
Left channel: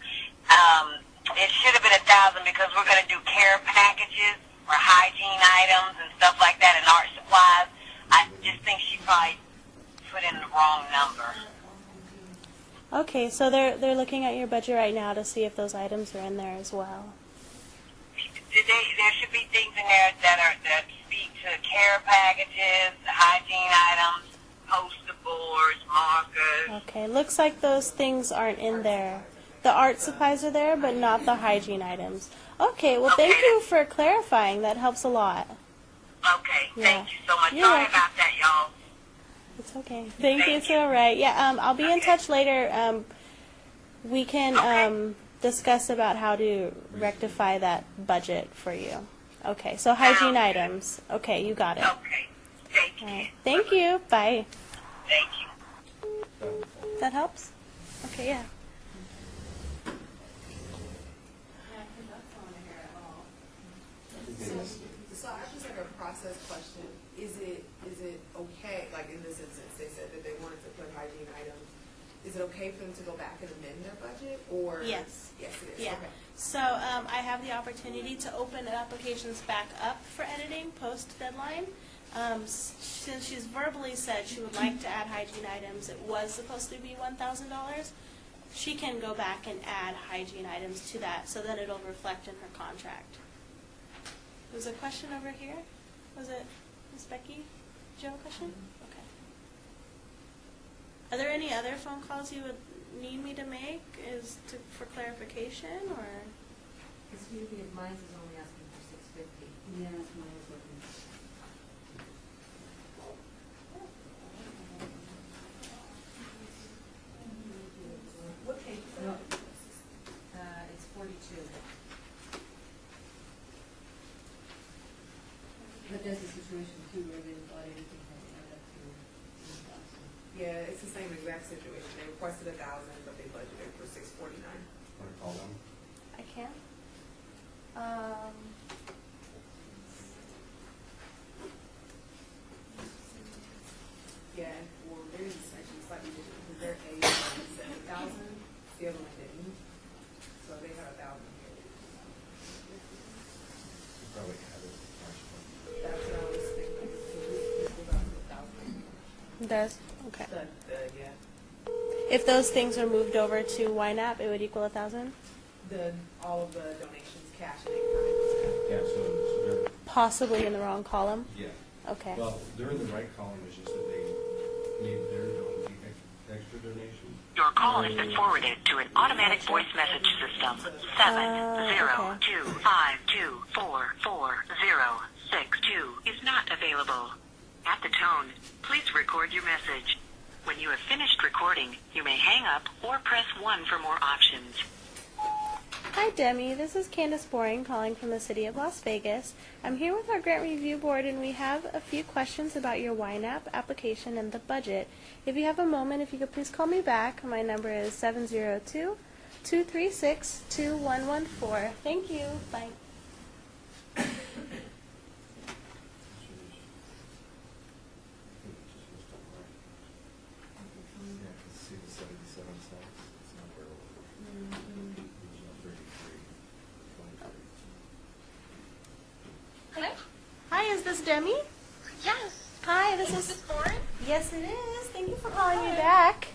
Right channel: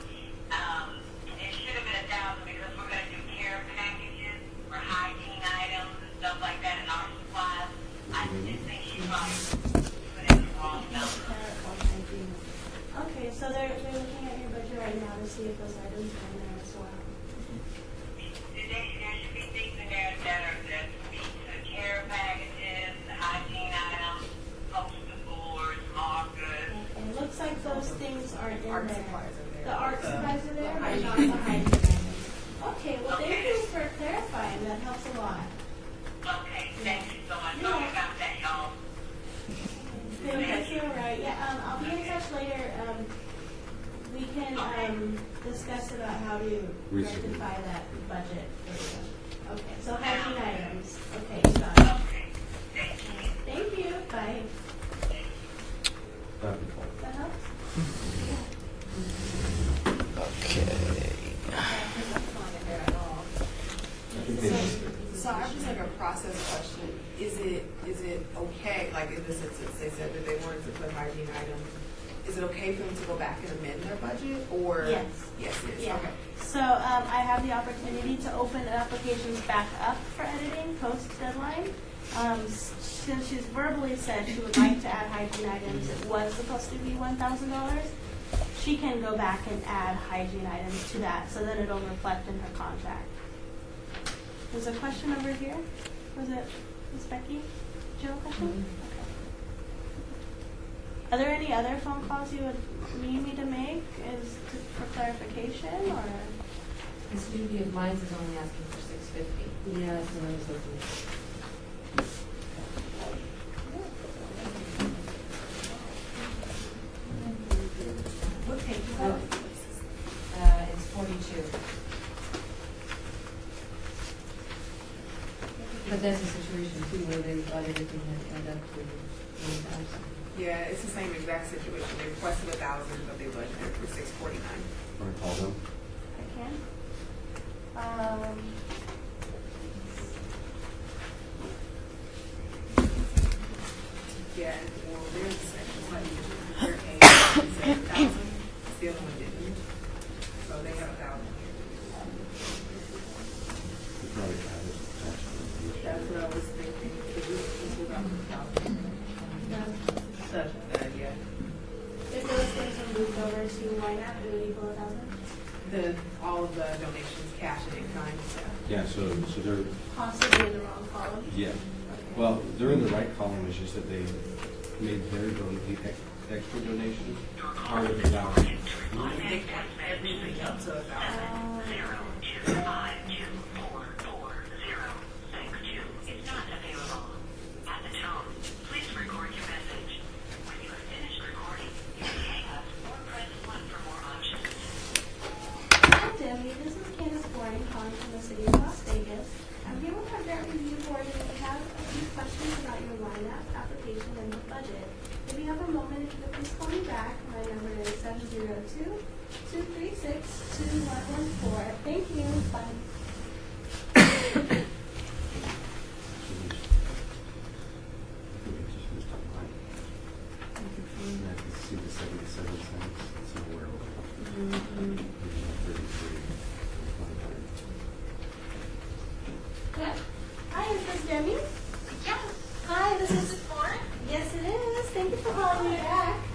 it should have been 1,000 because we're going to do care packages for hygiene items and stuff like that and art supplies. I just think she probably put in the wrong number. Okay, so they're looking at your budget right now to see if those items are in there as well. There should be things in there that speak to care packages, hygiene items, poster boards, markers. Okay, looks like those things aren't in there. The art supplies are there, but not the hygiene items. Okay, well, thank you for clarifying. That helps a lot. Okay, thank you so much. You're Sorry welcome. about that, y'all. Okay, thank you. It's all right. Yeah, I'll be in touch later. We can discuss about how to rectify that budget for you. Okay, so hygiene items. Okay, you got it. Okay, Thank you. Bye. Thank you. That helps? Okay, yeah. So I just have a process question. Is it okay, like in this instance, they said that they wanted to put hygiene items, is it okay for them to go back and amend their budget, or? Yes. Yes, it is, Yeah. okay. So I have the opportunity to open applications back up for editing post-deadline. Since she's verbally said she would like to add hygiene items, it was supposed to be $1,000. She can go back and add hygiene items to that so that it'll reflect in her contract. There's a question over here. Was it Ms. Becky? Did you have a question? Okay. Are there any other phone calls you would need me to make for clarification, or? The Studio of Minds is only asking for $650. Yeah, that's what I was looking at. What page is Oh, that? it's 42. But there's a situation too where they thought everything had added up to 1,000. Yeah, it's the same exact situation. They requested 1,000, but they budgeted for 649. Want to call them? I can. what I was thinking. This was on the top. It does? Okay. Yeah. If those things are moved over to Ynapp, it would equal 1,000? All of the donations, cash and in kind. Yeah, so they're, Possibly in the wrong column? yeah. Okay. Well, they're in the right column, it's just that they made the extra donations. Your call has been forwarded to an automatic voice message system. 70252444062 is not available. At the tone, please record your message. When you have finished recording, you may hang up or press 1 for more options. Hi, Demi. This is Candace Boring calling from the city of Las Vegas. I'm here with our grant review board, and we have a few questions about your Ynapp application and the budget. If you have a moment, if you could please call me back. My number is 702-236-2114. Thank you. Bye. Hello? Hi, is this Demi? Yes. Hi, this is Boring? Yes, it is. Thank you for calling me back.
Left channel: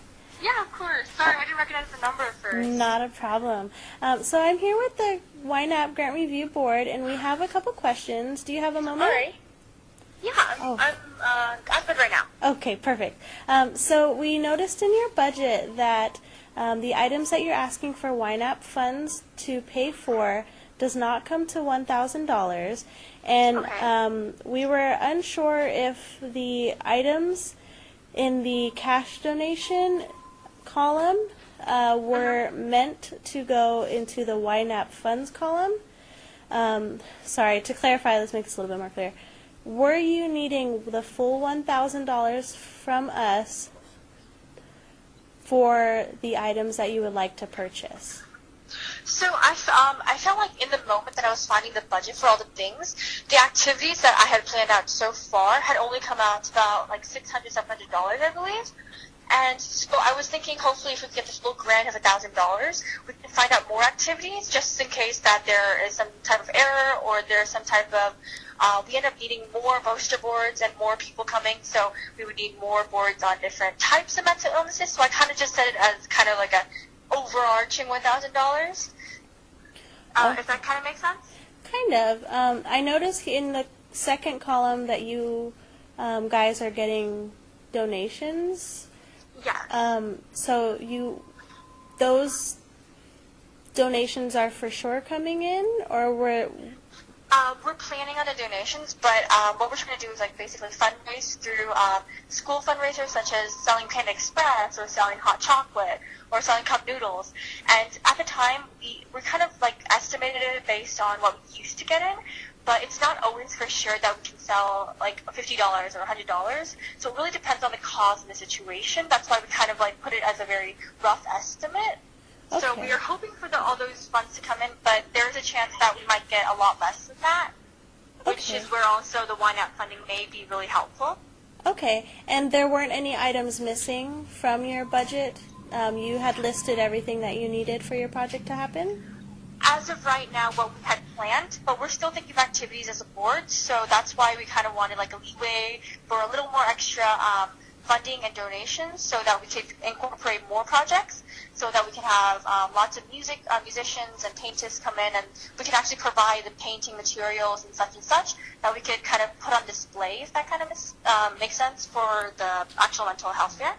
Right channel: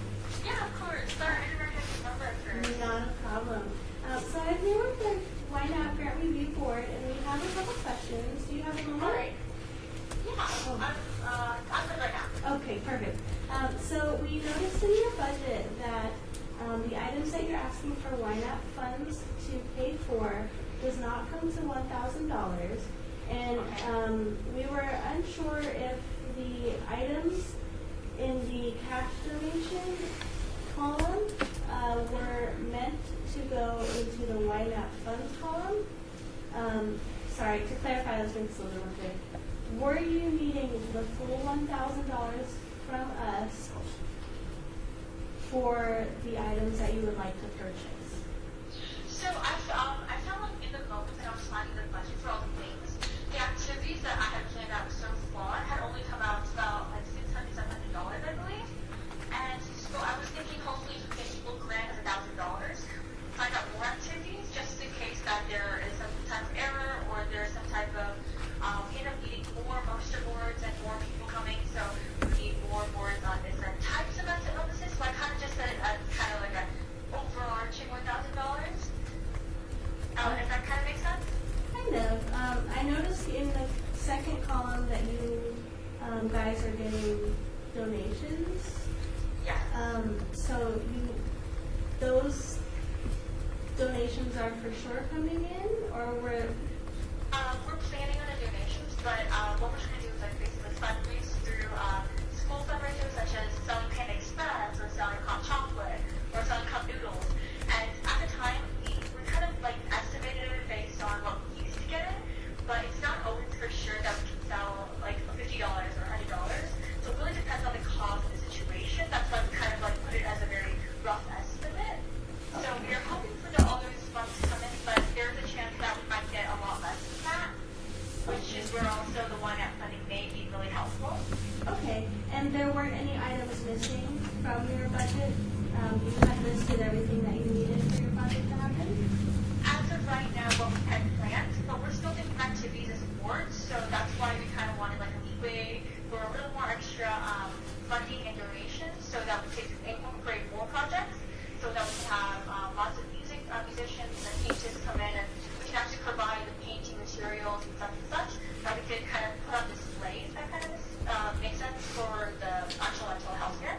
Yeah, of course. Sorry, I didn't recognize the number at first. Not a problem. So I'm here with the Ynapp Grant Review Board, and we have a couple questions. Do you have a moment? All right. Yeah, I'm good right now. Okay, perfect. So we noticed in your budget that the items that you're asking for Ynapp funds to pay for does not come to $1,000. And we were unsure if the items in the cash donation column were meant to go into the Ynapp funds column. Sorry, to clarify, let's make this a little bit more clear. Were you needing the full $1,000 from us for the items that you would like to purchase? So I felt like in the moment that I was finding the budget for all the things, the activities that I had planned out so far had only come out to about like $600, $700, I believe. And so I was thinking hopefully if we could get this little grant of $1,000, we can find out more activities just in case that there is some type of error or there's some type of, we end up needing more poster boards and more people coming, so we would need more boards on different types of mental illnesses. So I kind of just set it as kind of like an overarching $1,000. Does that kind of make sense? Kind of. I noticed in the second column that you guys are getting donations. Yeah. So those donations are for sure coming in, or we're planning on the donations, but what we're trying to do is like basically fundraise through school fundraisers such as selling Panda Express or selling hot chocolate or selling cup noodles. And at the time, we're kind of like estimated it based on what we used to get in, but it's not always for sure that we can sell like $50 or $100. So it really depends on the cause and the situation. That's why we kind of like put it as a very rough estimate. Okay. So we are hoping for all those funds to come in, but there's a chance that we might get a lot less than that, which is where also the Ynapp funding may be really helpful. okay. And there weren't any items missing from your budget? You had listed everything that you needed for your project to happen? As of right now, what we had planned, but we're still thinking of activities as a board, so that's why we kind of wanted like a leeway for a little more extra funding and donations so that we could incorporate more projects, so that we can have lots of musicians and painters come in, and we can actually provide the painting materials and such, that we could kind of put on display, if that kind of makes sense, for the actual mental health fair.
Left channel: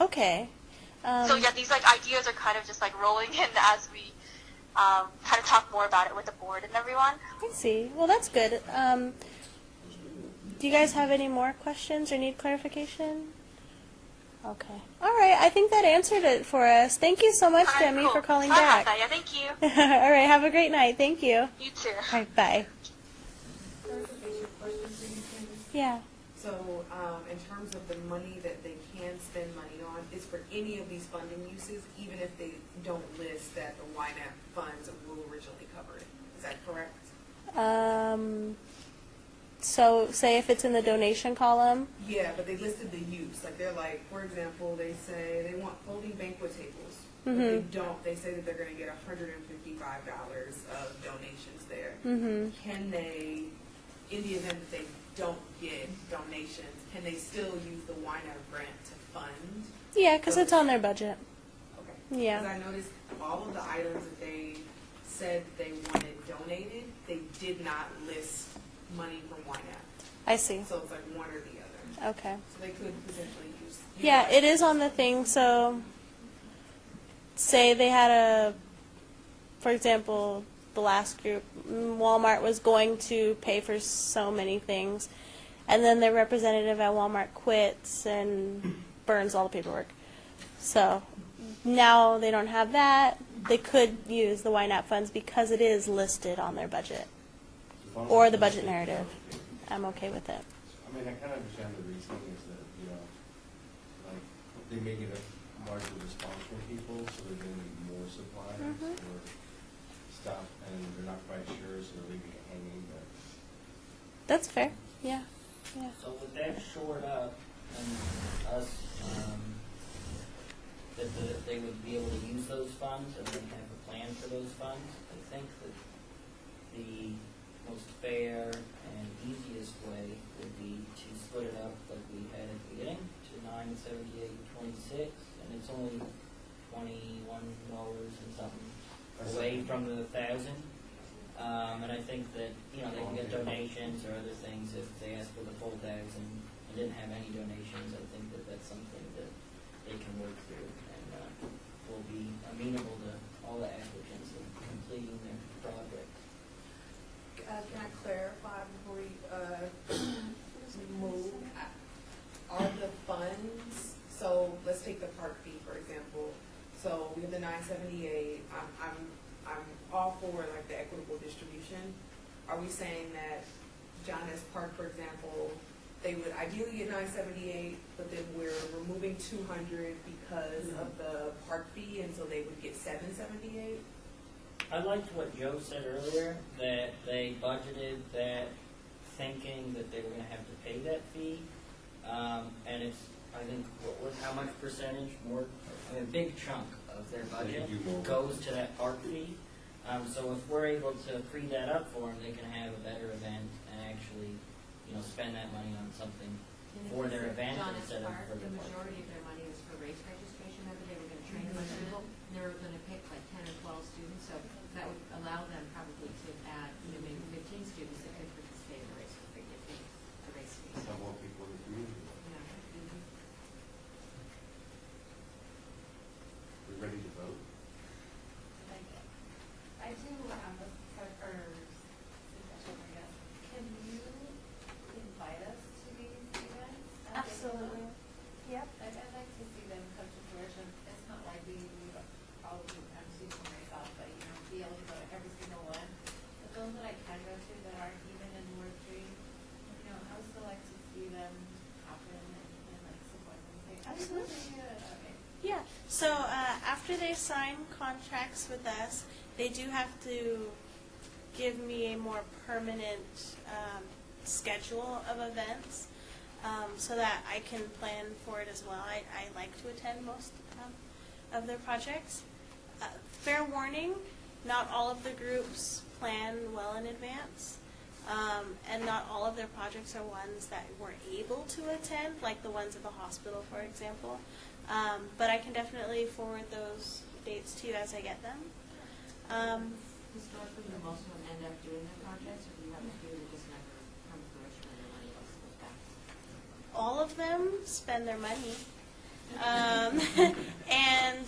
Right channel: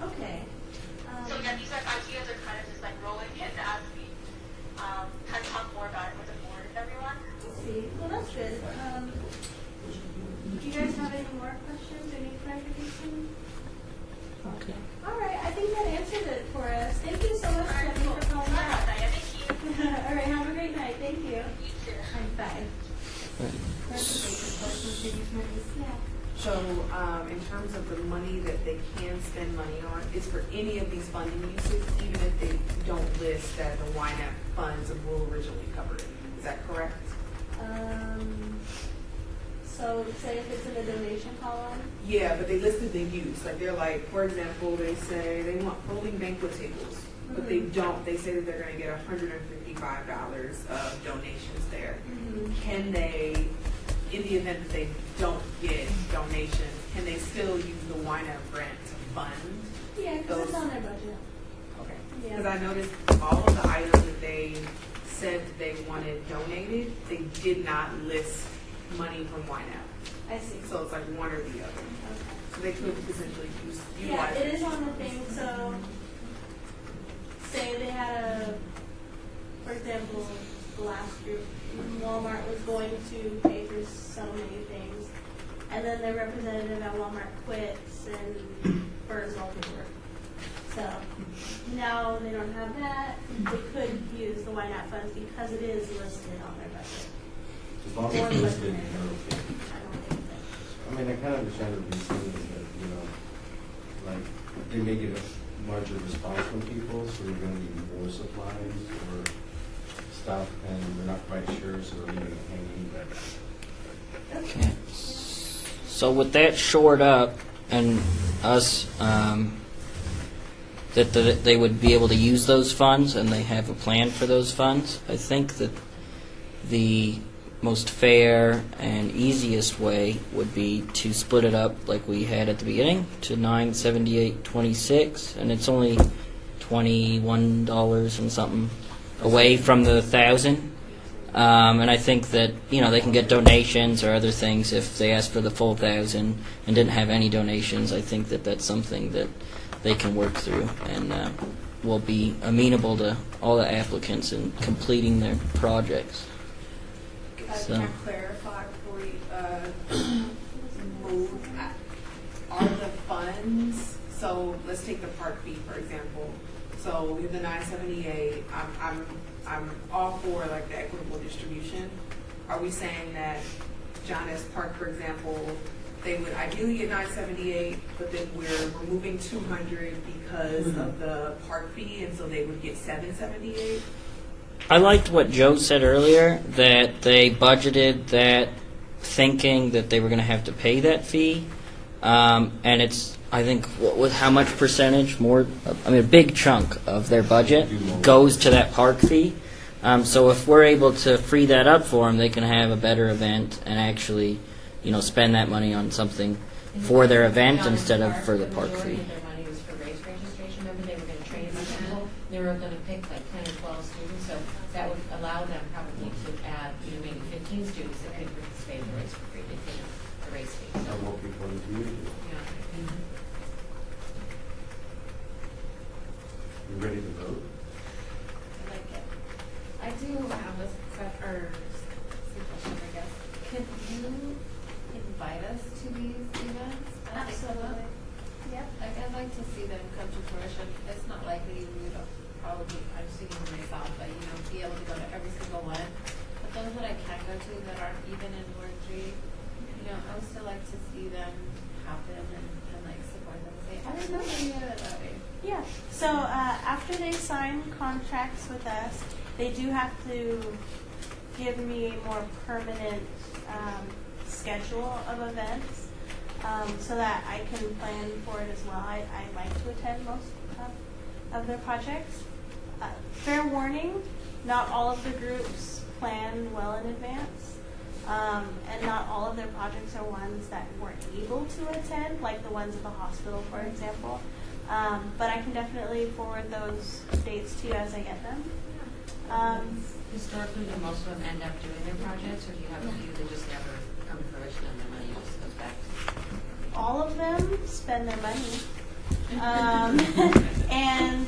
Okay. So yeah, these like ideas are kind of just like rolling in as we kind of talk more about it with the board and everyone. I see. Well, that's good. Do you guys have any more questions or need clarification? Okay. All right. I think that answered it for us. Thank you so much, Demi, for calling back. Yeah, thank you. All right. Have a great night. Thank you. You too. All right. Bye. Yeah. So, in terms of the money that they can spend money on, is for any of these funding uses, even if they don't list that the Ynapp funds will originally cover it. Is that correct? So, say if it's in the donation column. Yeah, but they listed the use. Like they're like, for example, they say they want folding banquet tables, but they don't. They say that they're going to get $155 of donations there. Can they, in the event that they don't donations, can they still use the Ynapp grant to fund? Yeah, because it's on their budget. Okay. Yeah. Because I noticed all of the items that they said that they wanted donated, they did not list money from Ynapp. I see. So it's like one or the other. Okay. So they could potentially use. Yeah, utilize it is on the thing. So, say they had for example, the last group, Walmart was going to pay for so many things, and then their representative at Walmart quits and burns all the paperwork. So now they don't have that. They could use the Ynapp funds because it is listed on their budget or the budget narrative. I'm okay with it. I mean, I kind of understand the reason is that, you know, like, they may get a larger response from people, so they're going to need more supplies or stuff, and they're not quite sure, so they're leaving it hanging. That's fair. Yeah. So with that shored up and us, that they would be able to use those funds and they have a plan for those funds, I think that the most fair and easiest way would be to split it up like we had at the beginning to $978.26, and it's only $21 and something away from the 1,000. And I think that, you know, they can get donations or other things if they ask for the full 1,000 and didn't have any donations. I think that that's something that they can work through and will be amenable to all the applicants in completing their projects. Can I clarify before you move? Are the funds, so let's take the Part B, for example. So we have the 978. I'm all for like the equitable distribution. Are we saying that John S. Park, for example, they would ideally get 978, but then we're removing 200 because of the Park fee, and so they would get 778? I liked what Joe said earlier, that they budgeted that thinking that they were going to have to pay that fee. And it's, I think, with how much percentage more, I mean, a big chunk of their budget goes to that park fee. So if we're able to free that up for them, they can have a better event and actually, you know, spend that money on something for their event instead of for the park fee. Their money was for race registration. Remember, they were going to train some people. They were going to pick like 10 or 12 students, so that would allow them probably to add, you know, maybe 15 students that could participate in the race for free. They pay the race fee. So, more people in the community. yeah. You ready to vote? I like it. I do have a suggestion, I guess. Can you invite us to these events? Absolutely. Yep. Like, I'd like to see them come to fruition. It's not likely we would probably, I'm speaking for myself, but, you know, be able to go to every single one. But those that I can go to that aren't even in Warren Street, you know, I would still like to see them happen and like support them and say, I didn't know they knew it that way. Yeah, so after they sign contracts with us, they do have to give me a more permanent schedule of events so that I can plan for it as well. I like to attend most of their projects. Fair warning, not all of the groups plan well in advance. And not all of their projects are ones that weren't able to attend, like the ones at the hospital, for example. But I can definitely forward those dates to you as I get them. Historically, do most of them end up doing their projects, or do you have a few that just never come to fruition and the money just goes back? All of them spend their money. And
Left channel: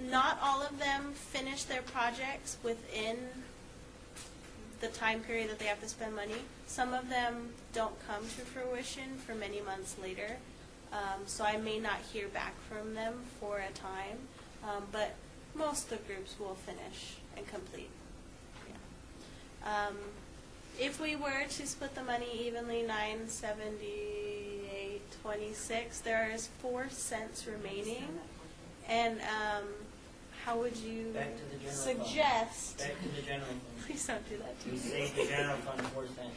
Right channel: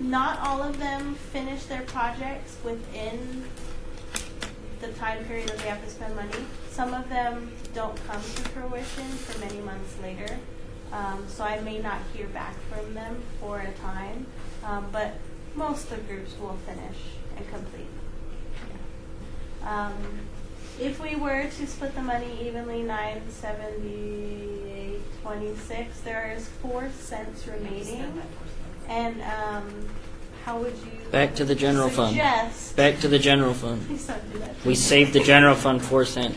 not all of them finish their projects within the time period that they have to spend money. Some of them don't come to fruition for many months later. So I may not hear back from them for a time, but most of the groups will finish and complete. If we were to split the money evenly, 978.26, there is 4 cents remaining. And how would you Back to the general fund. suggest? Back to the general fund. Please don't do that to We me. saved the general fund 4 cents.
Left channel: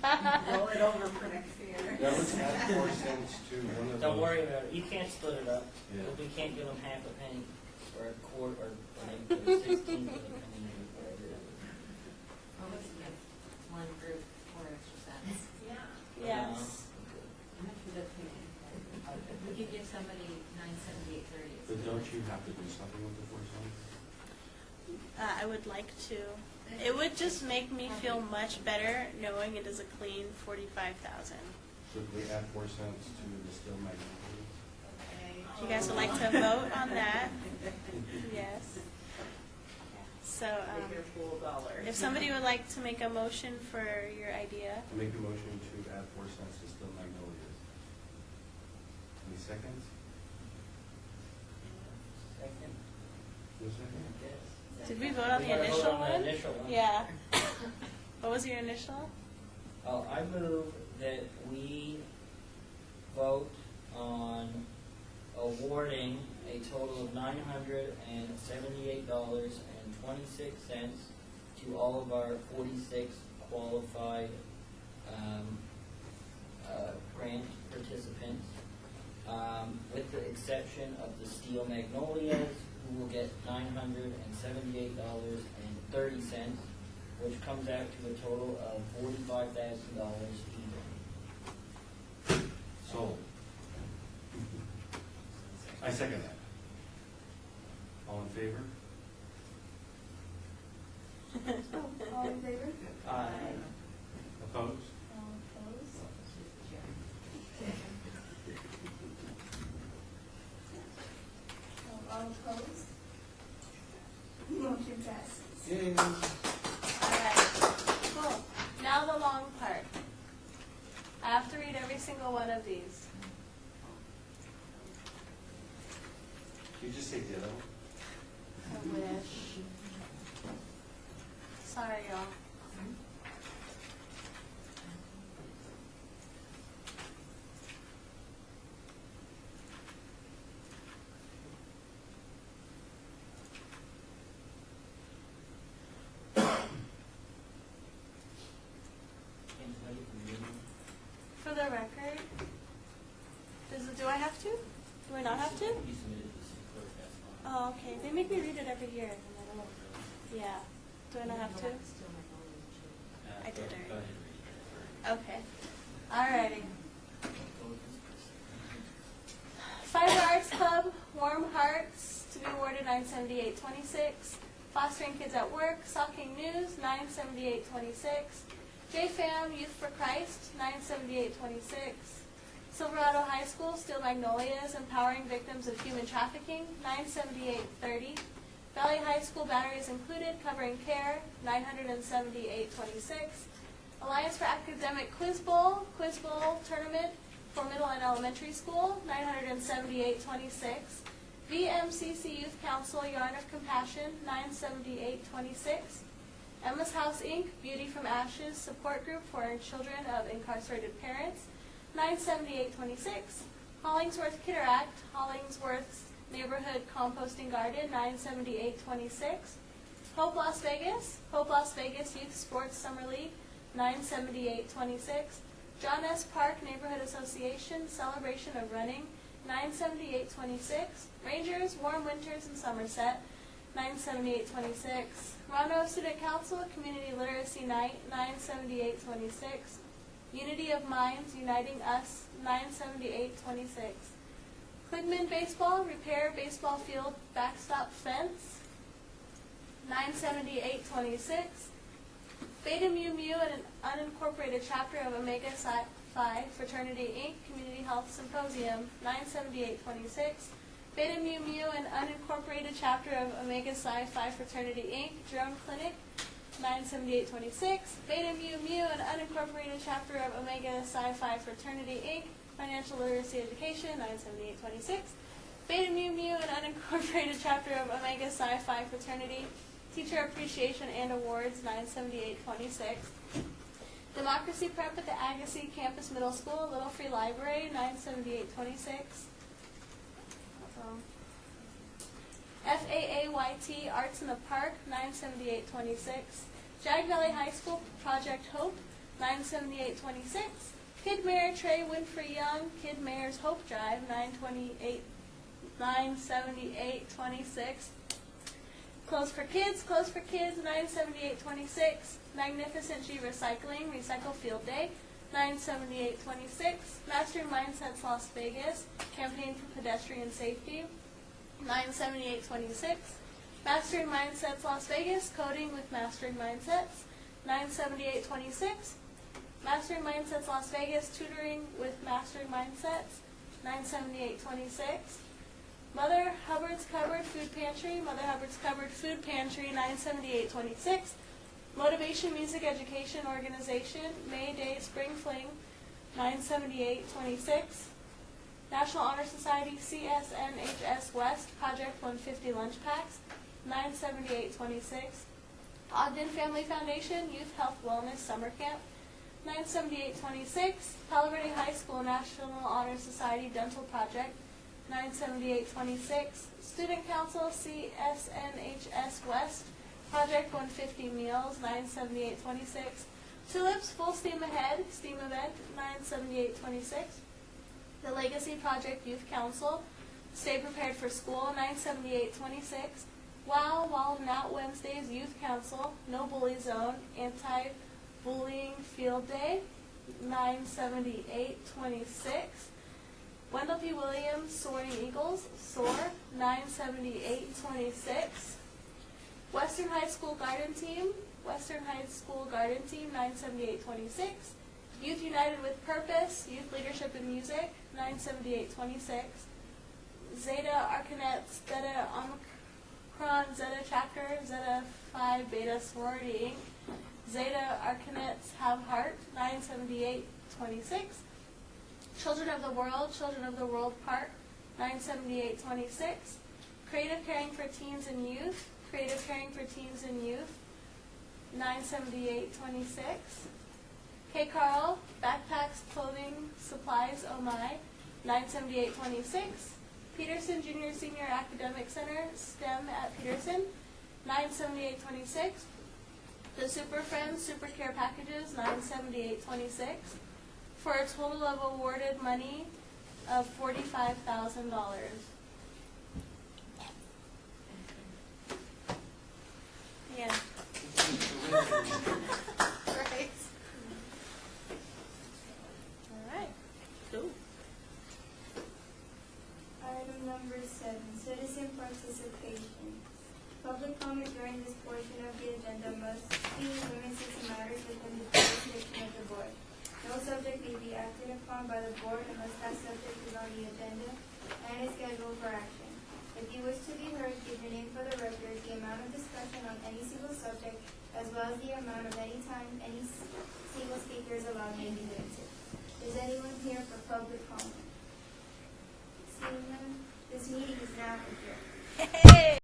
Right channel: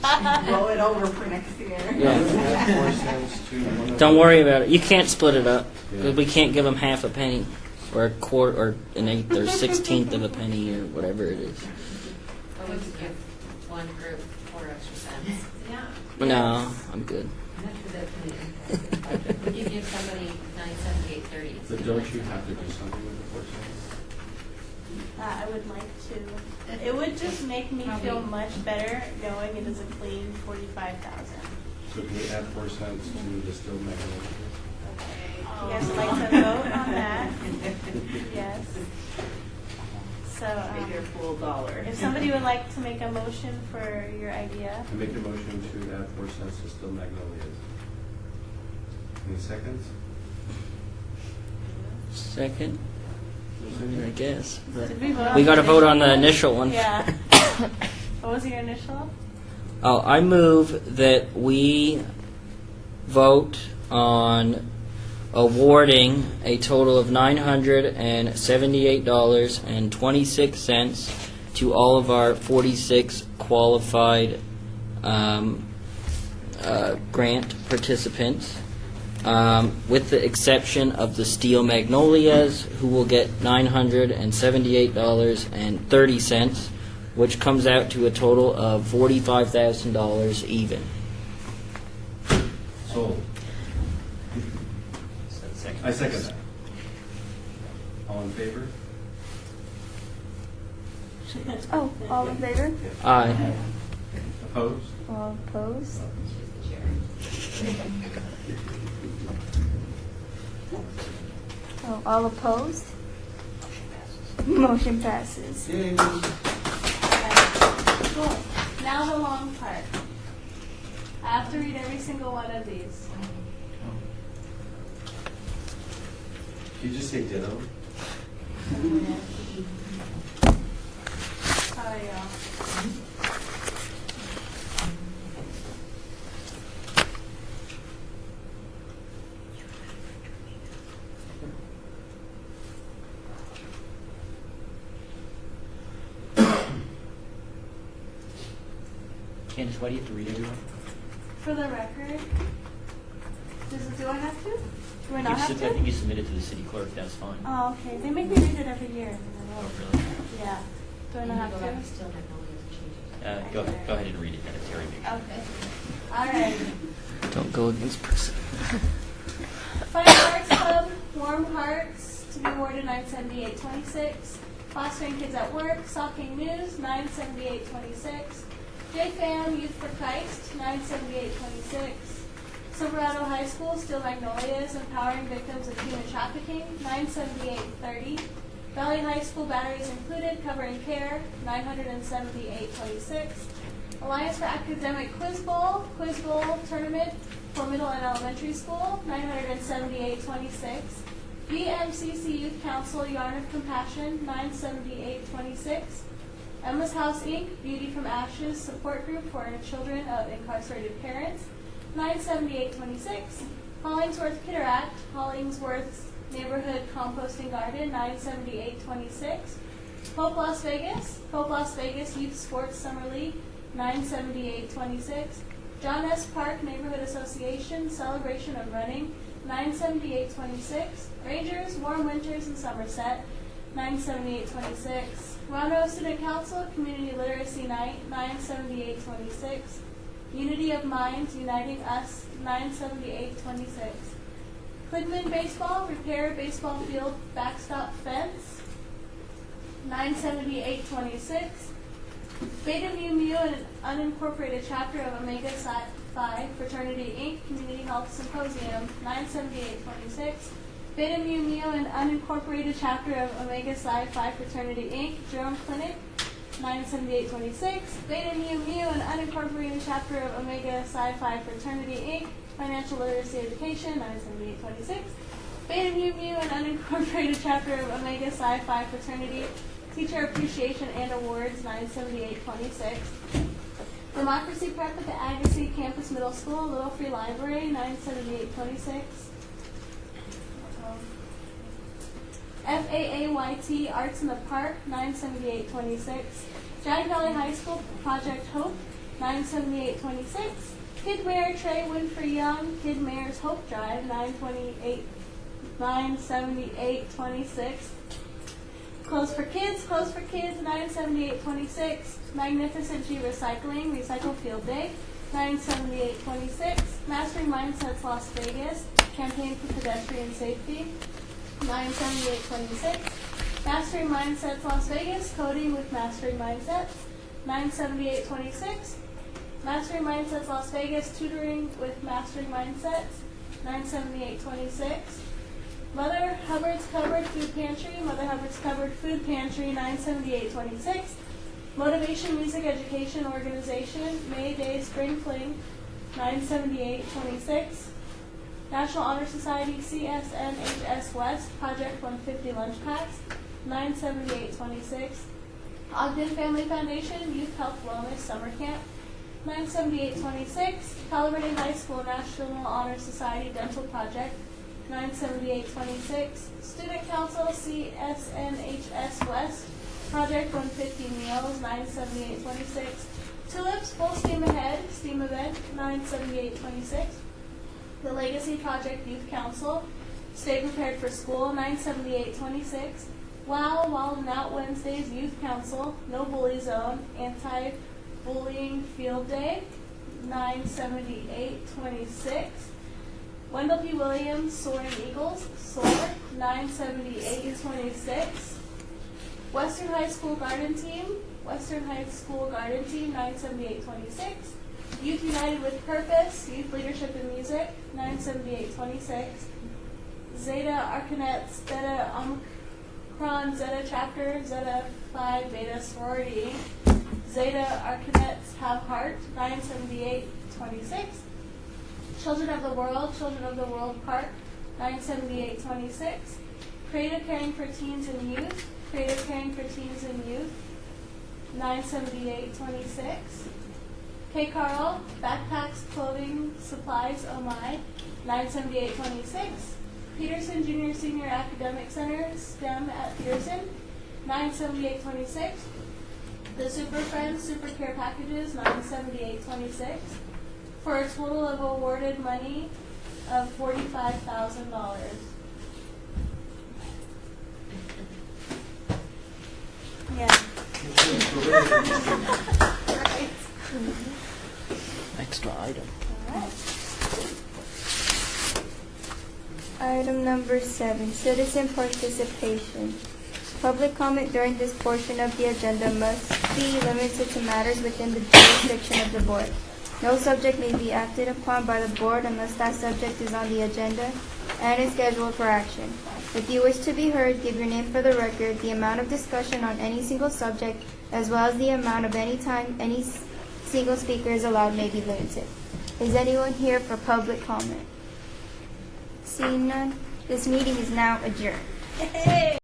Roll it over for next year. Yeah. 4 cents to one. Don't worry about it. You can't split it up because we can't give them half a penny or a quarter or an eighth or 16th of a penny or whatever it is. Or would you give one group 4 extra cents? Yeah. No, I'm good. I'm not sure that's going to impact the budget. Would you give somebody $978.30? So don't you have to do something with the 4 cents? I would like to. It would just make me feel much better knowing it is a clean 45,000. So can we add 4 cents to the still magnolia? If you guys would like to vote on that, yes. So, Make your full dollar. if somebody would like to make a motion for your idea. I make a motion to add 4 cents to still magnolias. Any seconds? Second. I guess. But Did we vote on we got to the vote on the initial initial one. Yeah. What was your initial? Oh, I move that we vote on awarding a total of $978.26 to all of our 46 qualified grant participants, with the exception of the Steel Magnolias, who will get $978.30, which comes out to a total of $45,000 even. Sold. I second that. All in favor? Oh, all in favor? Aye. Opposed? All opposed? Oh, all opposed? Motion passes. Yay. Cool. Now the long part. I have to read every single one of these. Did you just say ditto? Sorry, y'all. Candace, why do you have to read everyone? For the record, do I have to? Do I not I have to? think you submitted to the city clerk, that's fine. Oh, okay. They make me read it every year. Oh, really? Yeah. Do I not have to? Go ahead and read it, then, Terry. Okay. All right. Don't go against precedent. Fine Arts Club, Warm Hearts, to be awarded $978.26. Fostering Kids at Work, Stalking News, $978.26. JFAM, Youth for Christ, $978.26. Silverado High School, Steel Magnolias, Empowering Victims of Human Trafficking, $978.30. Valley High School, Batteries Included, Covering Care, $978.26. Alliance for Academic Quiz Bowl Tournament for Middle and Elementary School, $978.26. VMCC Youth Council, Yarn of Compassion, $978.26. Emma's House, Inc., Beauty from Ashes Support Group for Children of Incarcerated Parents, $978.26. Hollingsworth Kitteract, Hollingsworth's Neighborhood Composting Garden, $978.26. Hope Las Vegas Youth Sports Summer League, $978.26. John S. Park Neighborhood Association, Celebration of Running, $978.26. Rangers, Warm Winters in Somerset, $978.26. Rondo Student Council, Community Literacy Night, $978.26. Unity of Minds, Uniting Us, $978.26. Kligman Baseball, Repair Baseball Field Backstop Fence, $978.26. Beta Mu Mu and an unincorporated chapter of Omega Psi Phi Fraternity Inc. Community Health Symposium, $978.26. Beta Mu Mu and unincorporated chapter of Omega Psi Phi Fraternity Inc. Jerome Clinic, $978.26. Beta Mu Mu and unincorporated chapter of Omega Psi Phi Fraternity Inc. Financial Literacy Education, $978.26. Beta Mu Mu and unincorporated chapter of Omega Psi Phi Fraternity Teacher Appreciation and Awards, $978.26. Democracy Prep at the Agassiz Campus Middle School, Little Free Library, $978.26. FAAYT Arts in the Park, $978.26. Jag Valley High School Project Hope, $978.26. Kid Mayor Trey Winfrey Young, Kid Mayor's Hope Drive, $978.26. Clothes for Kids, $978.26. Magnificent G Recycling, Recycle Field Day, $978.26. Mastering Mindsets Las Vegas, Campaign for Pedestrian Safety, 97826. Mastering Mindsets Las Vegas, Coding with Mastering Mindsets, 97826. Mastering Mindsets Las Vegas, Tutoring with Mastering Mindsets, 97826. Mother Hubbard's Covered Food Pantry, Mother Hubbard's Covered Food Pantry, 97826. Motivation Music Education Organization, May Day Spring Fling, 97826. National Honor Society, CSNHS West, Project 150 Lunch Packs, 97826. Ogden Family Foundation, Youth Health Wellness Summer Camp, 97826. Palo Verde High School National Honor Society Dental Project, 97826. Student Council, CSNHS West, Project 150 Meals, 97826. Tulips Full Steam Ahead, Steam Event, 97826. The Legacy Project Youth Council, Stay Prepared for School, 97826. Wow, Wild Out Wednesdays Youth Council, No Bully Zone, Anti-Bullying Field Day, 97826. Wendell P. Williams, Soaring Eagles, SOAR, 97826. Western High School Garden Team, 97826. Youth United with Purpose, Youth Leadership in Music, 97826. Zeta Arcanets, Theta Omicron, Zeta Chapter, Zeta Phi Beta Sorority, Zeta Arcanets Have Heart, 97826. Children of the World Park, 97826. Creative Caring for Teens and Youth, Creative Caring for Teens and Youth, 97826. K. Carl, Backpacks, Clothing, Supplies, Oh My, 97826. Peterson Junior Senior Academic Center, STEM at Peterson, 97826. The Super Friends Super Care Packages, 97826. For a total of awarded money of $45,000. Yeah. Extra item. Item number 7, citizen participation. Public comment during this portion of the agenda must be limited to matters within the jurisdiction of the board. No subject may be acted upon by the board unless that subject is on the agenda and is scheduled for action. If you wish to be heard, give your name for the record. The amount of discussion on any single subject, as well as the amount of any time any single speaker is allowed, may be limited. Is anyone here for public comment? Seeing none, this meeting is now adjourned.